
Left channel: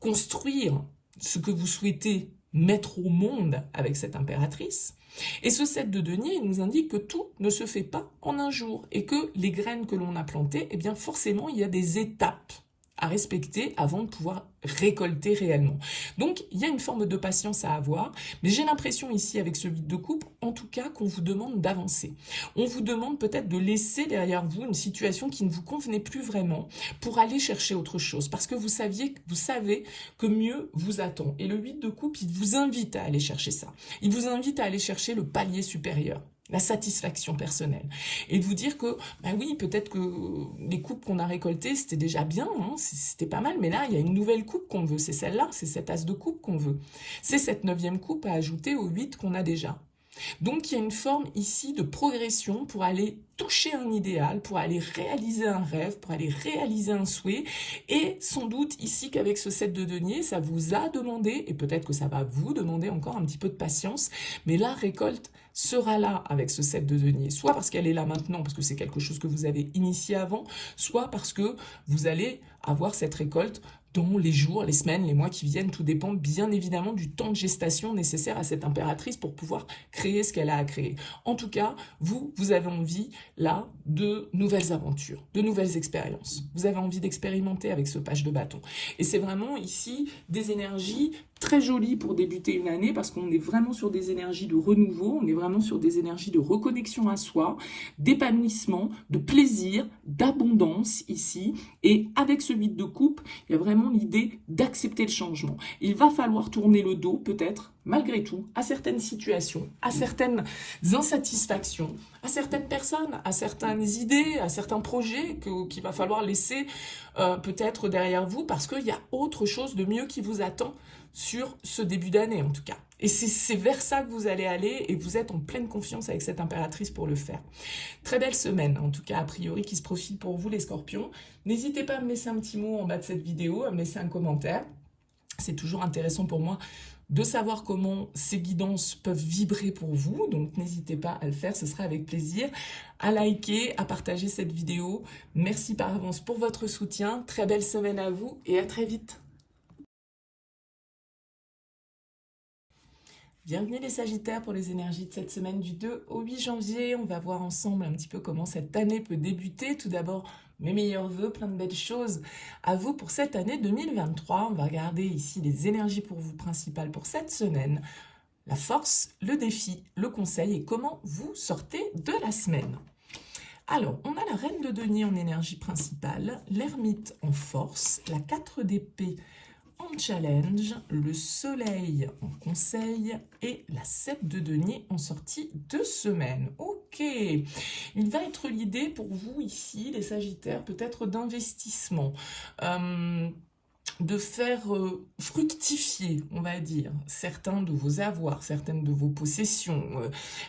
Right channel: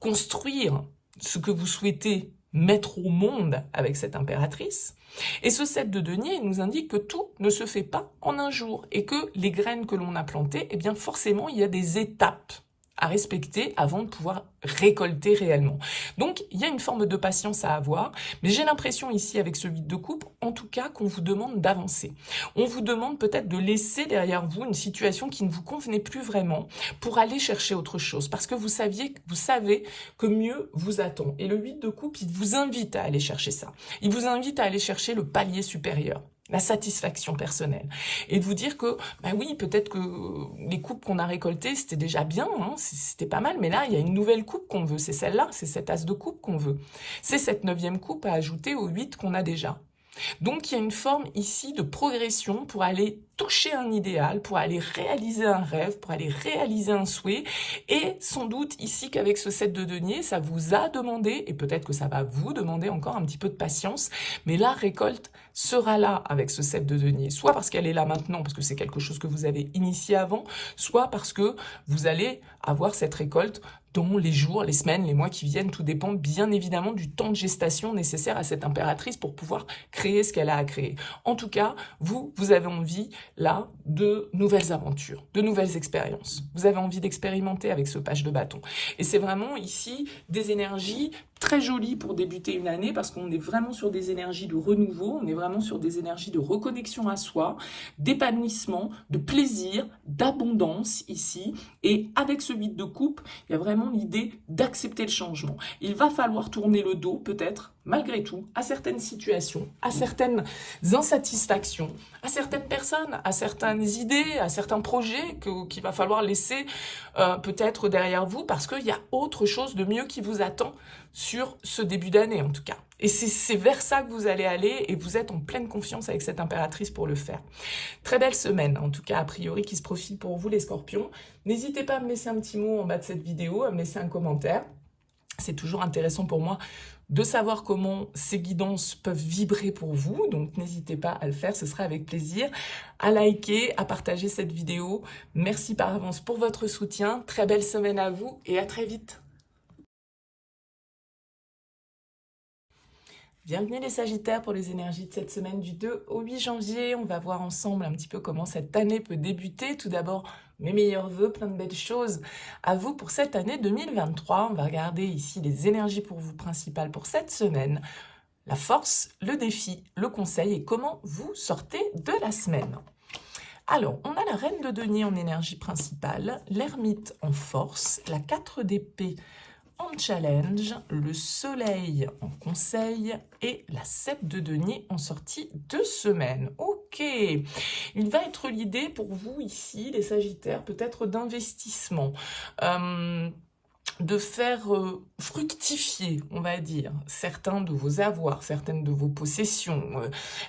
construire ce que vous souhaitez mettre au monde avec cette impératrice. Et ce 7 de denier, il nous indique que tout ne se fait pas en un jour et que les graines que l'on a plantées, eh bien forcément, il y a des étapes à respecter avant de pouvoir récolter réellement. Donc, il y a une forme de patience à avoir, mais j'ai l'impression ici, avec ce 8 de coupe, en tout cas, qu'on vous demande d'avancer. On vous demande peut-être de laisser derrière vous une situation qui ne vous convenait plus vraiment pour aller chercher autre chose, parce que vous savez que mieux vous attend. Et le 8 de coupe, il vous invite à aller chercher ça. Il vous invite à aller chercher le palier supérieur, la satisfaction personnelle. Et de vous dire que, oui, peut-être que les coupes qu'on a récoltées, c'était déjà bien, hein, c'était pas mal, mais là, il y a une nouvelle coupe qu'on veut, c'est celle-là, c'est cet as de coupe qu'on veut. C'est cette 9e coupe à ajouter aux 8 qu'on a déjà. Donc, il y a une forme ici de progression pour aller toucher un idéal, pour aller réaliser un rêve, pour aller réaliser un souhait. Et sans doute ici qu'avec ce 7 de denier, ça vous a demandé, et peut-être que ça va vous demander encore un petit peu de patience, mais la récolte sera là avec ce 7 de denier, soit parce qu'elle est là maintenant, parce que c'est quelque chose que vous avez initié avant, soit parce que vous allez avoir cette récolte dans les jours, les semaines, les mois qui viennent. Tout dépend bien évidemment du temps de gestation nécessaire à cette impératrice pour pouvoir créer ce qu'elle a à créer. En tout cas, vous avez envie là de nouvelles aventures, de nouvelles expériences. Vous avez envie d'expérimenter avec ce page de bâton. Et c'est vraiment ici des énergies très jolies pour débuter une année, parce qu'on est vraiment sur des énergies de renouveau, on est vraiment sur des énergies de reconnexion à soi, d'épanouissement, de plaisir, d'abondance ici. Et avec ce 8 de coupe, il y a vraiment l'idée d'accepter le changement. Il va falloir tourner le dos, peut-être, malgré tout, à certaines situations, à certaines insatisfactions, à certaines personnes, à certaines idées, à certains projets qu'il va falloir laisser peut-être derrière vous, parce qu'il y a autre chose de mieux qui vous attend sur ce début d'année en tout cas. Et c'est vers ça que vous allez aller, et vous êtes en pleine confiance avec cette impératrice pour le faire. Très belle semaine, en tout cas a priori, qui se profile pour vous les scorpions. N'hésitez pas à me laisser un petit mot en bas de cette vidéo, à me laisser un commentaire. C'est toujours intéressant pour moi de savoir comment ces guidances peuvent vibrer pour vous, donc n'hésitez pas à le faire, ce sera avec plaisir, à liker, à partager cette vidéo. Merci par avance pour votre soutien, très belle semaine à vous et à très vite. Bienvenue les Sagittaires pour les énergies de cette semaine du 2 au 8 janvier. On va voir ensemble un petit peu comment cette année peut débuter. Tout d'abord, mes meilleurs vœux, plein de belles choses à vous pour cette année 2023. On va regarder ici les énergies pour vous principales pour cette semaine. La force, le défi, le conseil et comment vous sortez de la semaine. Alors, on a la reine de denier en énergie principale, l'ermite en force, la 4 d'épée en challenge, le soleil en conseil et la 7 de denier en sortie de semaine. Ok, il va être l'idée pour vous ici, les Sagittaires, peut-être d'investissement, de faire fructifier, on va dire, certains de vos avoirs, certaines de vos possessions,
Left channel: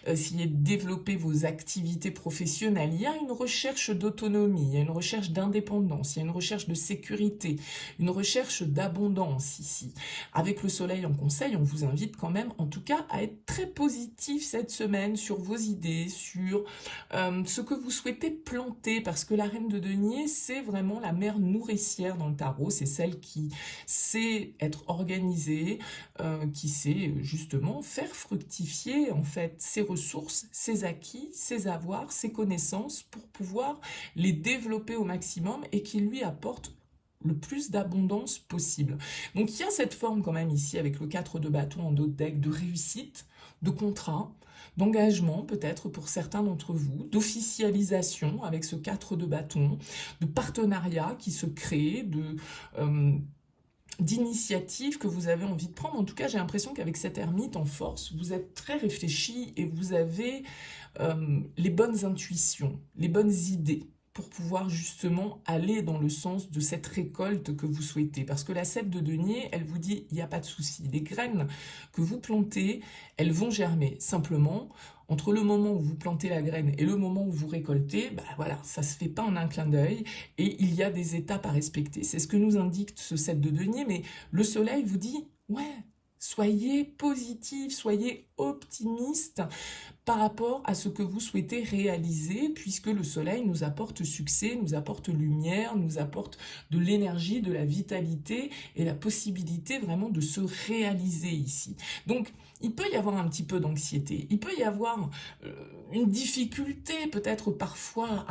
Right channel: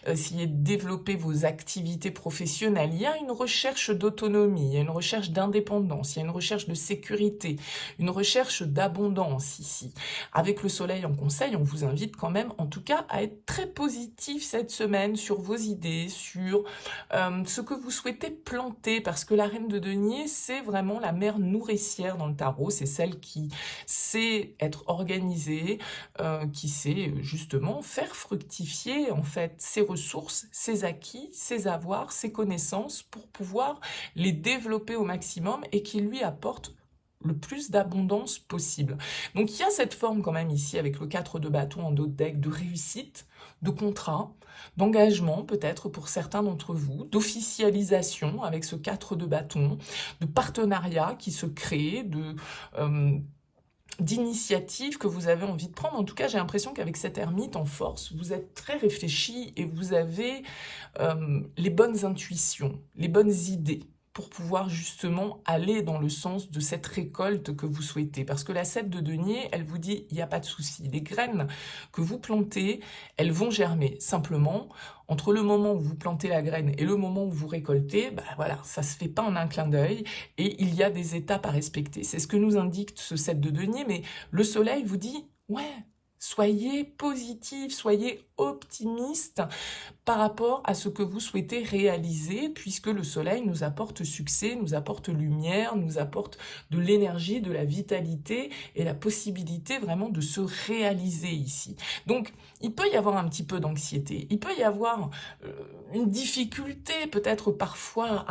essayer de développer vos activités professionnelles. Il y a une recherche d'autonomie, il y a une recherche d'indépendance, il y a une recherche de sécurité, une recherche d'abondance ici. Avec le soleil en conseil, on vous invite quand même, en tout cas, à être très positif cette semaine sur vos idées, sur ce que vous souhaitez planter, parce que la reine de denier, c'est vraiment la mère nourricière dans le tarot, c'est celle qui qui sait être organisé, qui sait justement faire fructifier en fait ses ressources, ses acquis, ses avoirs, ses connaissances pour pouvoir les développer au maximum et qui lui apporte le plus d'abondance possible. Donc il y a cette forme quand même ici avec le 4 de bâton en dos de deck de réussite, de contrat, d'engagement peut-être pour certains d'entre vous, d'officialisation avec ce 4 de bâton, de partenariat qui se crée, d'initiatives que vous avez envie de prendre. En tout cas, j'ai l'impression qu'avec cette ermite en force, vous êtes très réfléchi et vous avez les bonnes intuitions, les bonnes idées pour pouvoir justement aller dans le sens de cette récolte que vous souhaitez. Parce que la 7 de denier, elle vous dit, il n'y a pas de souci. Les graines que vous plantez, elles vont germer. Simplement, entre le moment où vous plantez la graine et le moment où vous récoltez, bah voilà, ça ne se fait pas en un clin d'œil et il y a des étapes à respecter. C'est ce que nous indique ce 7 de denier, mais le soleil vous dit, ouais, soyez positif, soyez optimiste par rapport à ce que vous souhaitez réaliser, puisque le soleil nous apporte succès, nous apporte lumière, nous apporte de l'énergie, de la vitalité et la possibilité vraiment de se réaliser ici. Donc, il peut y avoir un petit peu d'anxiété, il peut y avoir une difficulté peut-être parfois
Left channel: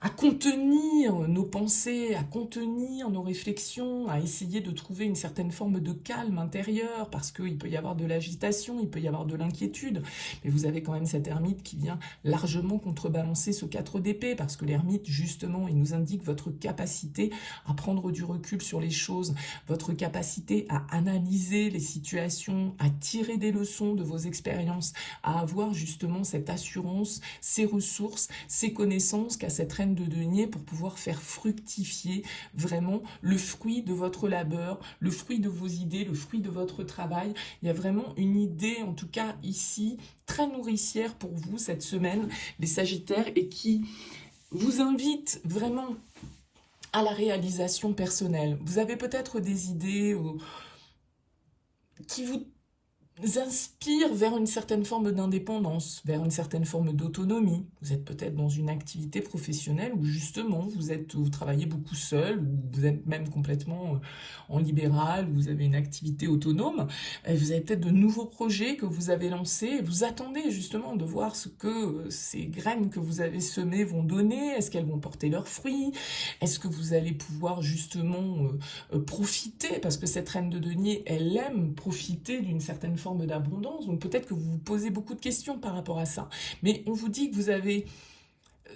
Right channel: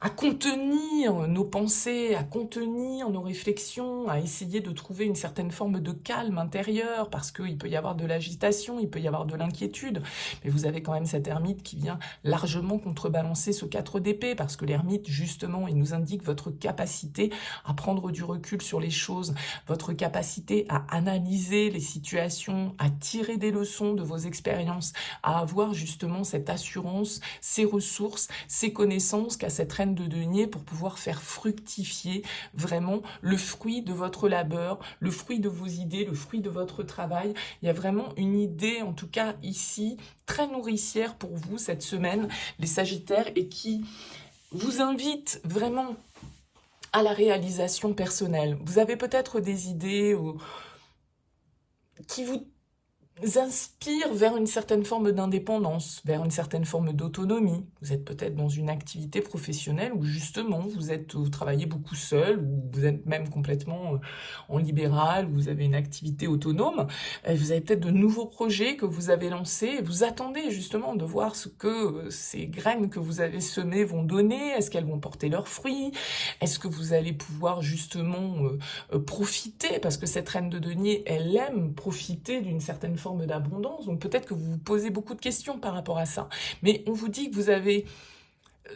à contenir nos pensées, à contenir nos réflexions, à essayer de trouver une certaine forme de calme intérieur, parce qu'il peut y avoir de l'agitation, il peut y avoir de l'inquiétude, mais vous avez quand même cette ermite qui vient largement contrebalancer ce 4 d'épée, parce que l'ermite, justement, il nous indique votre capacité à prendre du recul sur les choses, votre capacité à analyser les situations, à tirer des leçons de vos expériences, à avoir justement cette assurance, ces ressources, ces connaissances qu'a cette reine de denier pour pouvoir faire fructifier vraiment le fruit de votre labeur, le fruit de vos idées, le fruit de votre travail. Il y a vraiment une idée, en tout cas ici, très nourricière pour vous cette semaine, les Sagittaires, et qui vous invite vraiment à la réalisation personnelle. Vous avez peut-être des idées qui vous inspire vers une certaine forme d'indépendance, vers une certaine forme d'autonomie. Vous êtes peut-être dans une activité professionnelle où justement vous travaillez beaucoup seul, ou vous êtes même complètement en libéral, vous avez une activité autonome. Vous avez peut-être de nouveaux projets que vous avez lancés et vous attendez justement de voir ce que ces graines que vous avez semées vont donner. Est-ce qu'elles vont porter leurs fruits? Est-ce que vous allez pouvoir justement profiter? Parce que cette reine de denier, elle aime profiter d'une certaine forme d'abondance, donc peut-être que vous vous posez beaucoup de questions par rapport à ça, mais on vous dit que vous avez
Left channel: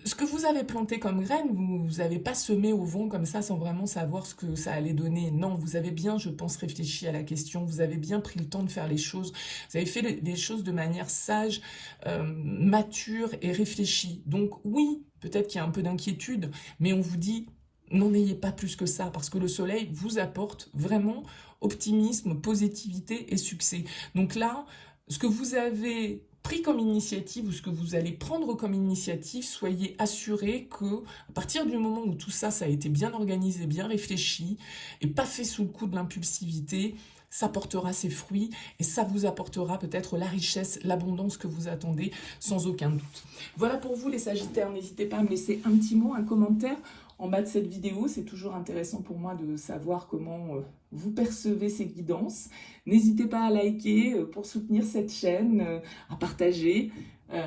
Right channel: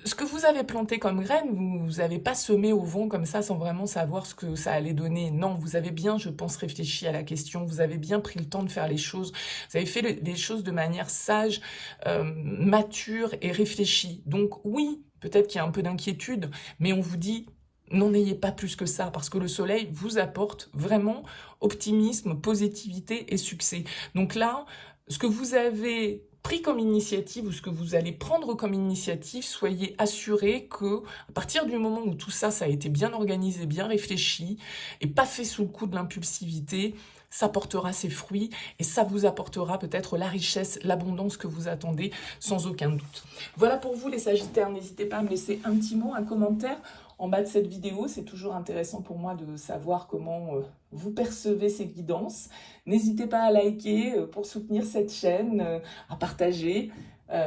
ce que vous avez planté comme graine, vous n'avez pas semé au vent comme ça sans vraiment savoir ce que ça allait donner. Non, vous avez bien, je pense, réfléchi à la question, vous avez bien pris le temps de faire les choses, vous avez fait les choses de manière sage, mature et réfléchie. Donc oui, peut-être qu'il y a un peu d'inquiétude, mais on vous dit, n'en ayez pas plus que ça, parce que le soleil vous apporte vraiment optimisme, positivité et succès. Donc là, ce que vous avez pris comme initiative ou ce que vous allez prendre comme initiative, soyez assurés que à partir du moment où tout ça, ça a été bien organisé, bien réfléchi et pas fait sous le coup de l'impulsivité, ça portera ses fruits et ça vous apportera peut-être la richesse, l'abondance que vous attendez sans aucun doute. Voilà pour vous les Sagittaires, n'hésitez pas à me laisser un petit mot, un commentaire en bas de cette vidéo, c'est toujours intéressant pour moi de savoir comment vous percevez ces guidances. N'hésitez pas à liker pour soutenir cette chaîne, à partager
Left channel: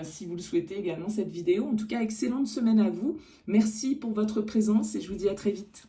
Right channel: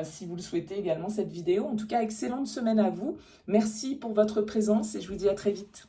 si vous le souhaitez également cette vidéo. En tout cas, excellente semaine à vous. Merci pour votre présence et je vous dis à très vite.